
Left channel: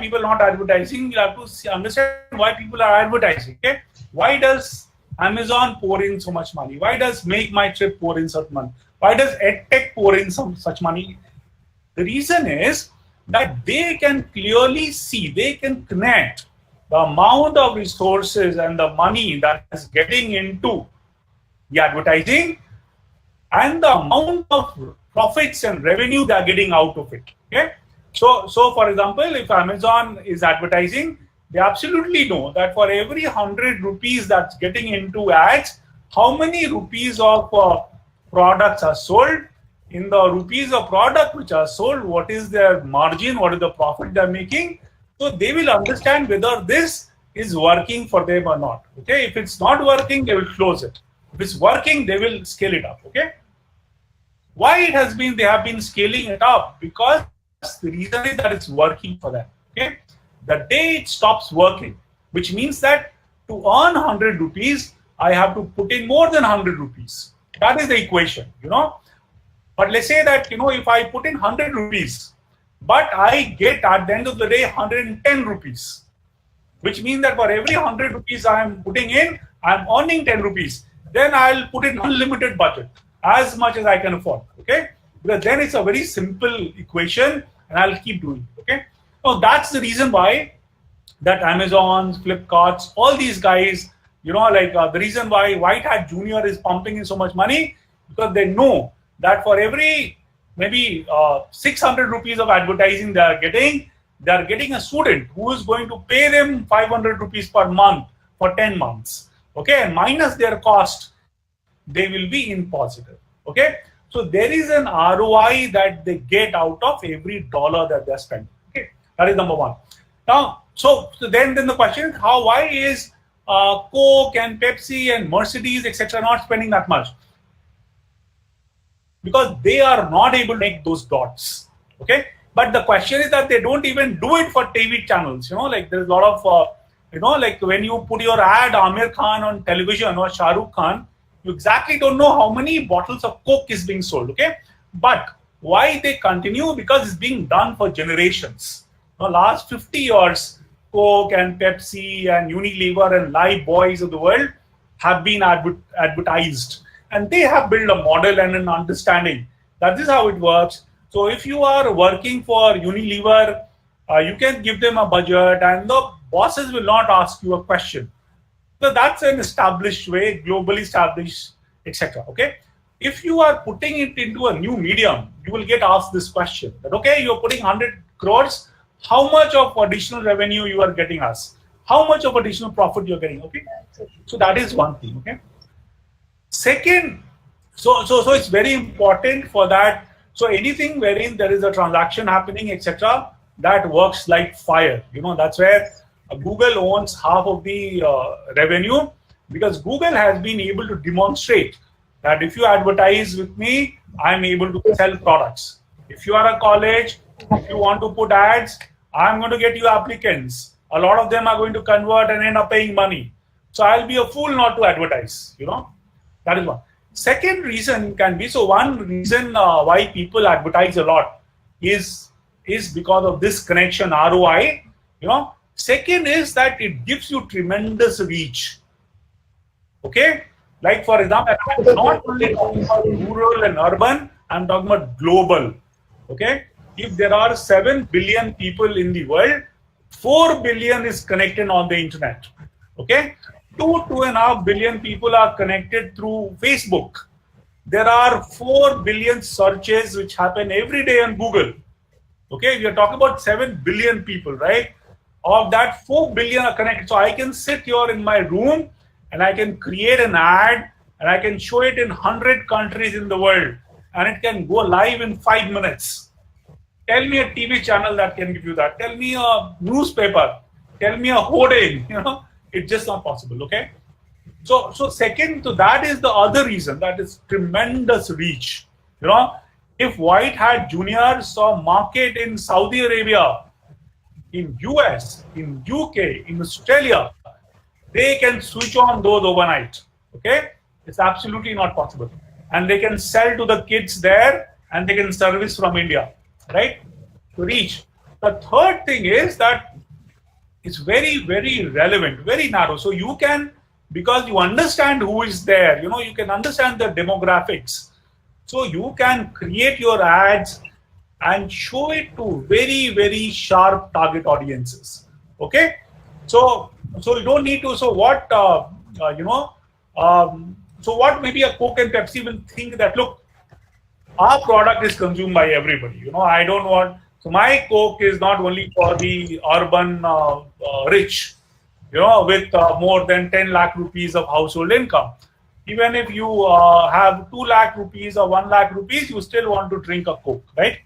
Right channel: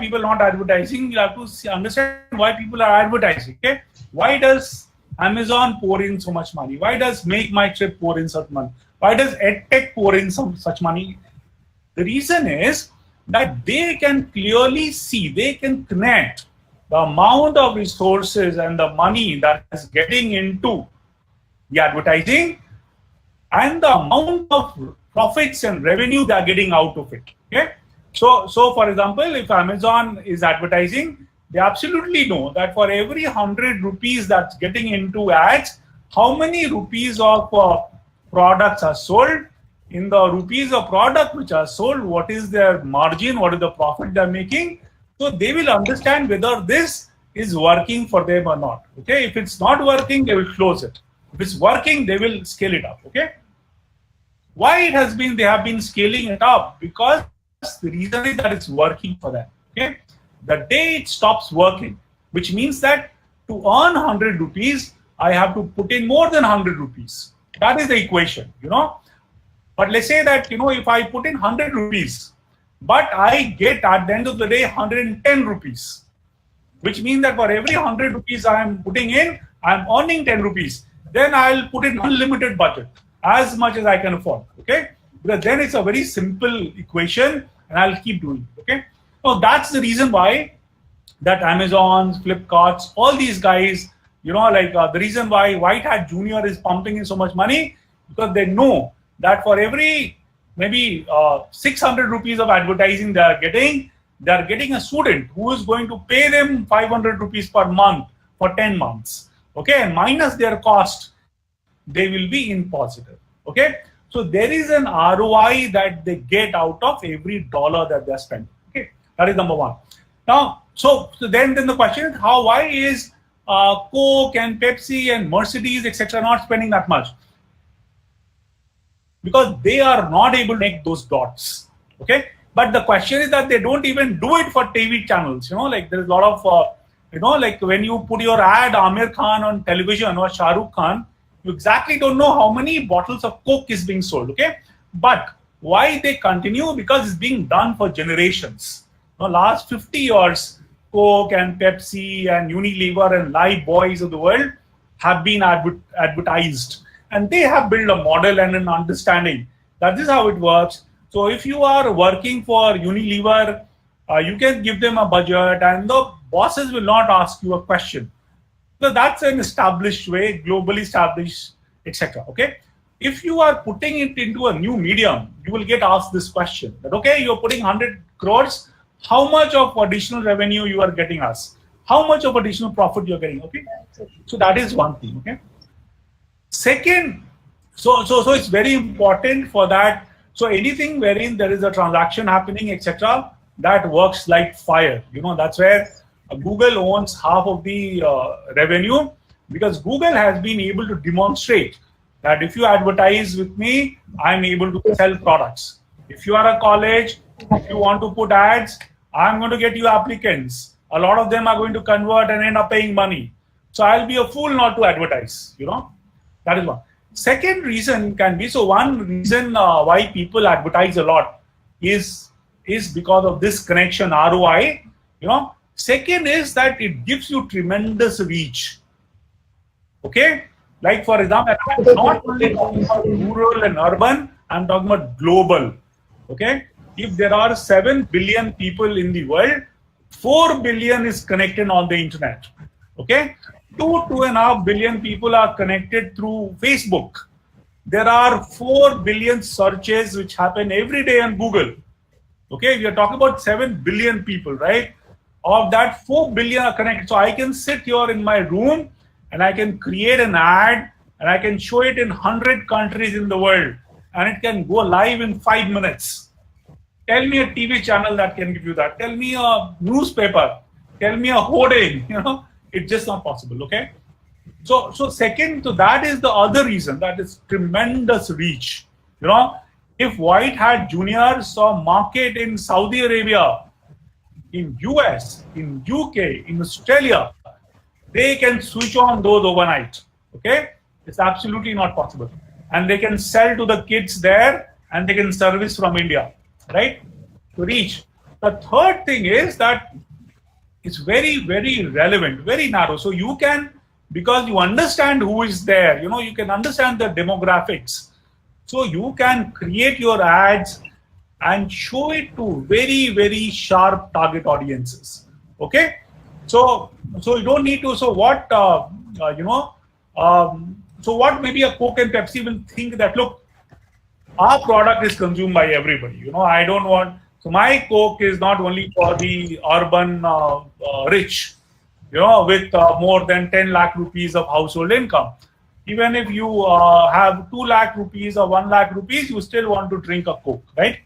people not advertising. You have to understand why people are advertising. Okay, why does Amazon pour in so much money? Why does Make My Trip pour in such money? Why does EdTech pour in such money? The reason is that they can clearly see, they can connect the amount of resources and the money that is getting into the advertising and the amount of profits and revenue they are getting out of it. Okay, so for example, if Amazon is advertising, they absolutely know that for every 100 rupees that's getting into ads, how many rupees of products are sold. In the rupees of product which are sold, what is their margin, what is the profit they're making. So they will understand whether this is working for them or not. Okay, if it's not working, they will close it. If it's working, they will scale it up. Okay, why they have been scaling it up? Because the reason is that it's working for them. Okay, the day it stops working, which means that to earn 100 rupees, I have to put in more than 100 rupees. That is the equation, But let's say that, if I put in 100 rupees, but I get at the end of the day 110 rupees, which means that for every 100 rupees I am putting in, I am earning 10 rupees. Then I'll put in unlimited budget, as much as I can afford. Okay, because then it's a very simple equation, and I'll keep doing it. Okay, so that's the reason why that Amazon, Flipkarts, all these guys, the reason why White Hat Junior is pumping in so much money, because they know that for every maybe 600 rupees of advertising they are getting a student who is going to pay them 500 rupees per month for 10 months. Okay, and minus their cost, they will be in positive. Okay, so there is an ROI that they get out of every dollar that they're spending. Okay, that is number one. Now, so then the question is, why is Coke and Pepsi and Mercedes, etc., not spending that much? Because they are not able to make those dots. Okay, but the question is that they don't even do it for TV channels. There's a lot of when you put your ad Amir Khan on television or Shah Rukh Khan, you exactly don't know how many bottles of Coke is being sold. Okay, but why they continue? Because it's being done for generations. Last 50 years, Coke and Pepsi and Unilever and Life Boys of the world have been advertised. And they have built a model and an understanding that this is how it works. So if you are working for Unilever, you can give them a budget and the bosses will not ask you a question. So that's an established way, globally established, etc. Okay. If you are putting it into a new medium, you will get asked this question that, okay, you're putting 100 crores, how much of additional revenue you are getting us? How much of additional profit you're getting? Okay. So that is one thing. Okay. Second, so it's very important for that. So anything wherein there is a transaction happening, etc., that works like fire. That's where Google owns half of the revenue, because Google has been able to demonstrate that if you advertise with me, I'm able to sell products. If you are a college, if you want to put ads, I'm going to get you applicants. A lot of them are going to convert and end up paying money. So I'll be a fool not to advertise, That is one. Second reason can be, so one reason why people advertise a lot is because of this connection, ROI. Second is that it gives you tremendous reach. Okay? Like for example, I'm not only talking about rural and urban, I'm talking about global. Okay? If there are 7 billion people in the world, 4 billion is connected on the internet. Okay? 2.5 billion people are connected through Facebook. There are 4 billion searches which happen every day on Google. Okay, we are talking about 7 billion people, right? Of that, 4 billion are connected. So I can sit here in my room and I can create an ad and I can show it in 100 countries in the world and it can go live in 5 minutes. Tell me a TV channel that can give you that. Tell me a newspaper. Tell me a hoarding, It's just not possible, okay? So second, so that is the other reason, that is tremendous reach. If White Hat Junior saw market in Saudi Arabia in US, in UK, in Australia, they can switch on those overnight. Okay, it's absolutely not possible, and they can sell to the kids there, and they can service from India, right? To reach. The third thing is that it's very, very relevant, very narrow. So you can, because you understand who is there, you can understand the demographics. So you can create your ads and show it to very, very sharp target audiences. Okay, so you don't need to. So what so what maybe a Coke and Pepsi will think that, look, our product is consumed by everybody. I don't want. So my Coke is not only for the urban rich, with more than 10 lakh rupees of household income. Even if you have 2 lakh rupees or 1 lakh rupees, you still want to drink a Coke, right?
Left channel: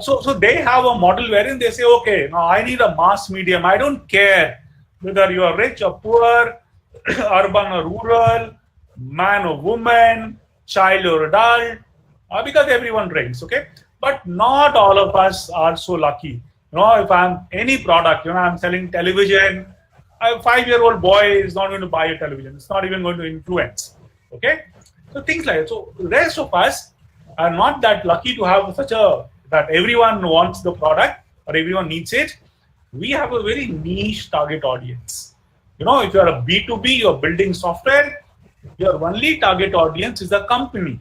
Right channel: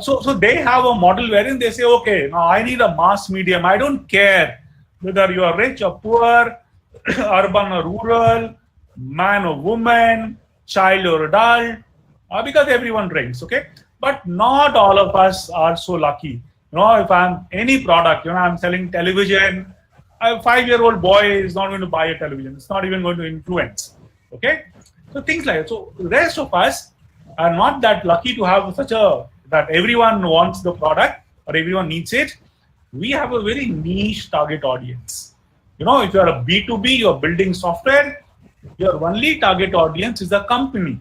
So they have a model wherein they say, okay, now I need a mass medium. I don't care whether you are rich or poor, urban or rural, man or woman, child or adult, because everyone drinks, okay? But not all of us are so lucky. If I'm any product, I'm selling television, a 5-year-old boy is not going to buy a television. It's not even going to influence, okay? So things like that. So the rest of us are not that lucky to have that everyone wants the product or everyone needs it. We have a very niche target audience. If you're a B2B, you're building software, your only target audience is the company.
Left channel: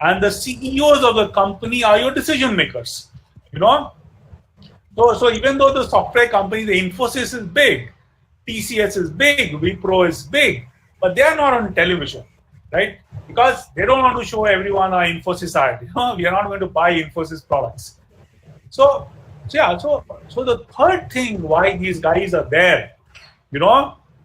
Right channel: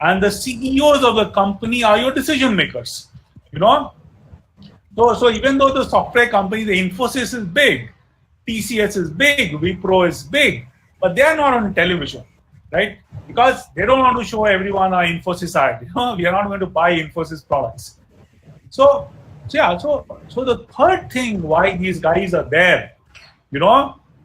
And the CEOs of the company are your decision makers. So even though the software company, the Infosys is big, TCS is big, Wipro is big, but they are not on television, right? Because they don't want to show everyone our Infosys ad. We are not going to buy Infosys products. So the third thing why these guys are there,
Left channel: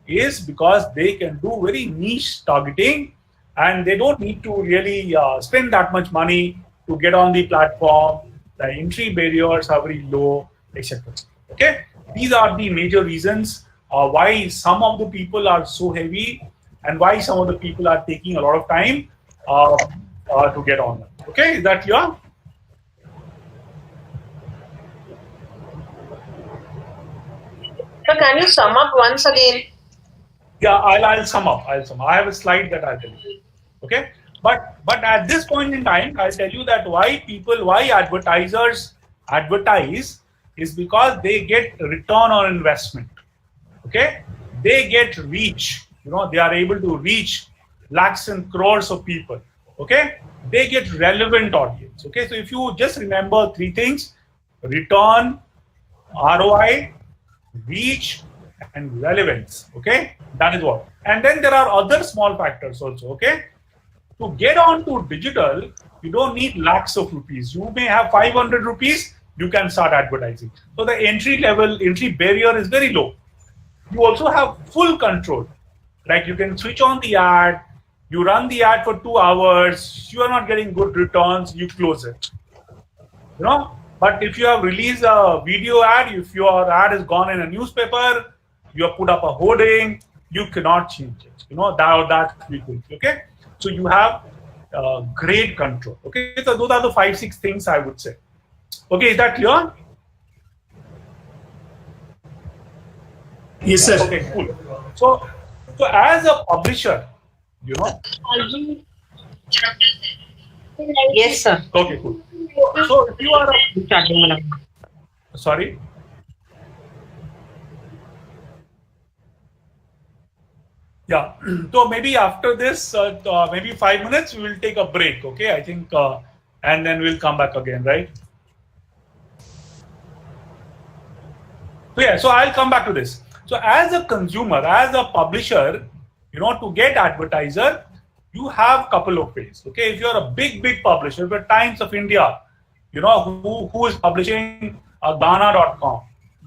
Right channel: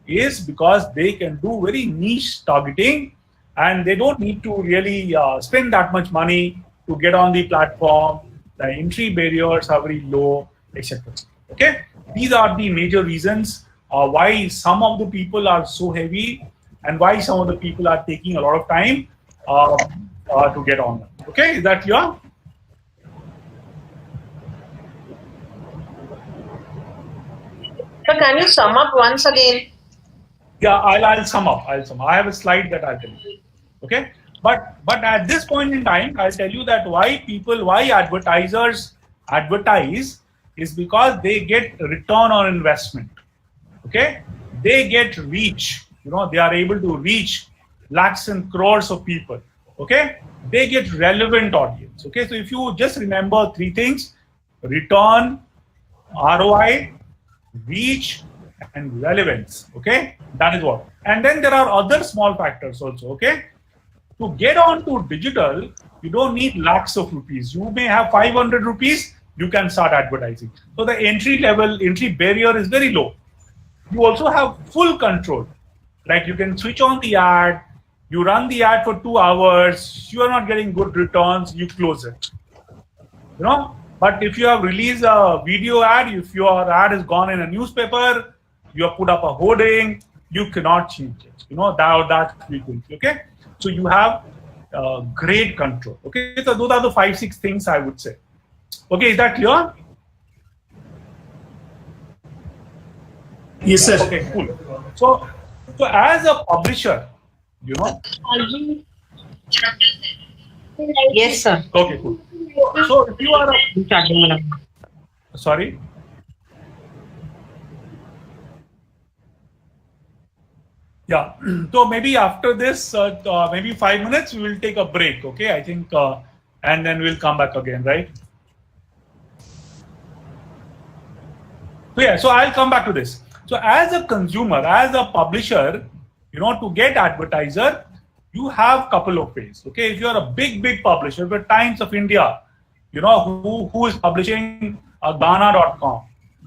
is because they can do very niche targeting, and they don't need to really spend that much money to get on the platform. The entry barriers are very low, etc. Okay, these are the major reasons why some of the people are so heavy and why some of the people are taking a lot of time to get on them. Okay, is that clear? So can you sum up once again? Yeah, I'll sum up. I have a slide that I'll tell you. Okay, but at this point in time, I'll tell you that why advertisers advertise is because they get return on investment. Okay, they get reach. They are able to reach lakhs and crores of people. Okay, they get relevant audience. Okay, so if you just remember 3 things: return, ROI, reach, and relevance. Okay, that is what. And then there are other small factors also. Okay, to get on to digital, you don't need lakhs of rupees. You may have 500 rupees, you can start advertising. So the entry barrier is very low. You also have full control. Like you can switch on the ad, you run the ad for 2 hours, you are not getting good returns, you close it. But if you have released a video ad, if your ad is gone in a newspaper, you have put up a hoarding, you cannot change it. That frequency. Okay, so you have great control. Okay, so those are the 5-6 things I would say. Okay, is that clear? Yes, sir. Okay, cool. So as a publisher, Yes, sir. Okay, cool. So if you are sorry. Yeah. So maybe after this, maybe 5 minutes, we will take a break. Okay, I think, and then we'll come back again, right? So yeah, so I'll come back to this. So as a consumer, as a publisher, to get advertiser, you have a couple of ways. Okay, if you're a big publisher, but Times of India, who is publishing Ghana.com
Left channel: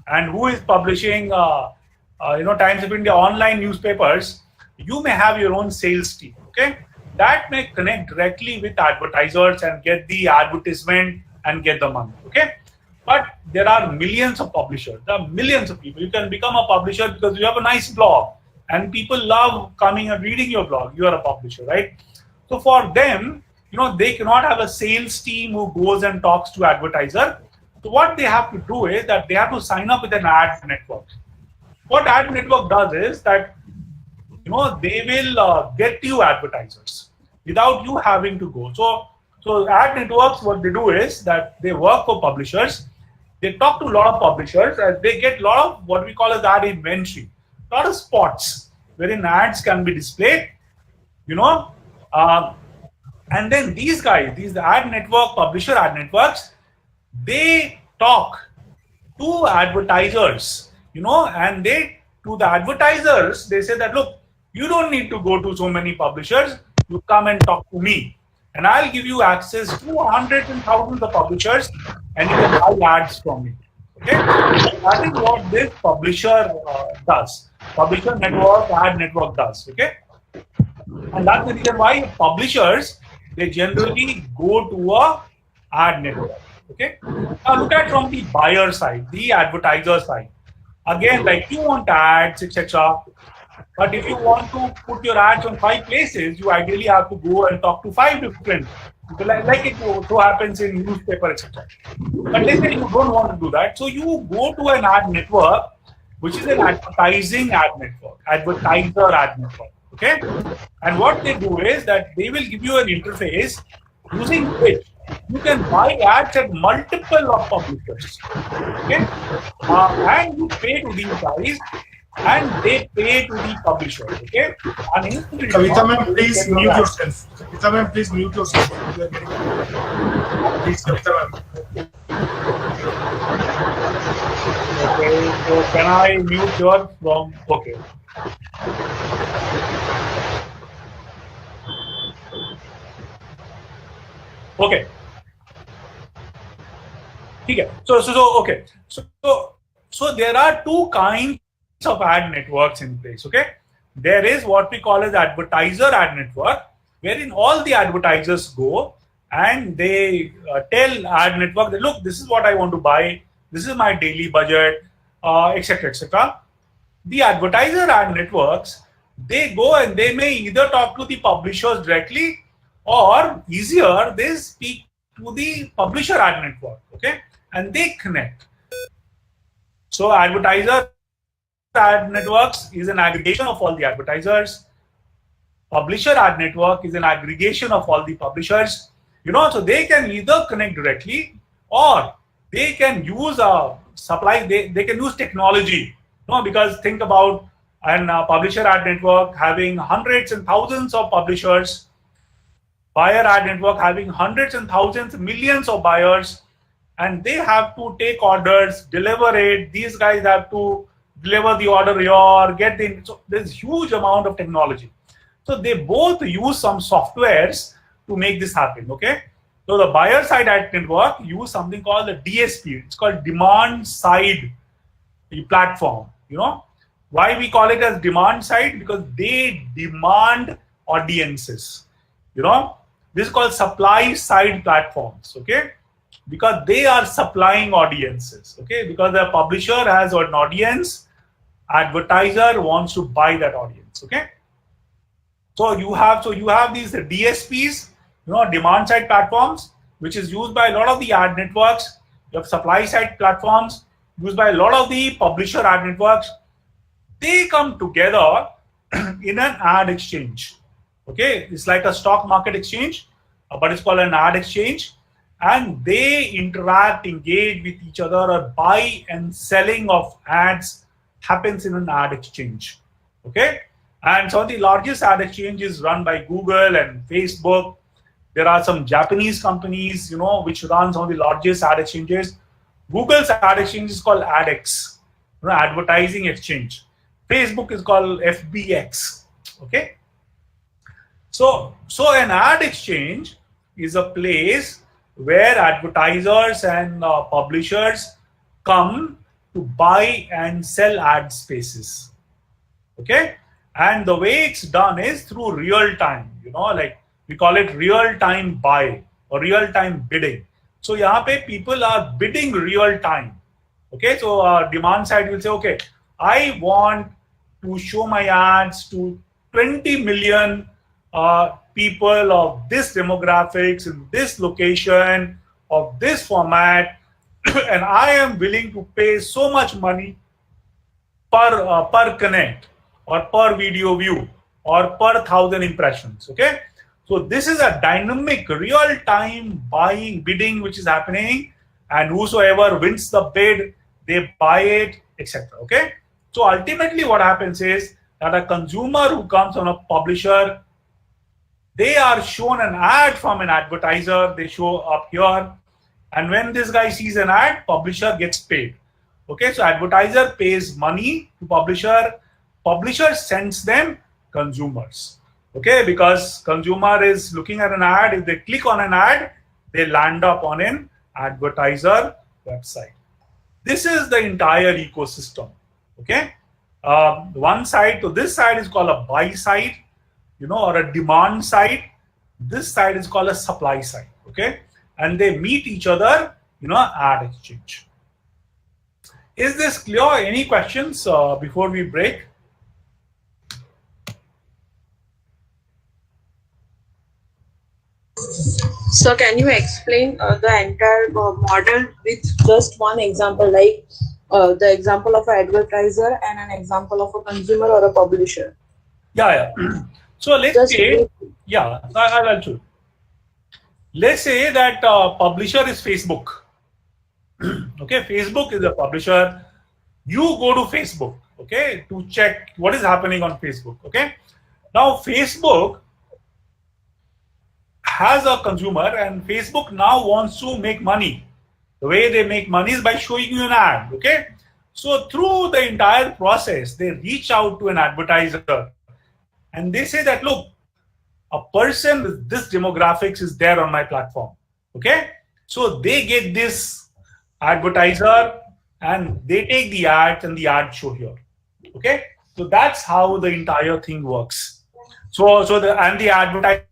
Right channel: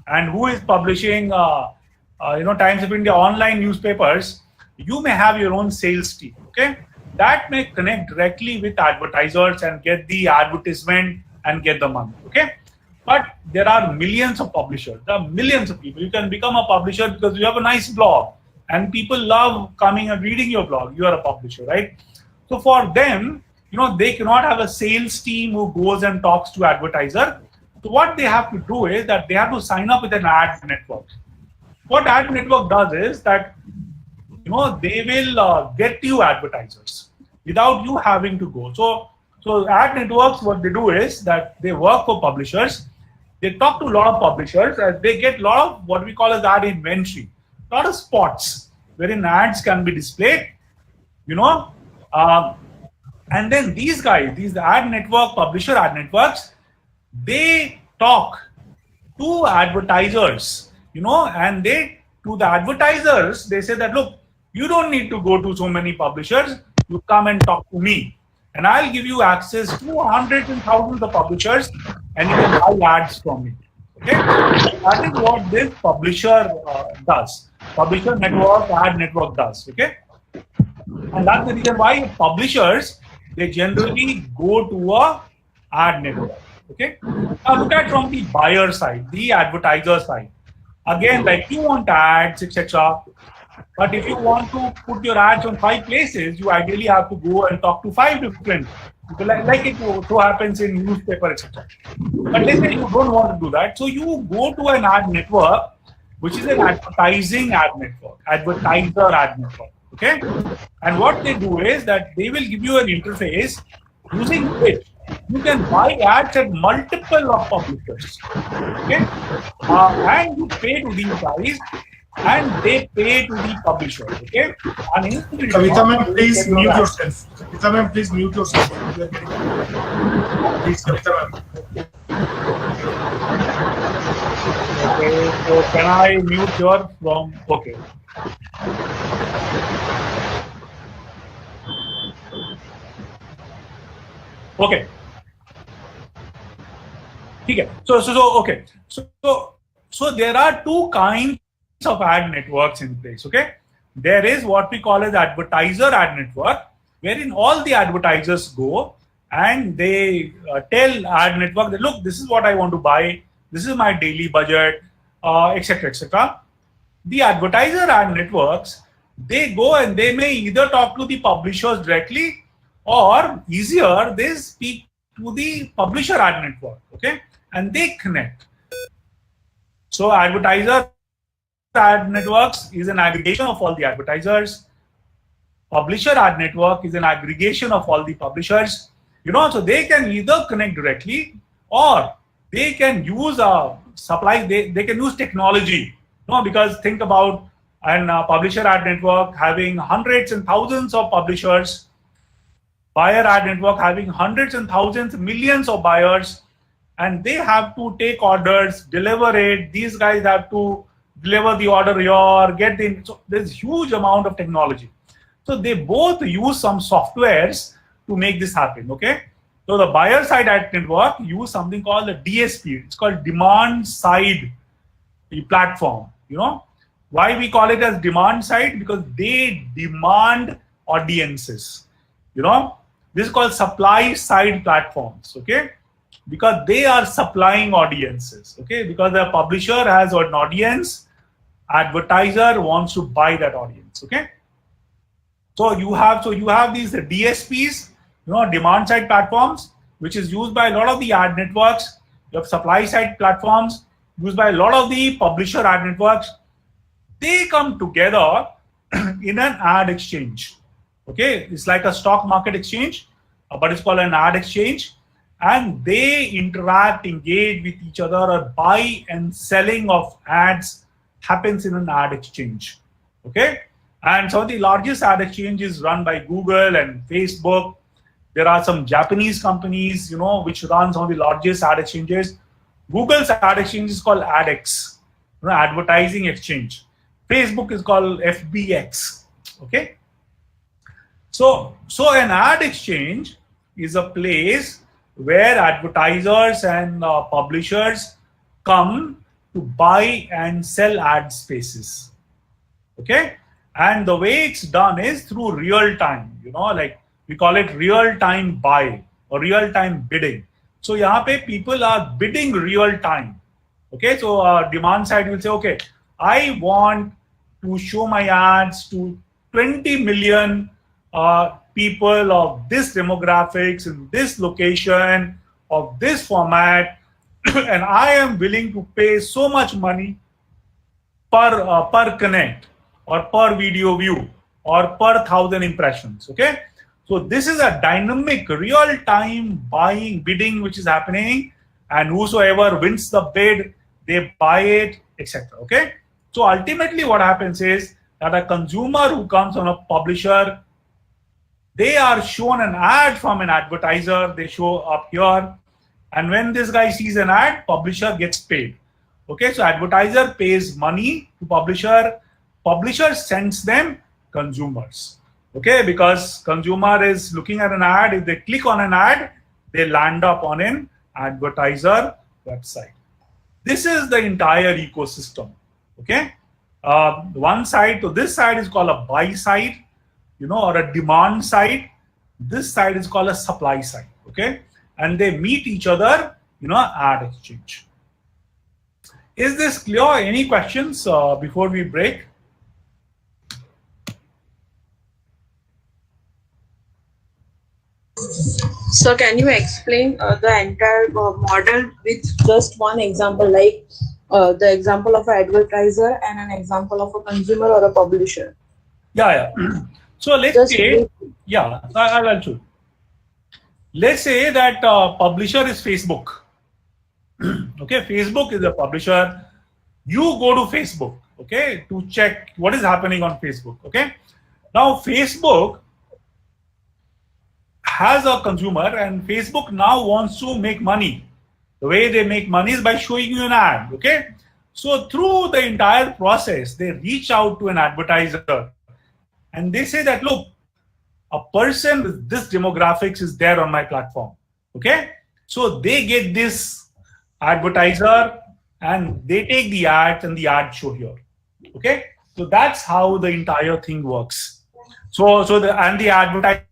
and who is publishing Times of India online newspapers, you may have your own sales team. Okay, that may connect directly with advertisers and get the advertisement and get the money. Okay, but there are millions of publishers. There are millions of people. You can become a publisher because you have a nice blog and people love coming and reading your blog. You are a publisher, right? So for them, they cannot have a sales team who goes and talks to advertiser. So what they have to do is that they have to sign up with an ad network. What ad network does is that, you know, they will get you advertisers without you having to go. So ad networks, what they do is that they work for publishers. They talk to a lot of publishers and they get a lot of what we call as ad inventory, a lot of spots wherein ads can be displayed, you know, and then these guys, these ad network, publisher ad networks, they talk to advertisers, you know, and they, to the advertisers, they say that, look, you don't need to go to so many publishers, you come and talk to me. And I'll give you access to hundreds and thousands of publishers and you can buy ads from me. Okay? So that is what this publisher does. Publisher network, ad network does. Okay? And that's the reason why publishers, they generally go to a ad network. Okay? Now look at from the buyer side, the advertiser side. Again, like you want ads, etc. But if you want to put your ads on 5 places, you ideally have to go and talk to 5 different people, like it so happens in newspaper, etc. But let's say you don't want to do that, so you go to an ad network, which is an advertising ad network, advertiser ad network. Okay, and what they do is that they will give you an interface using which you can buy ads at multiple of publishers. Okay, and you pay to these guys. And they pay to the publisher, okay? And Kavita ma'am, please mute yourself. Kavita ma'am, please mute yourself. Please, Kavita ma'am. Okay, so can I mute your from? Okay. Okay. Okay. So there are 2 kinds of ad networks in place. Okay, there is what we call as advertiser ad network, wherein all the advertisers go and they tell ad network that, look, this is what I want to buy, this is my daily budget, etc., etc. The advertiser ad networks, they go and they may either talk to the publishers directly, or easier, they speak to the publisher ad network. Okay, and they connect. So advertiser ad networks is an aggregation of all the advertisers. Publisher ad network is an aggregation of all the publishers. You know, so they can either connect directly or they can use a supply. They can use technology. You know, because think about an publisher ad network having hundreds and thousands of publishers, buyer ad network having hundreds and thousands, millions of buyers, and they have to take orders, deliver it. These guys have to deliver the order here, get the, so there's huge amount of technology. So they both use some softwares to make this happen, okay? So the buyer side ad network use something called the DSP. It's called demand side platform, you know? Why we call it as demand side? Because they demand audiences, you know? This is called supply side platforms, okay? Because they are supplying audiences, okay? Because the publisher has an audience, advertiser wants to buy that audience, okay? So you have these DSPs, you know, demand side platforms, which is used by a lot of the ad networks. You have supply side platforms used by a lot of the publisher ad networks. They come together in an ad exchange, okay? It's like a stock market exchange, but it's called an ad exchange. And they interact, engage with each other, or buy and selling of ads happens in an ad exchange, okay? And so the largest ad exchange is run by Google and Facebook. There are some Japanese companies, you know, which run some of the largest ad exchanges. Google's ad exchange is called AdX, you know, Advertising Exchange. Facebook is called FBX, okay? So an ad exchange is a place where advertisers and publishers come to buy and sell ad spaces, okay? And the way it's done is through real time, you know, like we call it real time buy or real time bidding. So yahan pe people are bidding real time, okay? So demand side will say, okay, I want to show my ads to 20 million people of this demographics in this location of this format, and I am willing to pay so much money per connect or per video view or per 1,000 impressions. Okay, so this is a dynamic real-time bidding which is happening, and whosoever wins the bid, they buy it, etc. Okay, so ultimately what happens is that a consumer who comes on a publisher, they are shown an ad from an advertiser, they show up here, and when this guy sees an ad, publisher gets paid. Okay, so advertiser pays money to publisher sends them consumers. Okay, because consumer is looking at an ad, if they click on an ad, they land up on an advertiser website. This is the entire ecosystem. Okay, one side to this side is called a buy side, or a demand side. This side is called a supply side. Okay, and they meet each other, ad exchange. Is this clear? Any questions before we break? So can you explain the entire model with just one example, like the example of an advertiser and an example of a consumer or a publisher? Yeah. So let's say, I'll show you. Let's say that publisher is Facebook. Okay, Facebook is a publisher. You go to Facebook, okay, to check what is happening on Facebook. Okay, now Facebook has a consumer, and Facebook now wants to make money. The way they make money is by showing you an ad. Okay, so through the entire process, they reach out to an advertiser and they say that, look, a person with this demographics is there on my platform. Okay, so they get this advertiser and they take the ads and the ad show here. Okay, so that's how the entire thing works. So the advertiser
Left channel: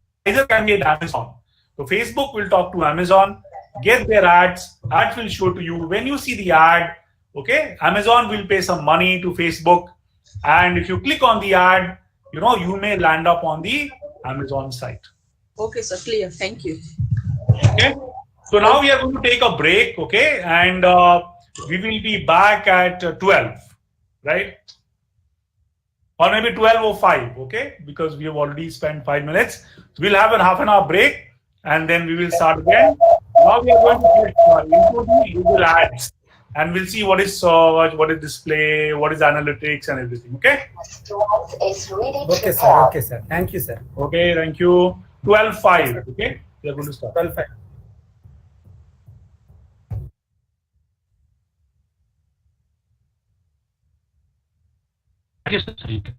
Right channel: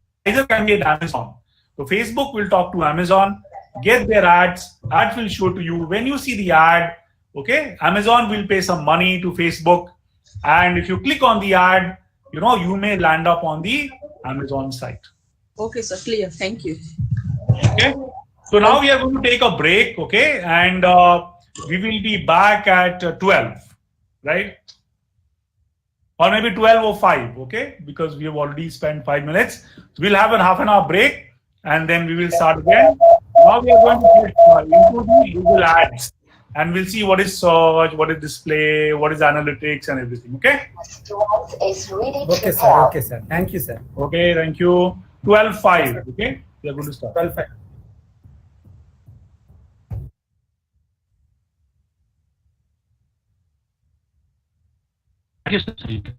can be at Amazon. So Facebook will talk to Amazon, get their ads will show to you. When you see the ad, okay, Amazon will pay some money to Facebook, and if you click on the ad, you may land up on the Amazon site. Okay, sir, clear. Thank you. Okay, so now we are going to take a break, okay, and we will be back at 12, right? Or maybe 12:05, okay, because we have already spent 5 minutes. So we'll have a half an hour break and then we will start again. Now we are going to get into the Google Ads, and we'll see what is search, what is display, what is analytics and everything, okay? Okay, sir. Okay, sir. Thank you, sir. Okay, thank you. 12:05, okay? We are going to start. 12:05. Thank you, sir.